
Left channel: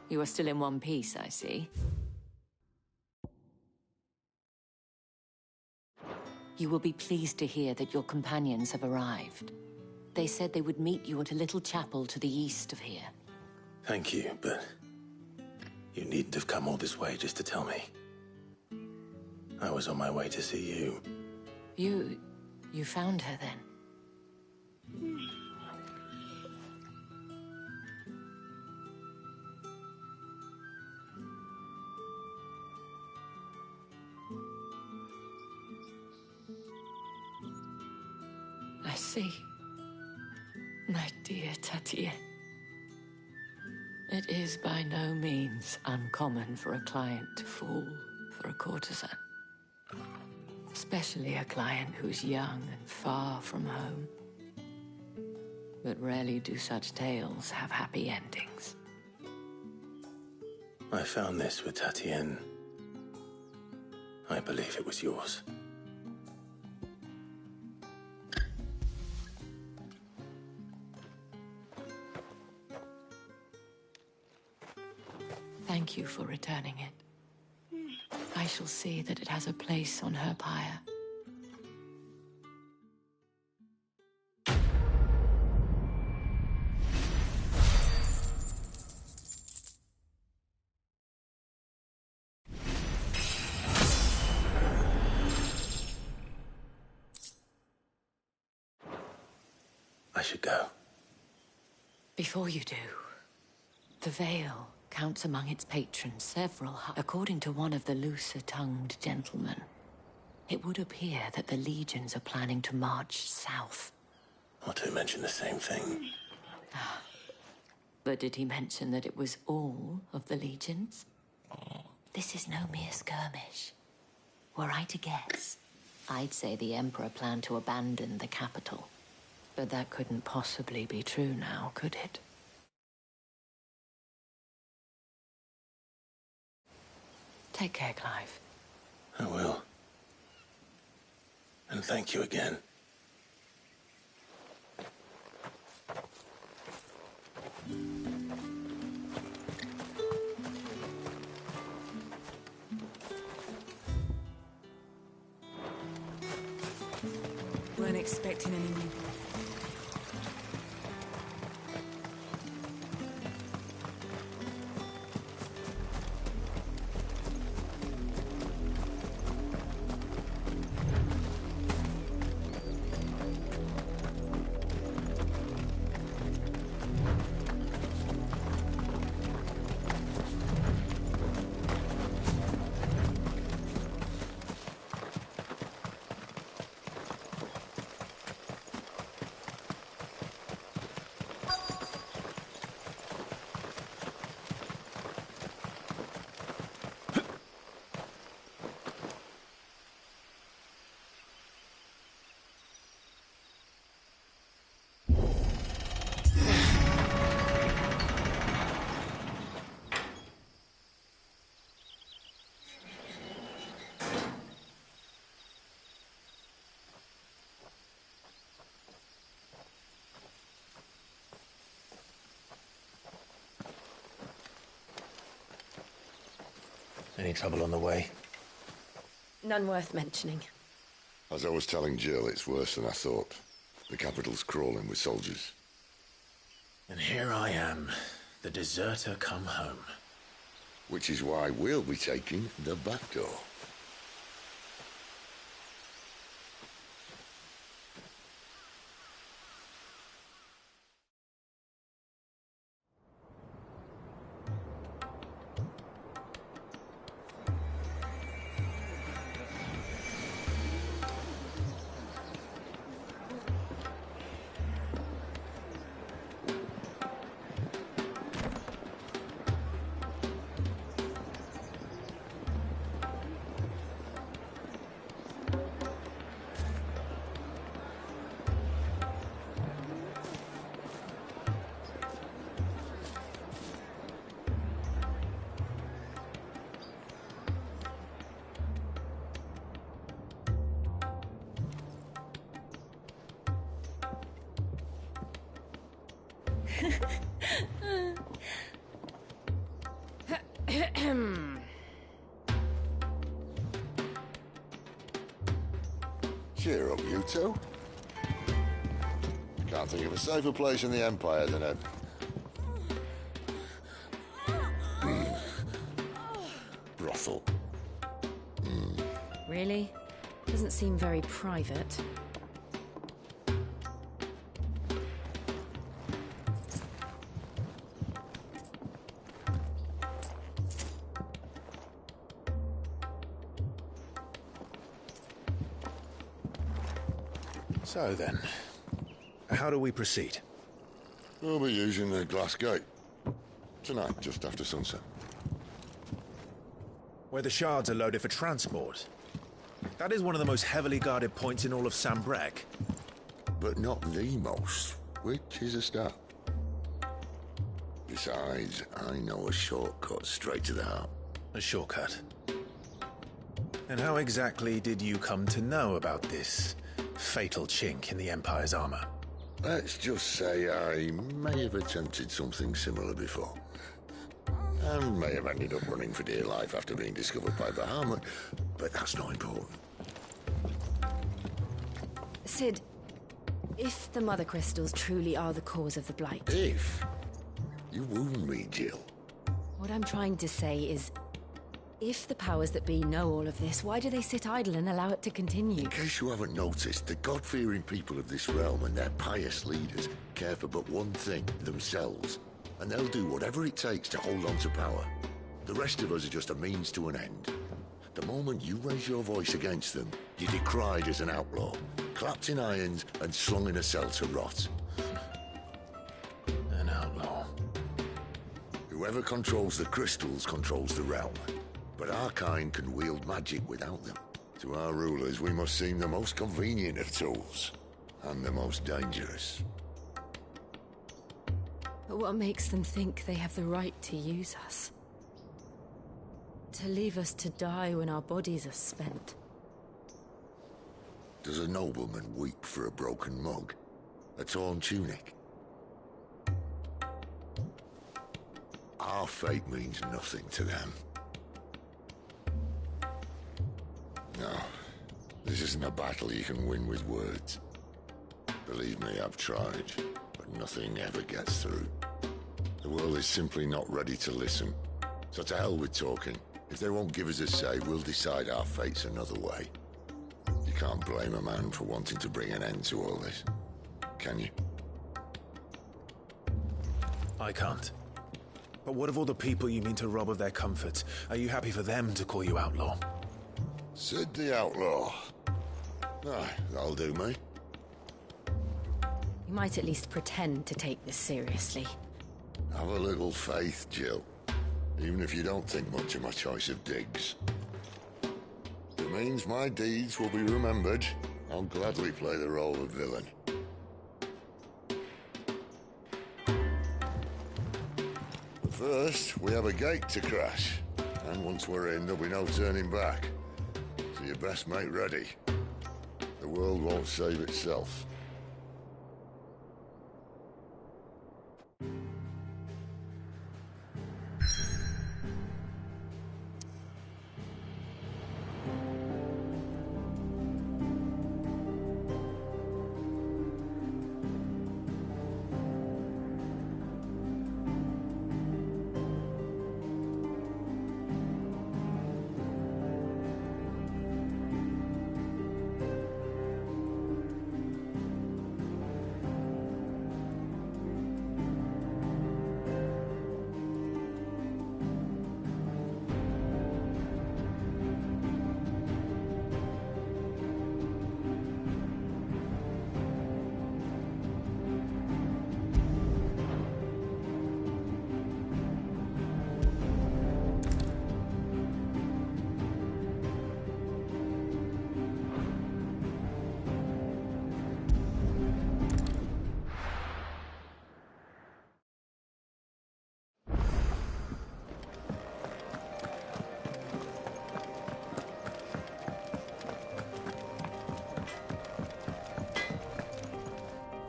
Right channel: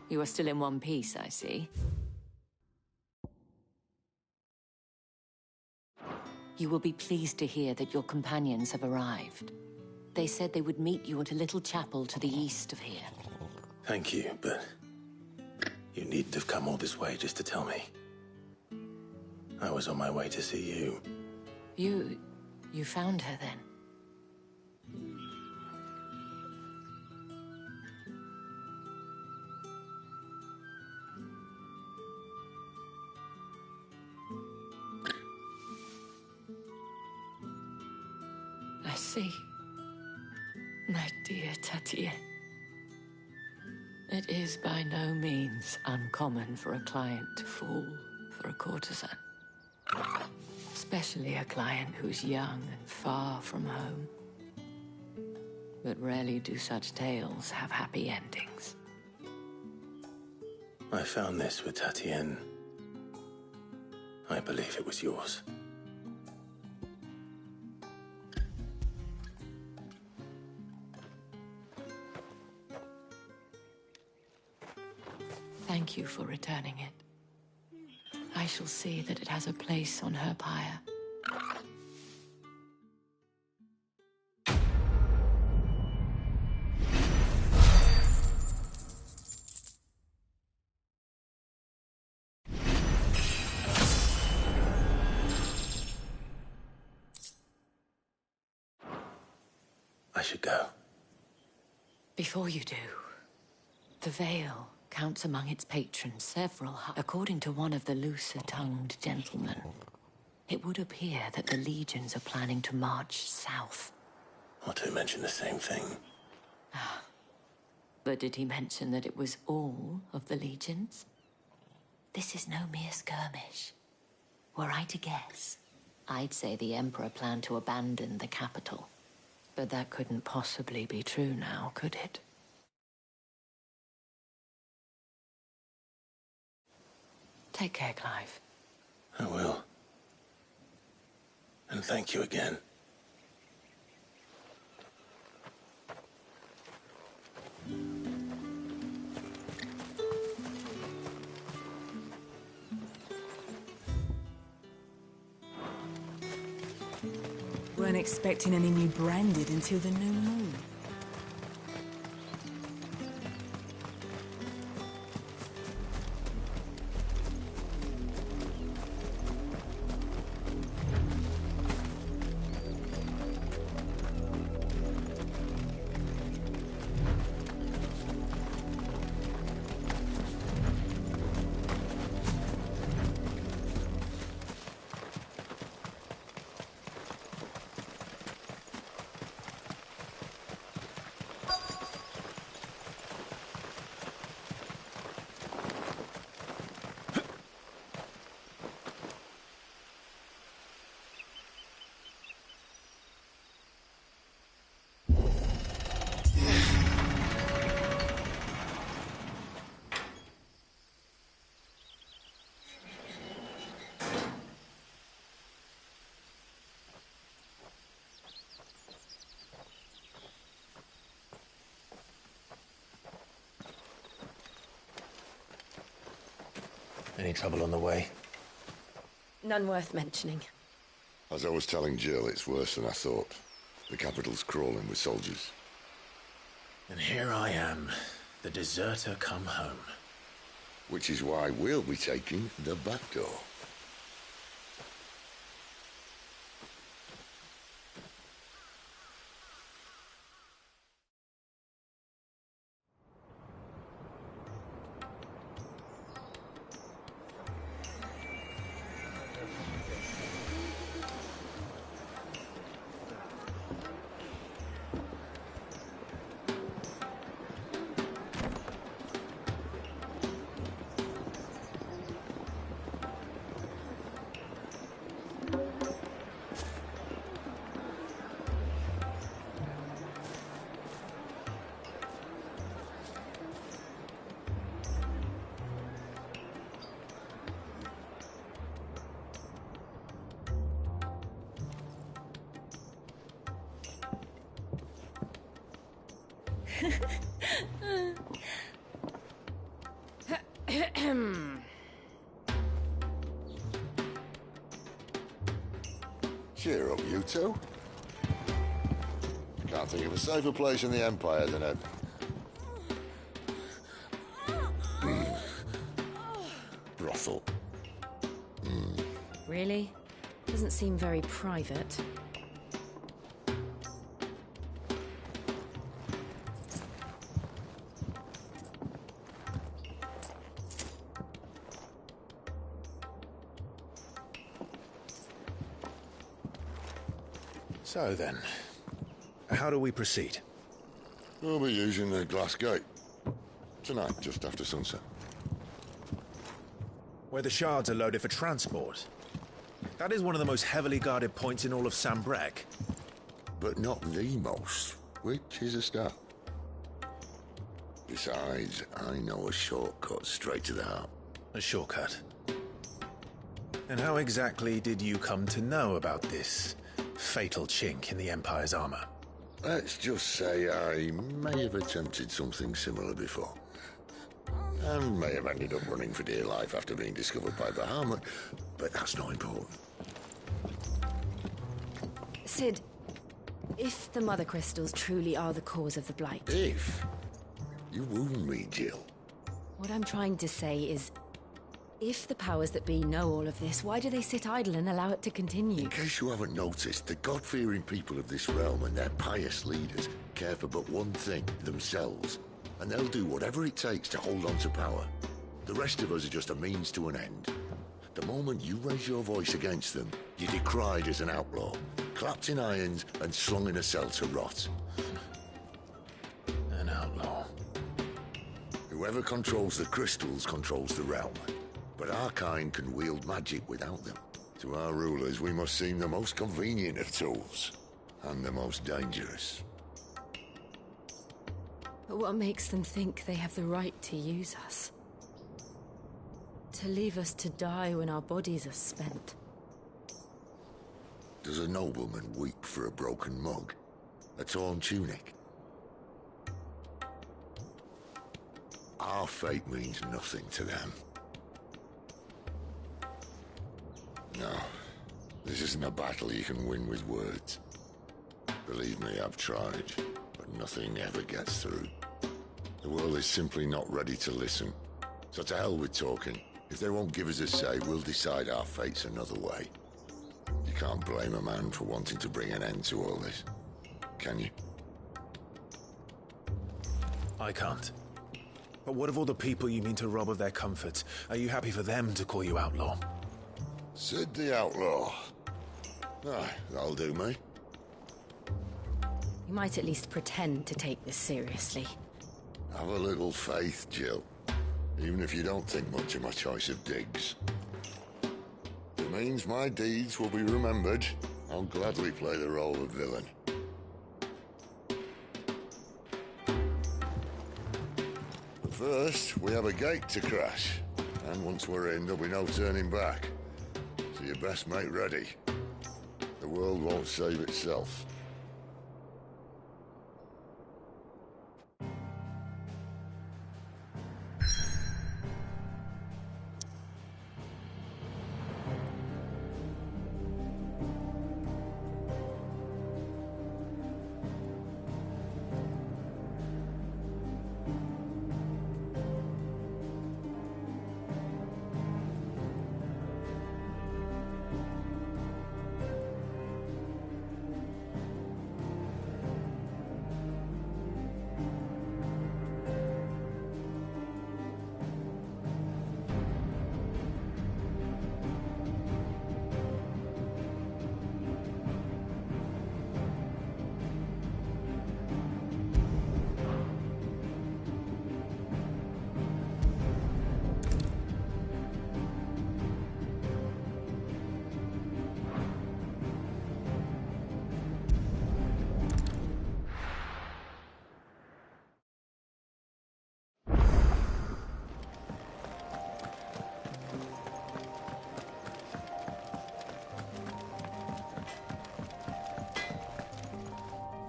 You are still in one piece, I see. You will be pleased to hear that your companions have arrived. They said they would meet you at a little chapel to the east of here. Thank you, but you needn't have come all this way just to tell me. I was on my way to see you. You found her then? I see. My dear Tatien. It is by no means uncommon for a client to fall for a courtesan. Especially a client who's young and far from home. But rarely do such tales have happy endings. I found this with Tatien. I believe it was yours. Thank you for returning it. I shall see that it has a place on her pyre. I should go. Before you do, the Vale counts among its patrons several. According to one of the looser-tongued gentlemen, it would appear that the legions are planning to march south. Not to mention the same thing. But did he mention that it was all of the legions? This is no mere skirmish. Were I to guess, I'd say the Emperor planned to abandon the capital. But that couldn't possibly be true now, could it? Take care, Clive. I will. And thank you again. Weren't expecting any new branded until the new moon. Any trouble on the way? None worth mentioning. As I was telling Jill, it's worse than I thought. The capital's crawling with soldiers. And here I am, the deserter come home. Which is why we'll be taking the back door. Cheer up, you two. Can't think of a safer place in the Empire than a... brothel. Really? Doesn't seem very private. So then, how do we proceed? We'll be using the glass gate. Tonight, just after sunset. Where the shards are loaded for transport. That is one of the most heavily guarded points in all of Sambrek. But not the most, which is a start. Besides, I know a shortcut straight to the heart. A shortcut? And how exactly did you come to know about this fatal chink in the Empire's armor? Let's just say I may have attempted something similar before. And may have ended up running for dear life after being discovered by Bahamut, but that's not important. Sid, if the Mother Crystals truly are the cause of the Blight... If? You wound me, Jill. What I'm trying to say is, if the powers that be know all of this, why do they sit idle and allow it to continue? In case you haven't noticed, the God-fearing people of this realm and their pious leaders care for but one thing, themselves. And they'll do whatever it takes to hold on to power. The rest of us are just a means to an end. The moment you raise your voice against them, you're decried as an outlaw, clapped in irons and slung in a cell to rot. An outlaw. Whoever controls the crystals controls the realm. But our kind can wield magic without them. To our rulers, we must seem the most convenient of tools, and the most dangerous. But what makes them think they have the right to use us? To leave us to die when our bodies are spent? Does a nobleman weep for a broken mug? A torn tunic? Our fate means nothing to them. No, this isn't a battle you can win with words. Believe me, I've tried, but nothing ever gets through. The world is simply not ready to listen. So to hell with talking. If they won't give us a say, we'll decide our fates another way. You can't blame a man for wanting to bring an end to all this, can you? I can't. But what of all the people you mean to rob of their comfort? Are you happy for them to call you outlaw? Sid the Outlaw. Aye, that'll do me. You might at least pretend to take this seriously. Have a little faith, Jill. Even if you don't think much of my choice of digs. It means my deeds will be remembered. I'll gladly play the role of villain. But first, we have a gate to crash. And once we're in, there'll be no turning back. So you best make ready. The world won't save itself.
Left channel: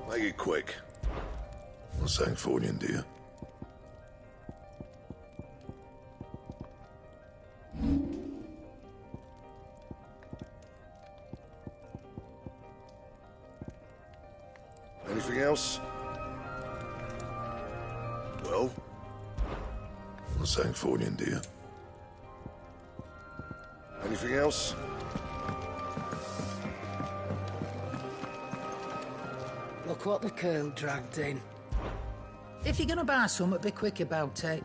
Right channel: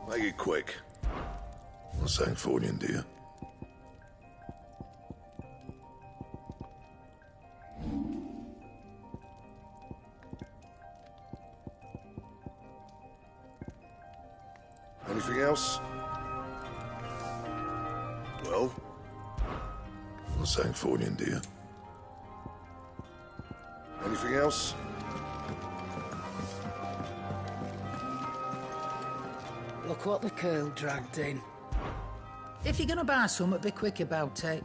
Make it quick. Not saying Fordian, do you? Anything else? Well? Not saying Fornian, dear. Anything else? Look what the curl dragged in. If you're gonna buy something, be quick about it.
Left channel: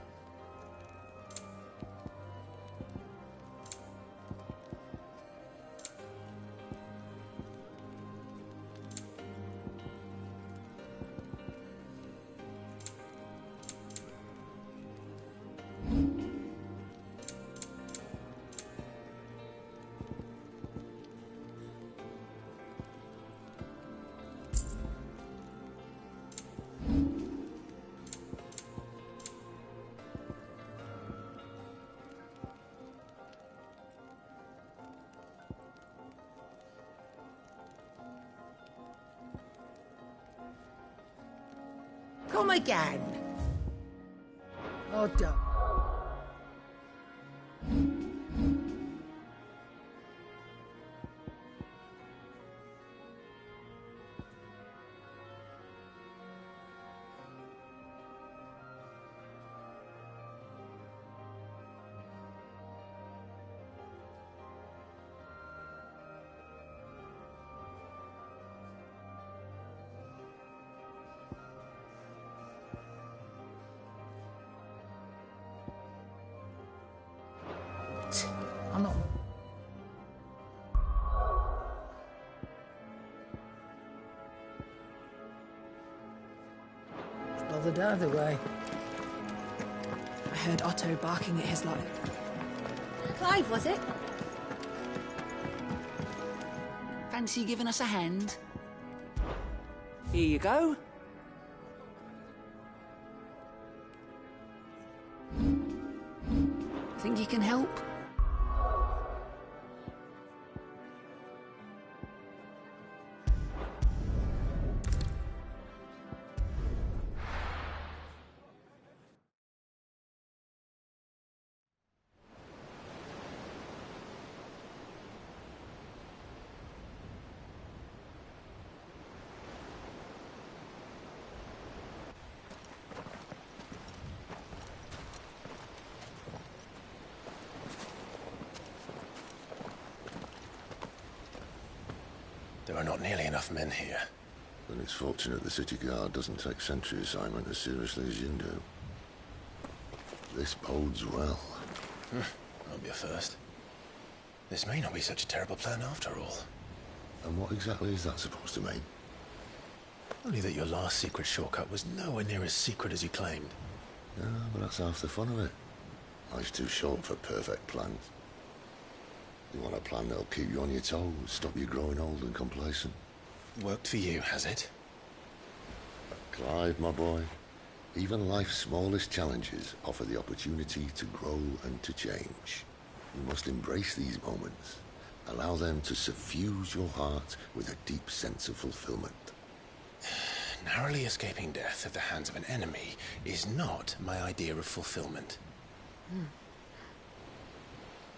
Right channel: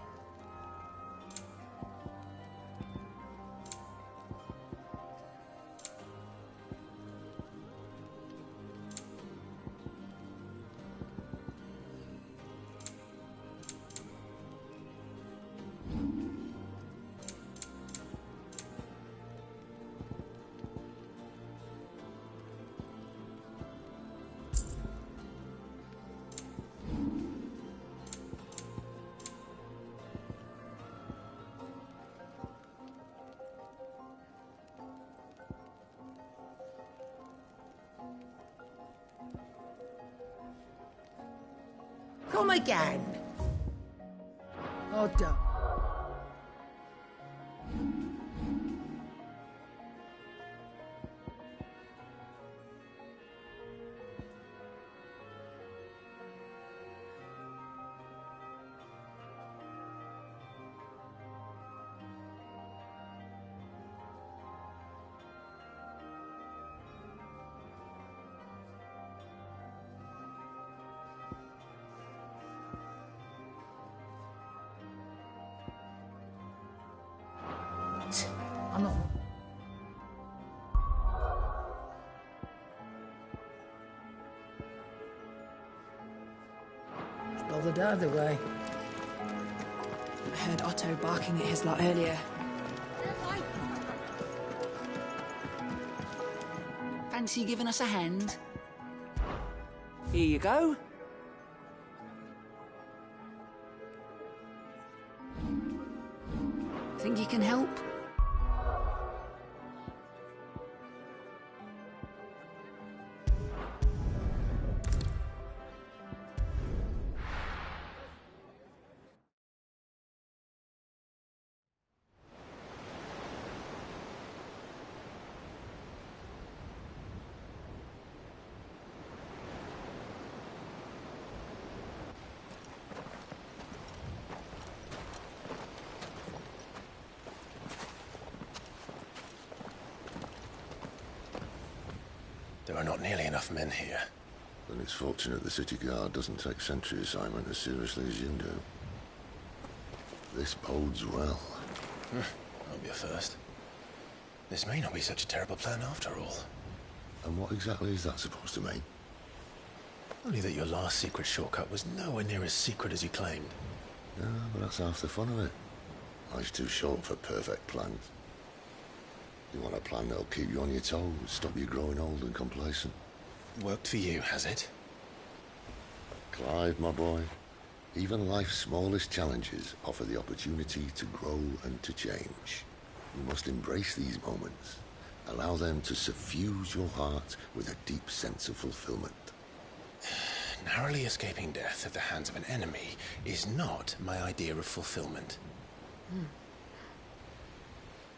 Come again. Oh, don't. I'm not. It's bothered either way. I heard Otto barking at his lot earlier. Clive, was it? Fancy giving us a hand? Here you go. Think you can help? There are not nearly enough men here. Then it's fortunate the city guard doesn't take sentry assignment as seriously as you do. This bodes well. That'll be a first. This may not be such a terrible plan after all. And what exactly is that supposed to mean? Only that your last secret shortcut was nowhere near as secret as you claimed. Yeah, but that's half the fun of it. Life's too short for perfect plans. You want a plan that'll keep you on your toes, stop you growing old and complacent. Worked for you, has it? Clive, my boy, even life's smallest challenges offer the opportunity to grow and to change. You must embrace these moments. Allow them to suffuse your heart with a deep sense of fulfillment. Narrowly escaping death at the hands of an enemy is not my idea of fulfillment.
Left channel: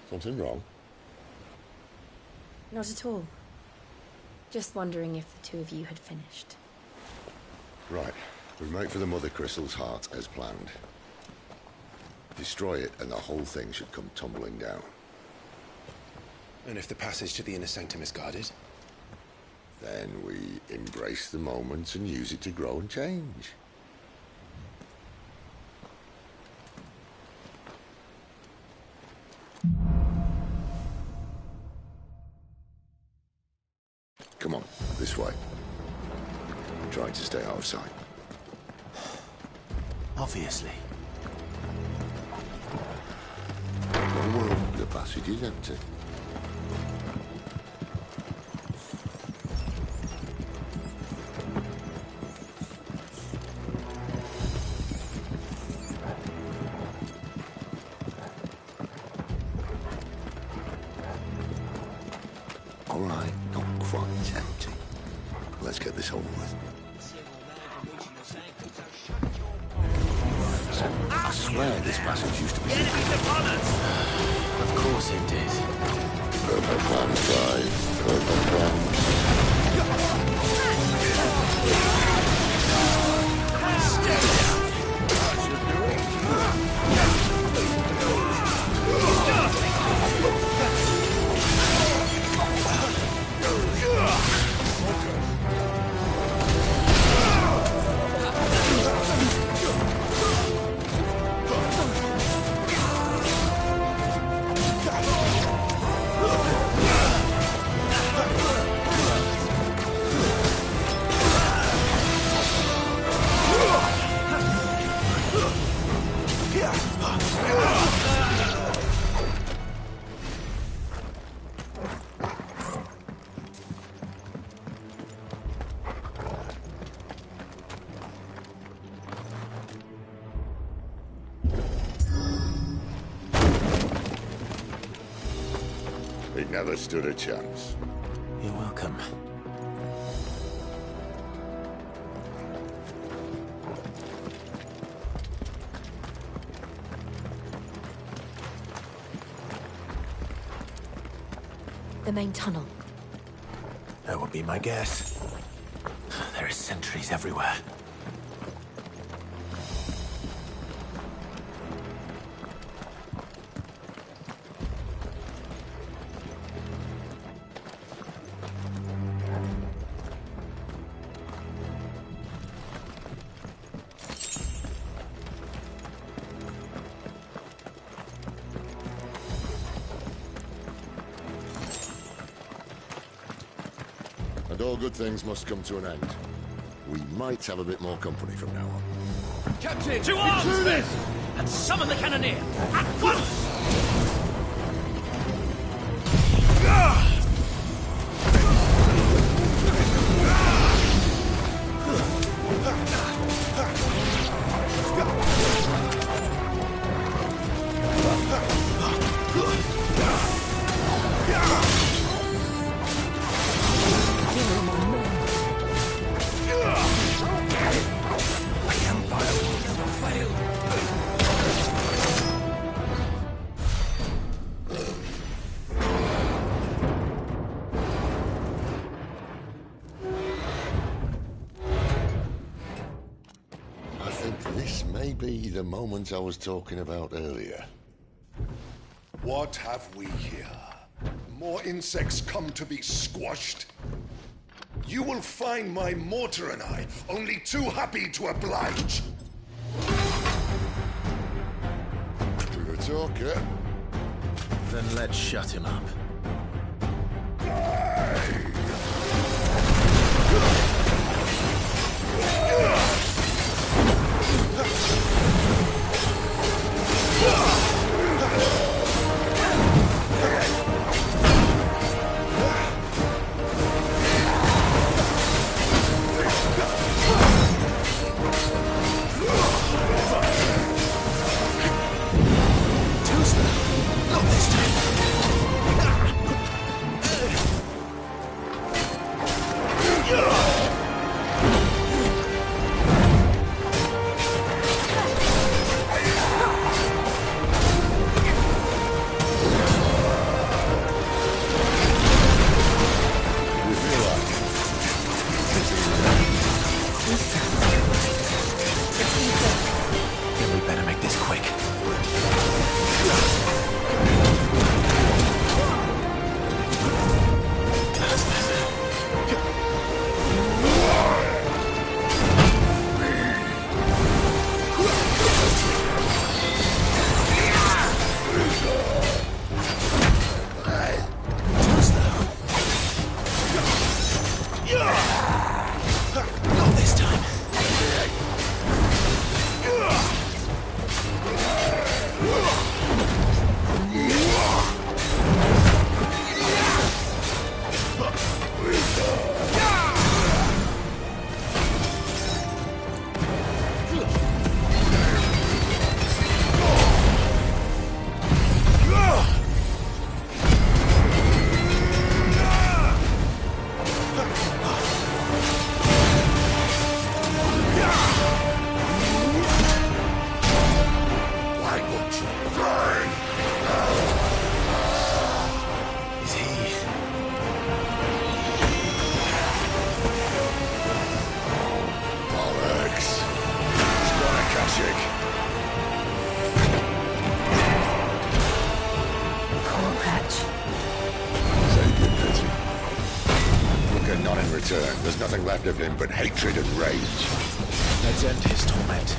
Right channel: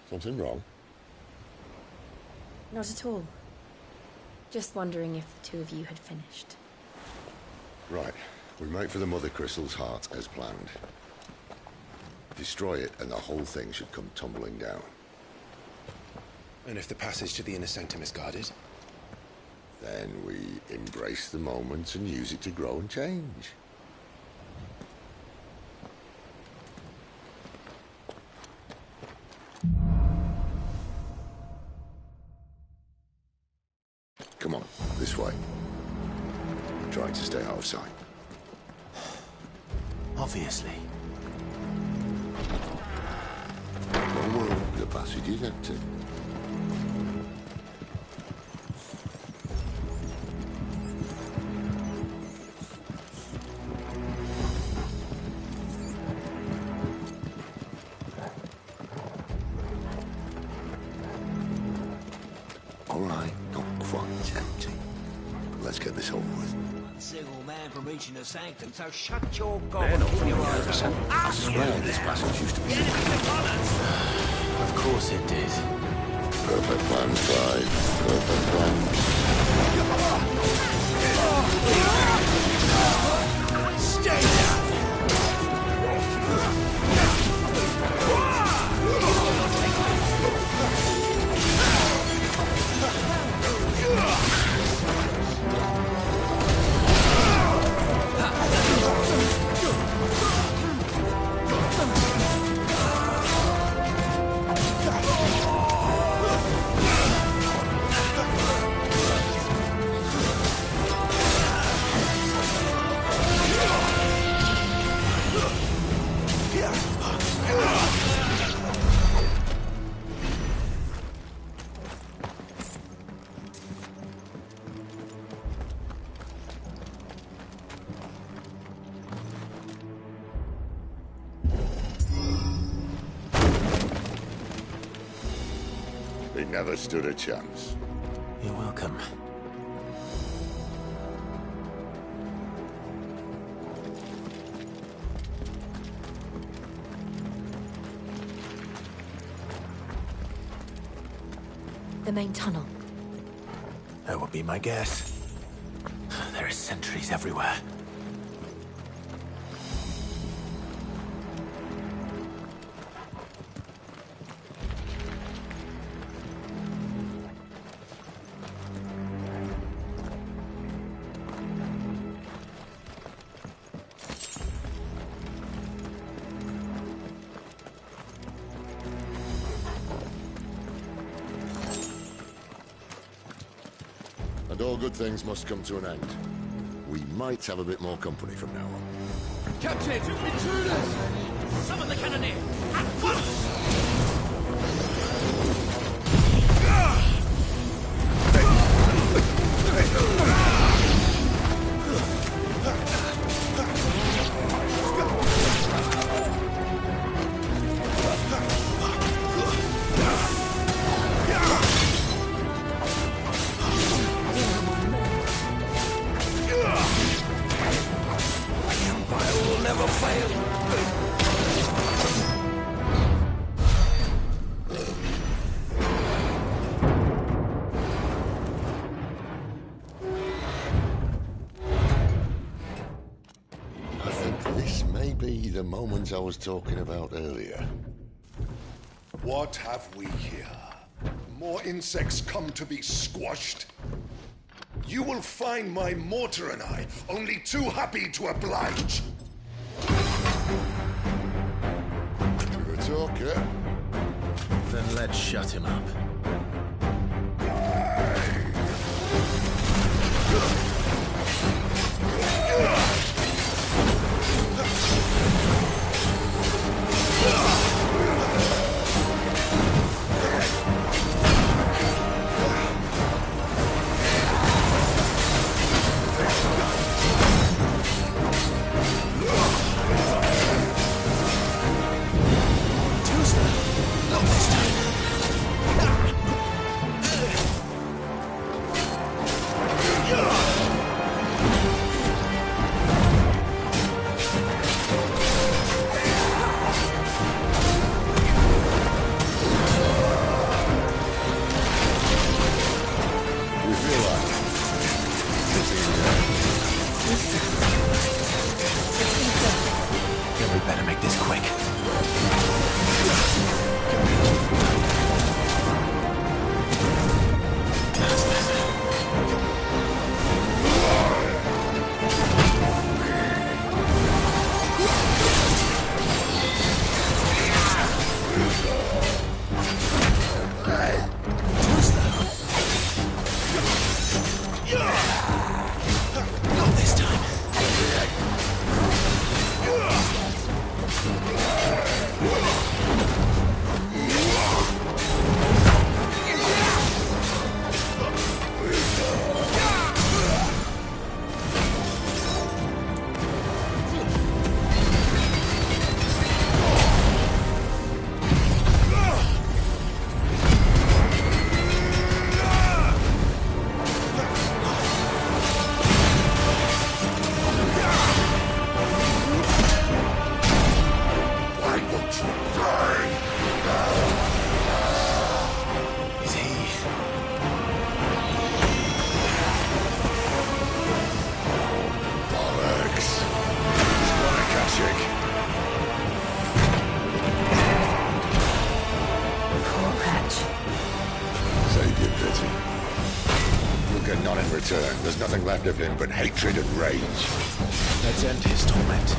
Something wrong? Not at all. Just wondering if the two of you had finished. Right. We make for the Mother Crystal's heart as planned. Destroy it and the whole thing should come tumbling down. And if the passage to the inner sanctum is guarded? Then we embrace the moment and use it to grow and change. Come on, this way. Try to stay out of sight. Obviously. Don't worry, the passage is empty. All right, not quite empty. Let's get this over with. Single man from reaching the sanctum, so shut your gob and keep your eyes open. I swear this passage used to be... The enemy's upon us! Of course it did. Perfect plan, Clive. Perfect plan. never stood a chance. You're welcome. The main tunnel. That would be my guess. There are sentries everywhere. And all good things must come to an end. We might have a bit more company from now on. Captain! To intruders! And summon the cannoneer! At once! The moment I was talking about earlier. What have we here? More insects come to be squashed? You will find my mortar and I only too happy to oblige. With a talker. Then let's shut him up. Then we better make this quick. Not this time. Not in return. There's nothing left of him but hatred and rage. Let's end his torment.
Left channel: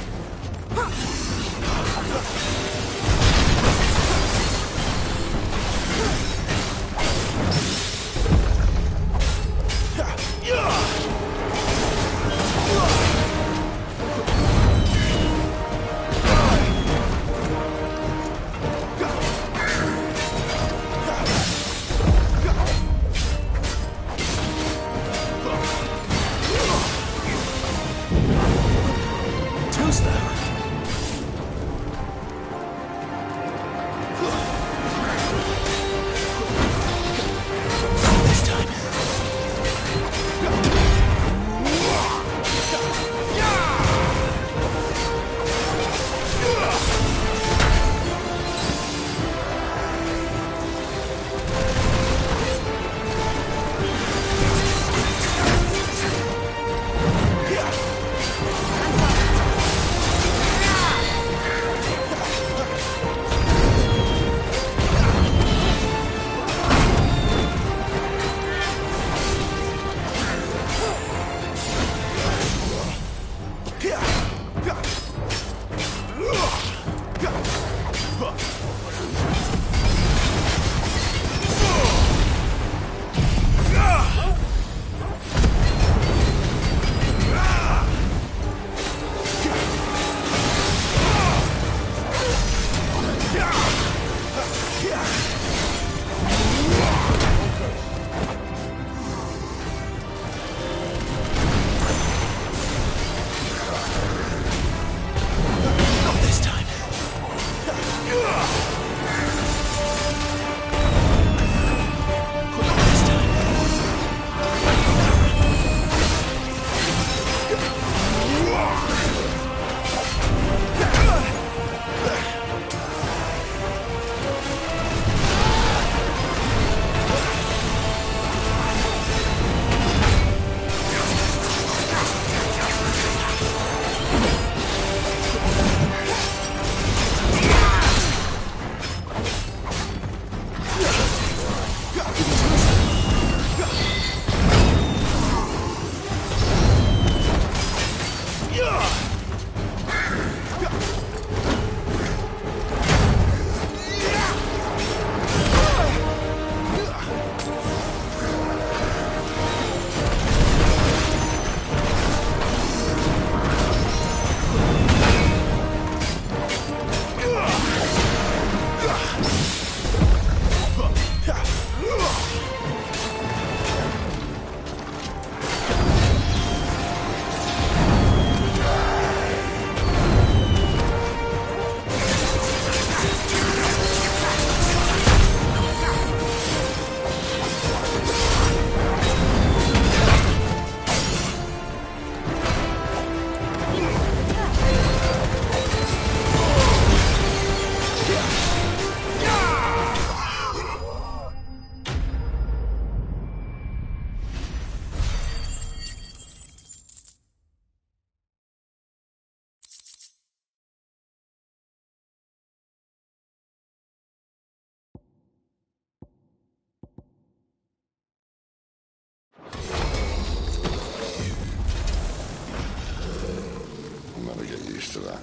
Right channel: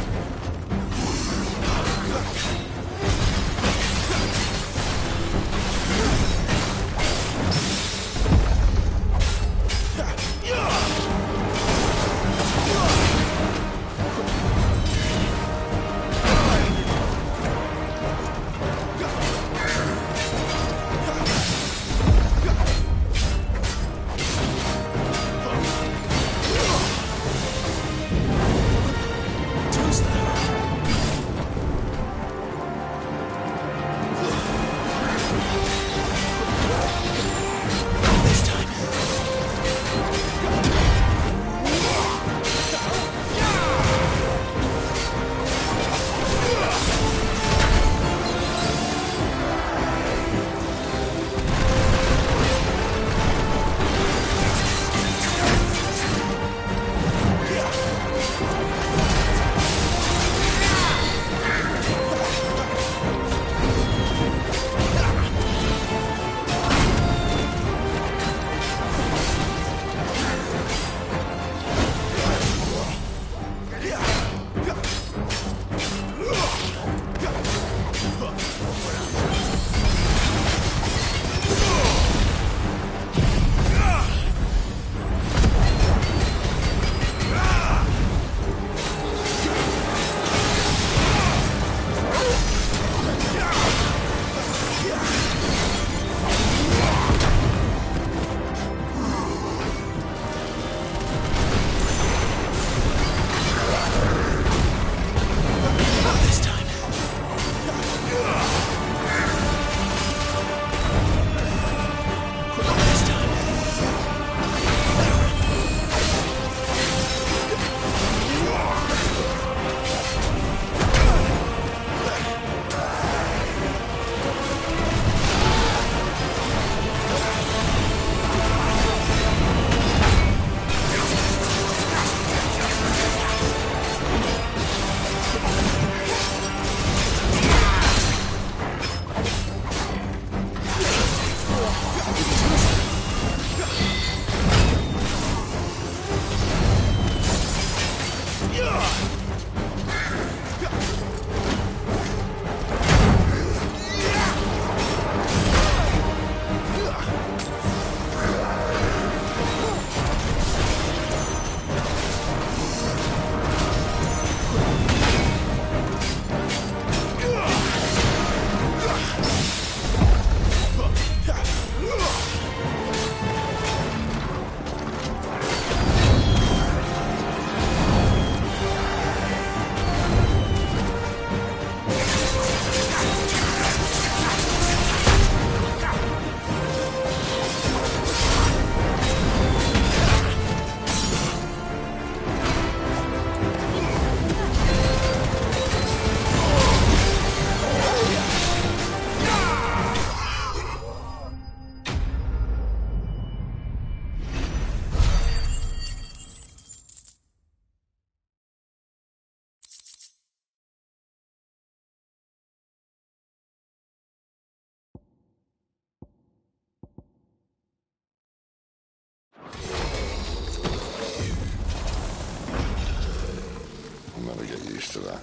to that.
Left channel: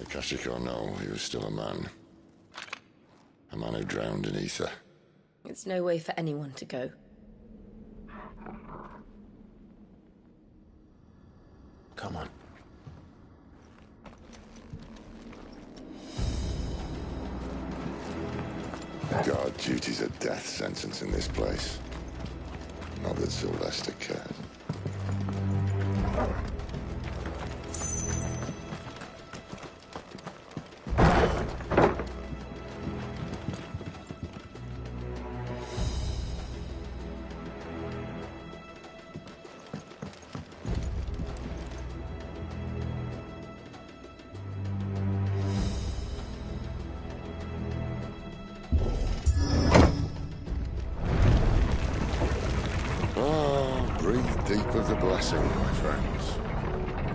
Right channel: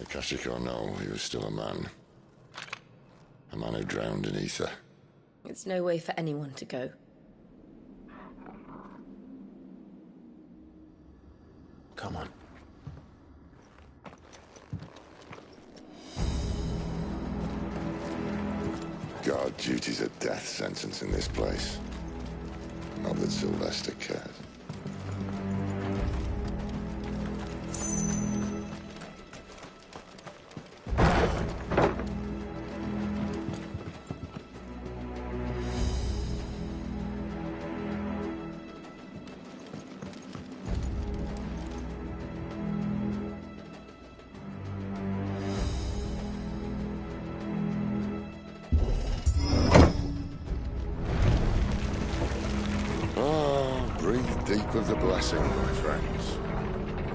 Akashic or no, he was still a man. A man who drowned in ether. It's no way for anyone to go. Come on. Guard duty's a death sentence in this place. Not that Sylvester cared. Deep of the blessing, my friends.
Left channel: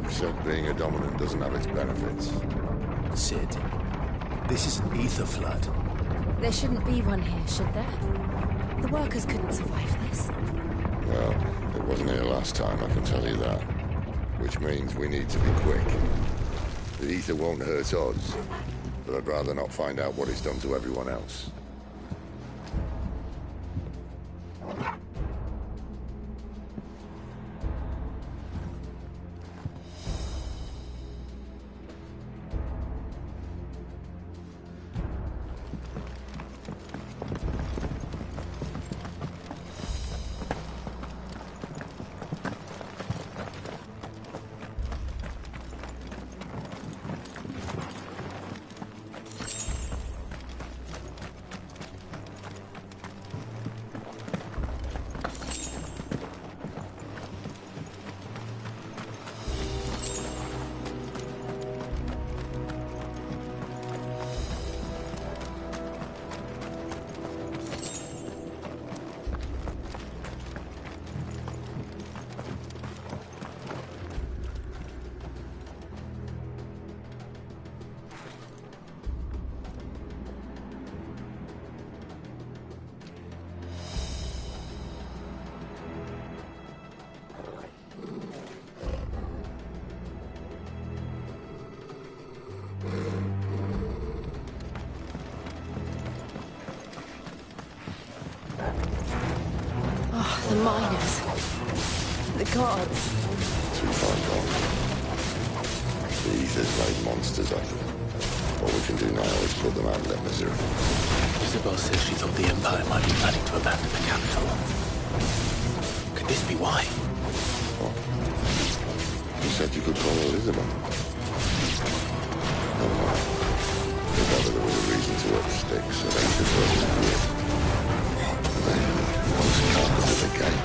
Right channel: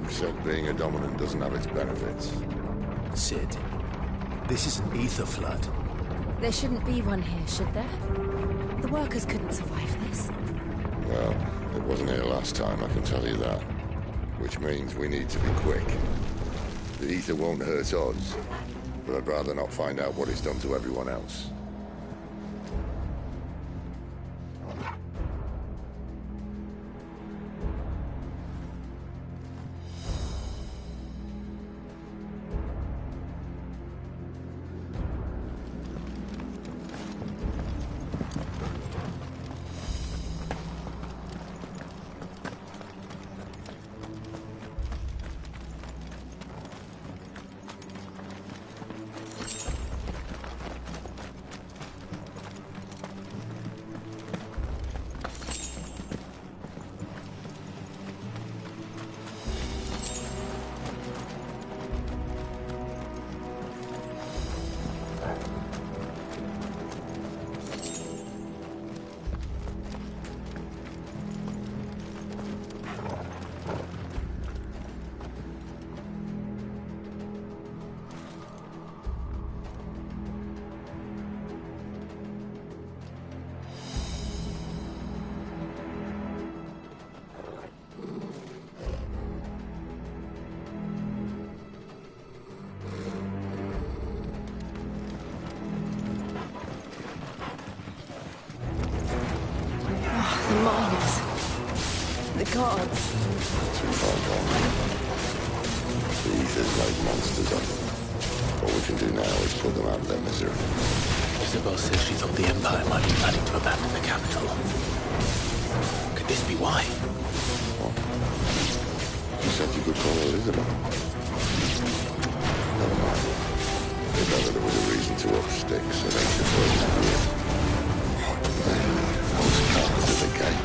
You said being a dominant doesn't have its benefits. Sid, this is an ether flood. There shouldn't be one here, should there? The workers couldn't survive this. Well, it wasn't here last time, I can tell you that. Which means we need to be quick. The ether won't hurt us, but I'd rather not find out what it's done to everyone else. The miners. The guards. Too far gone. The ether's made monsters of them. What we can do now is put them out of their misery. Isabel says she thought the Empire might be planning to abandon the capital. Could this be why? What? You said you could call her Isabel. Never mind. If ever there was a reason to up sticks, it ain't the first year. Those carpets at the gate.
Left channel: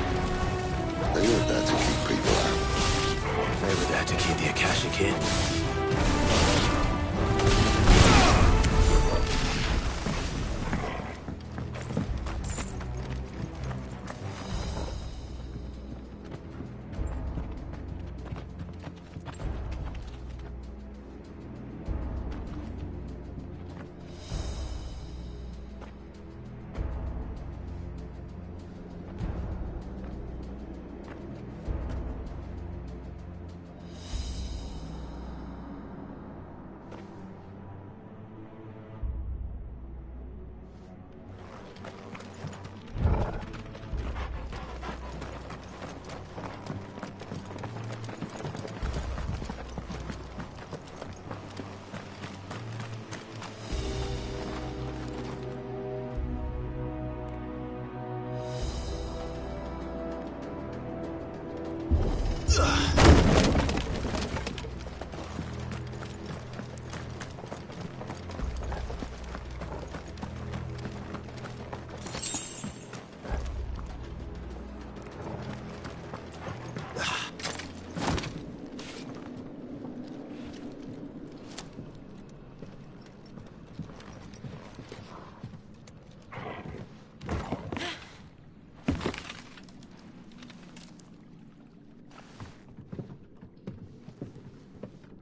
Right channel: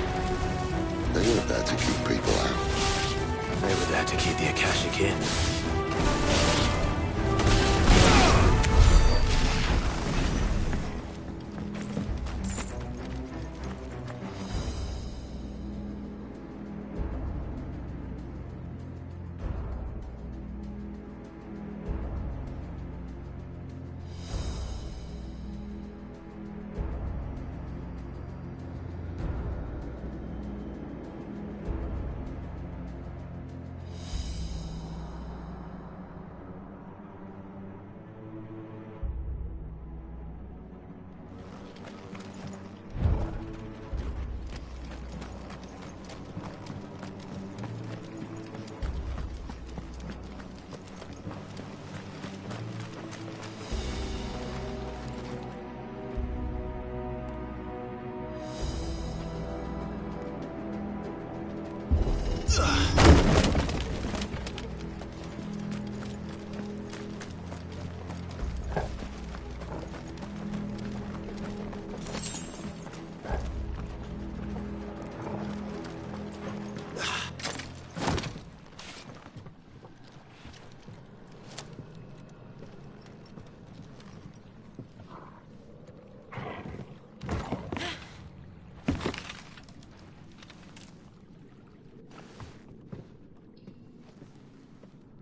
They weren't there to keep people out. They were there to keep the Akashic in.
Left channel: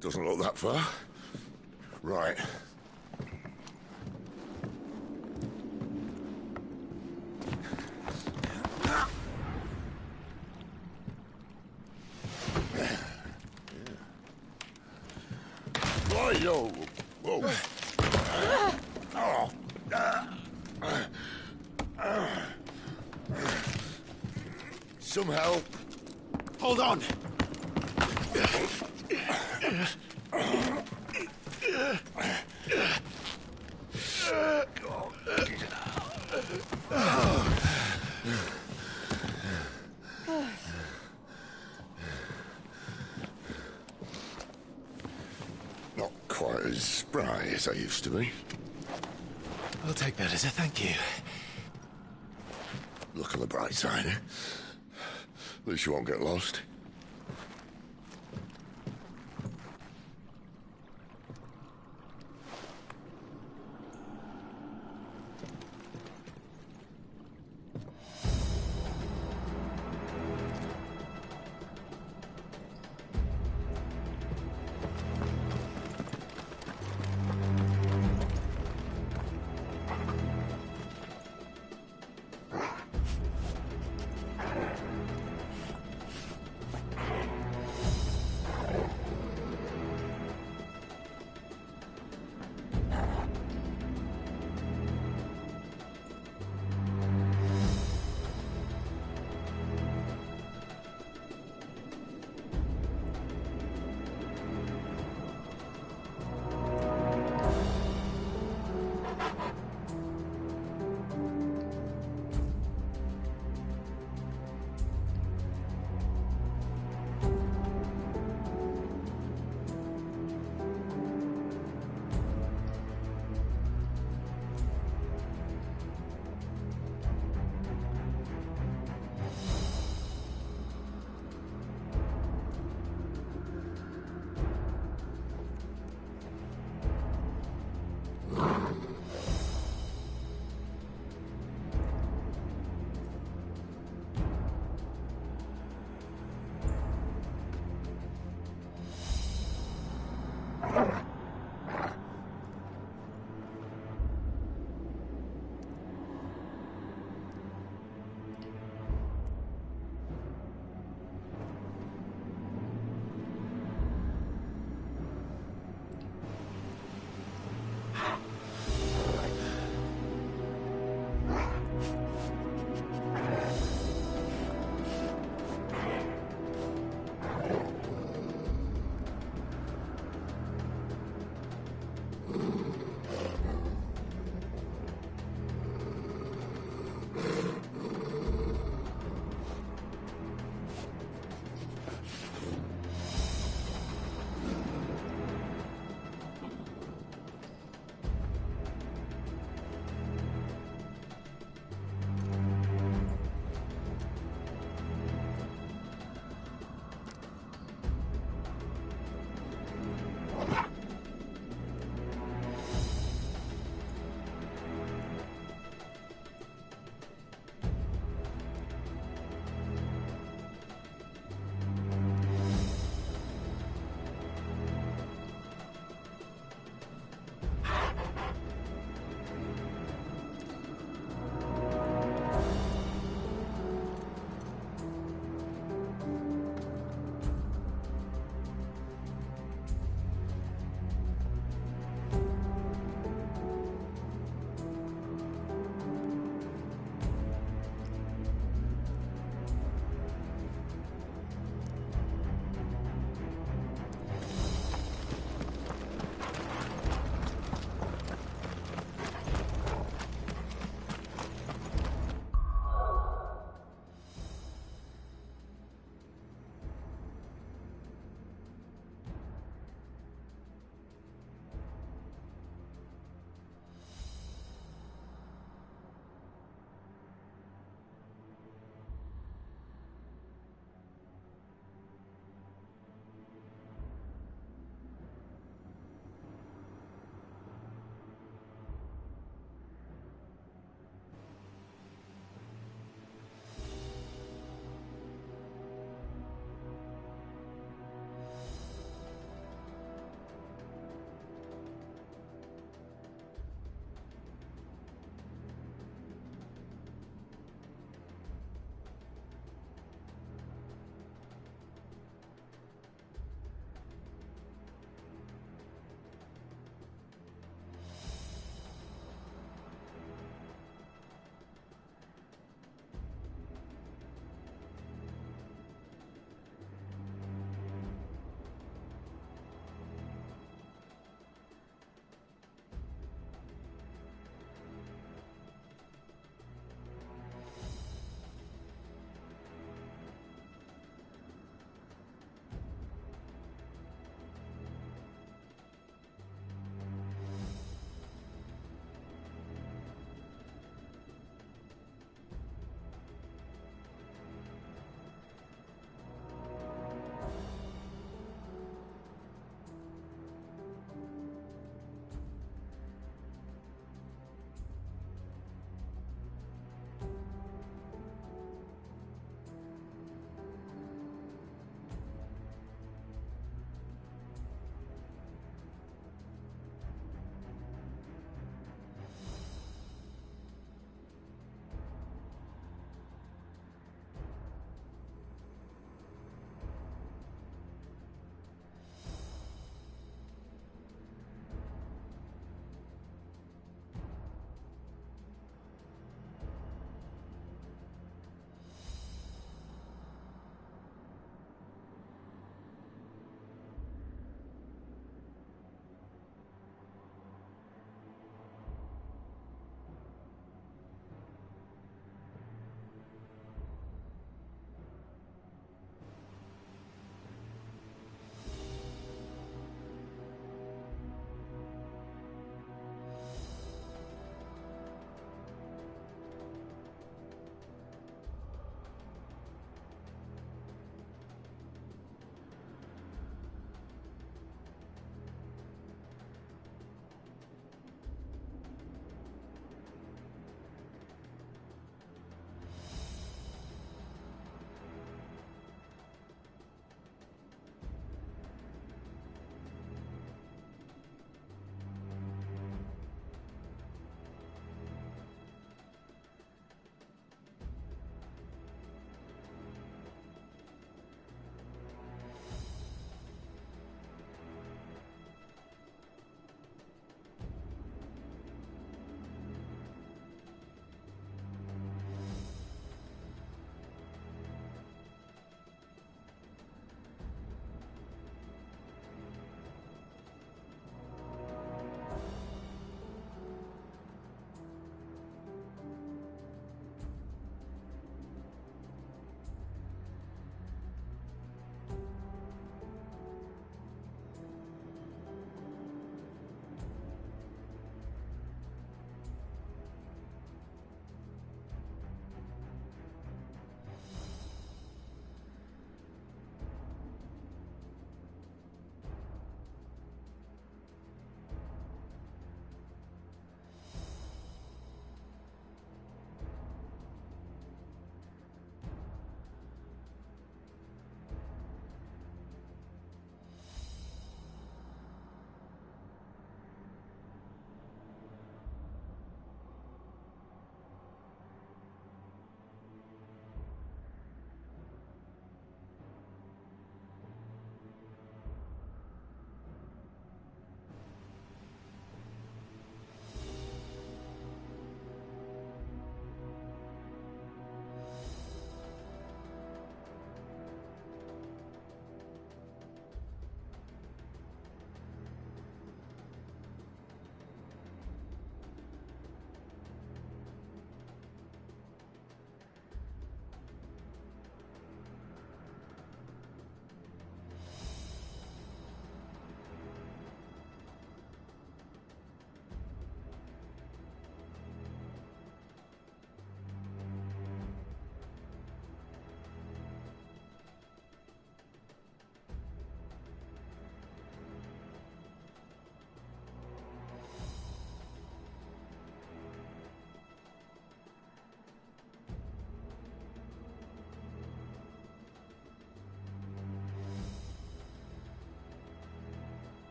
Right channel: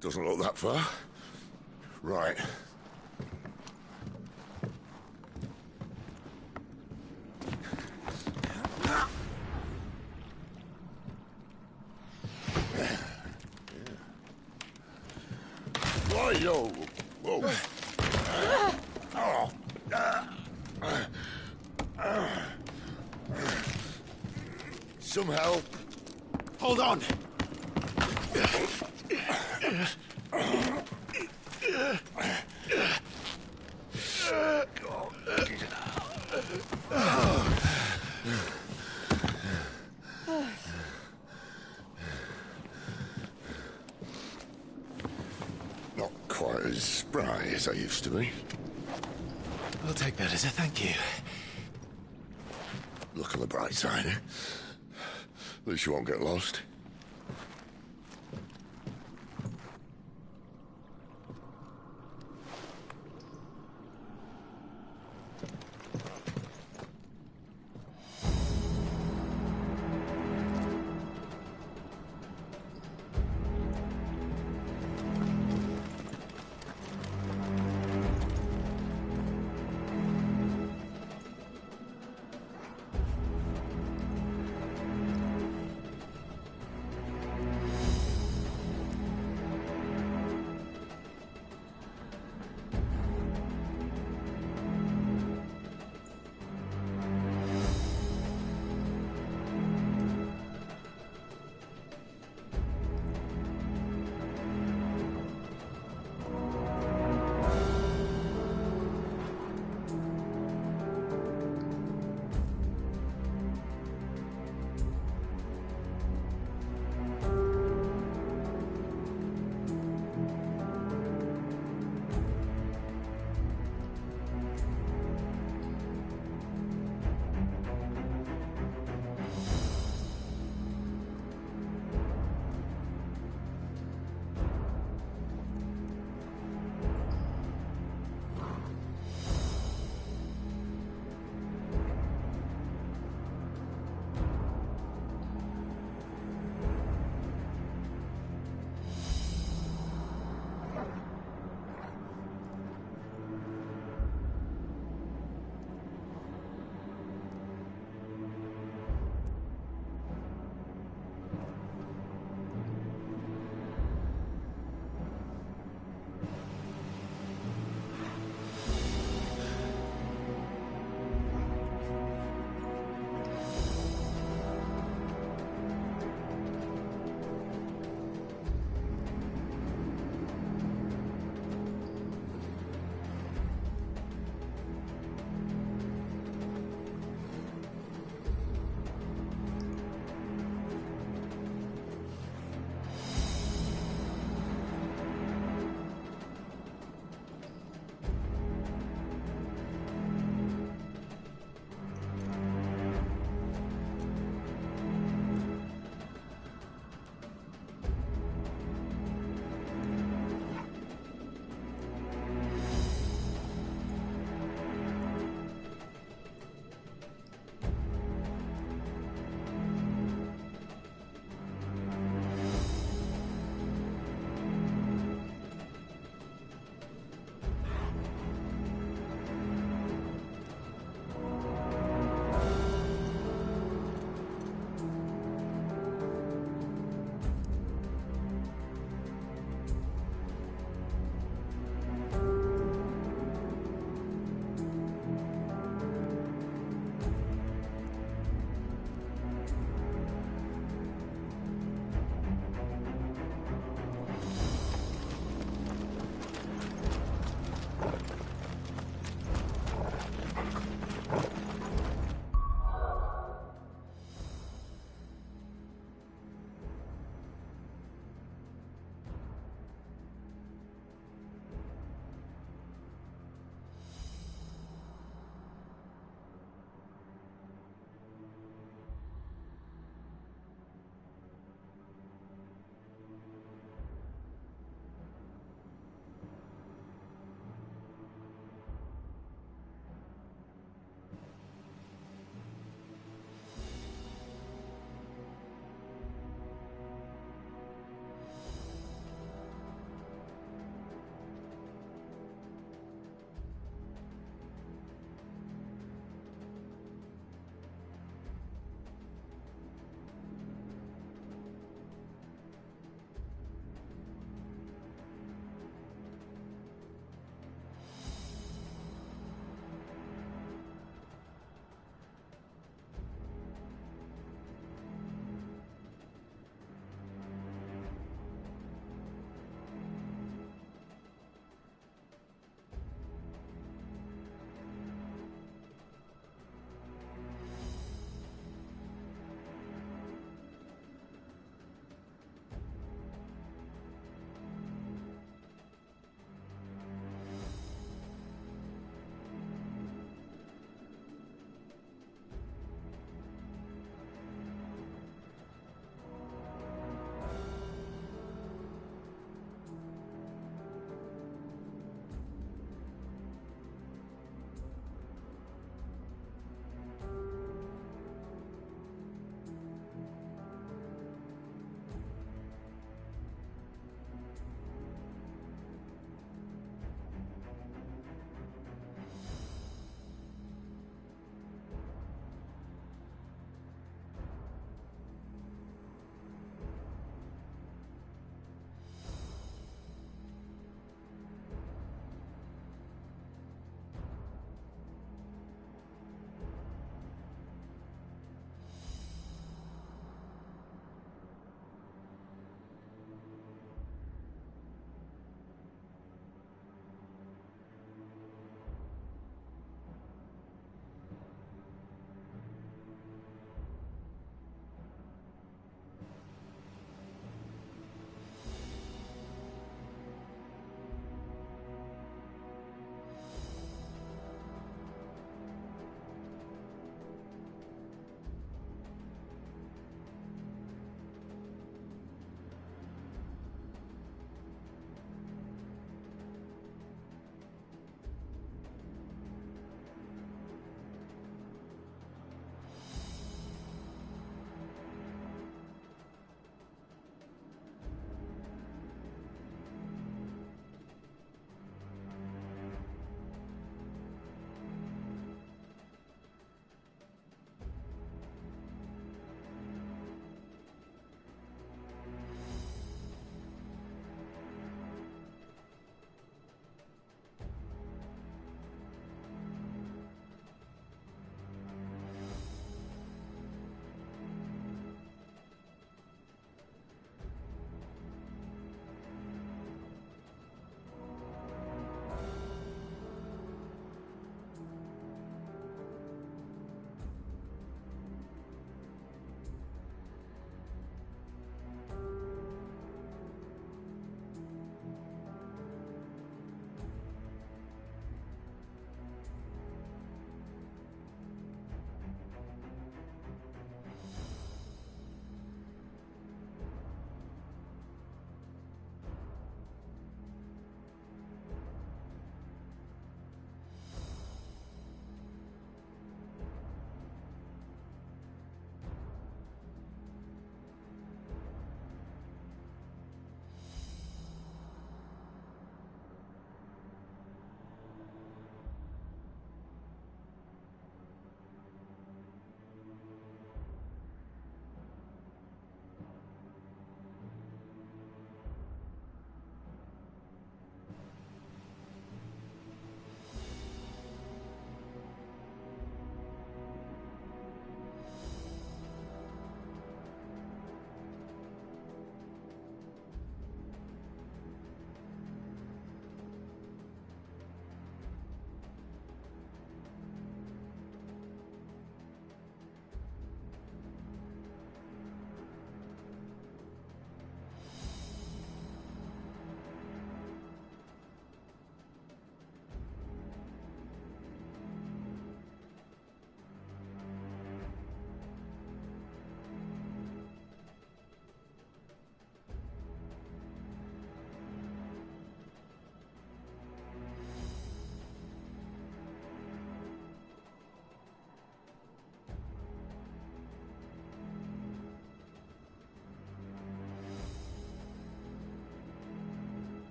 Doesn't look that far. Right. Yo, whoa. Some help. Hold on! Not quite as spry as I used to be. I'll take that as a thank you. Look on the bright side, eh? At least you won't get lost.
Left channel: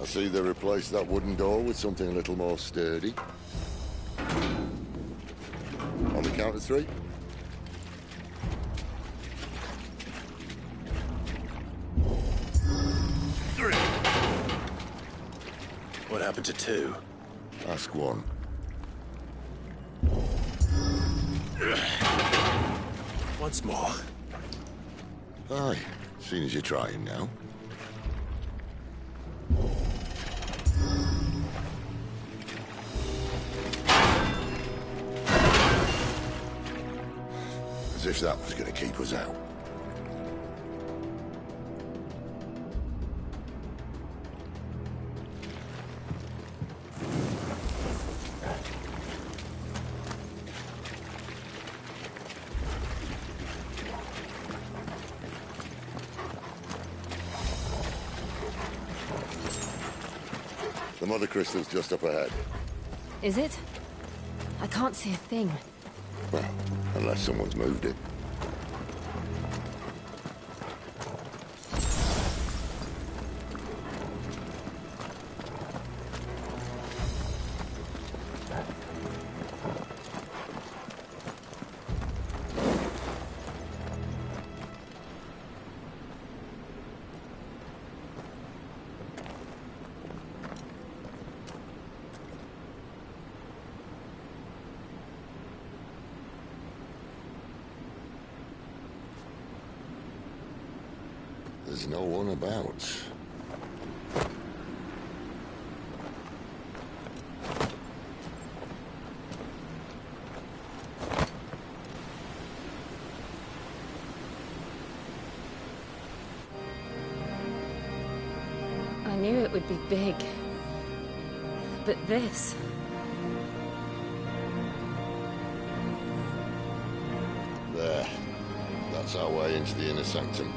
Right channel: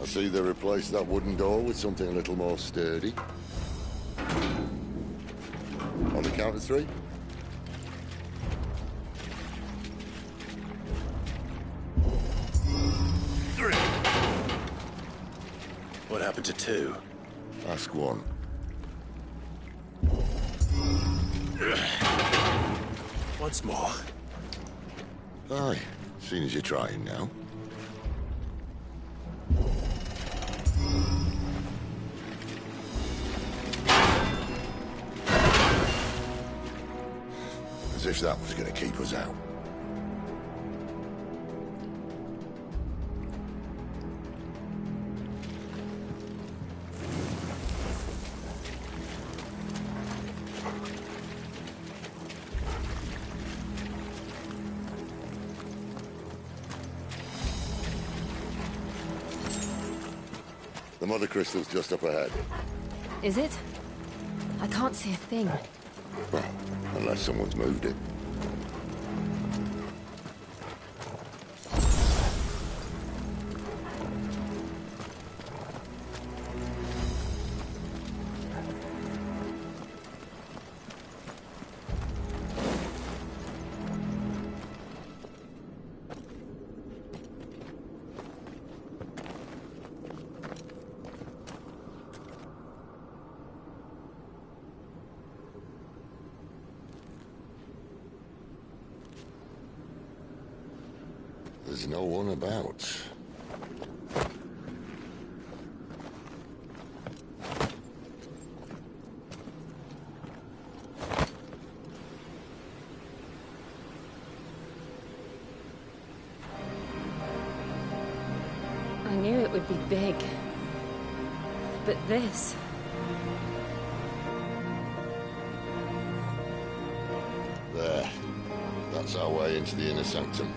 I see they replaced that wooden door with something a little more sturdy. On the count of 3. What happened to 2? Ask 1. Once more. Aye, seeing as you're trying now. As if that was going to keep us out. The mother crystal's just up ahead. Is it? I can't see a thing. Well, unless someone's moved it. There's no one about. I knew it would be big. But this... There. That's our way into the inner sanctum.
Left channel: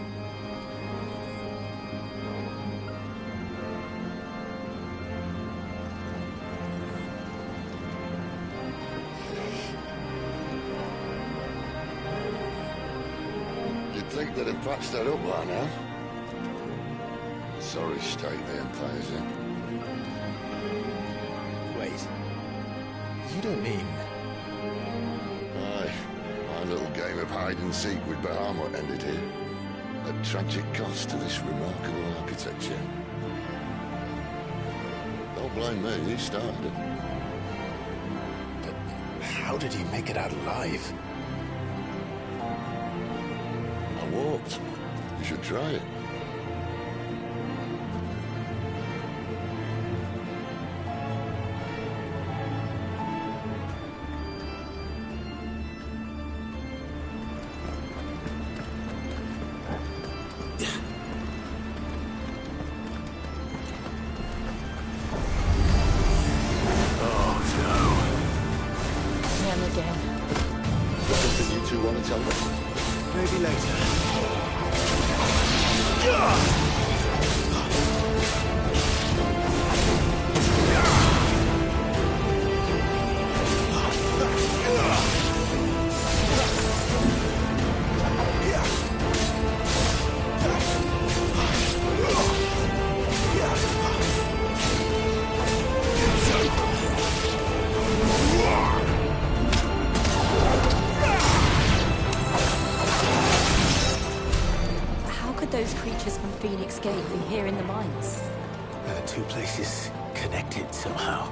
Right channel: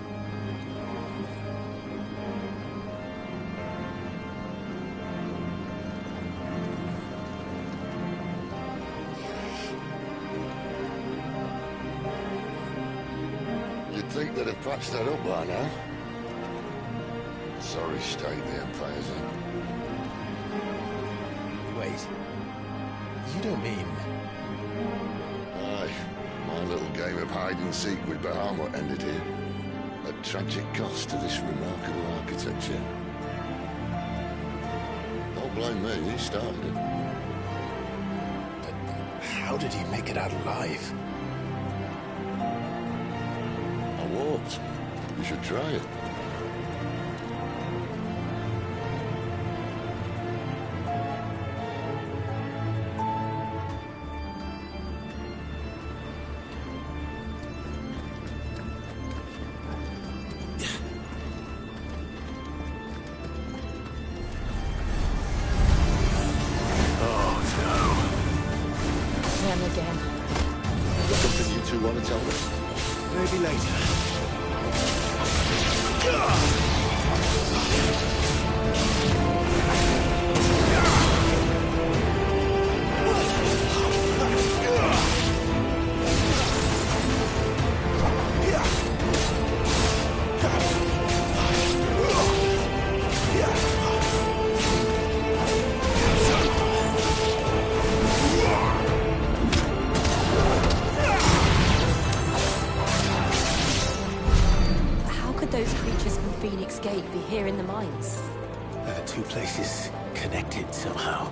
You'd think they'd have patched that up by now. A sorry state the Empire's in. Wait. You don't mean... Aye. My little game of hide-and-seek with Bahamut ended here. At tragic cost to this remarkable architecture. Don't blame me, he started it. But how did he make it out alive? I walked. You should try it. Again. Is there something you two want to tell me? Maybe later. Those creatures from Phoenix Gate be here in the mines? The two places connected somehow.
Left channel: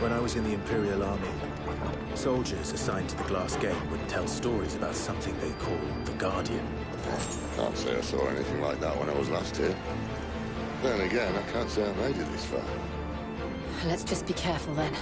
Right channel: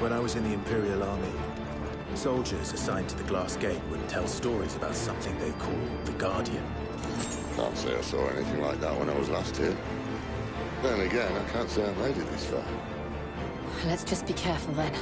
When I was in the Imperial Army, soldiers assigned to the Glass Gate would tell stories about something they called the Guardian. Can't say I saw anything like that when I was last here. Then again, I can't say I made it this far. Let's just be careful then.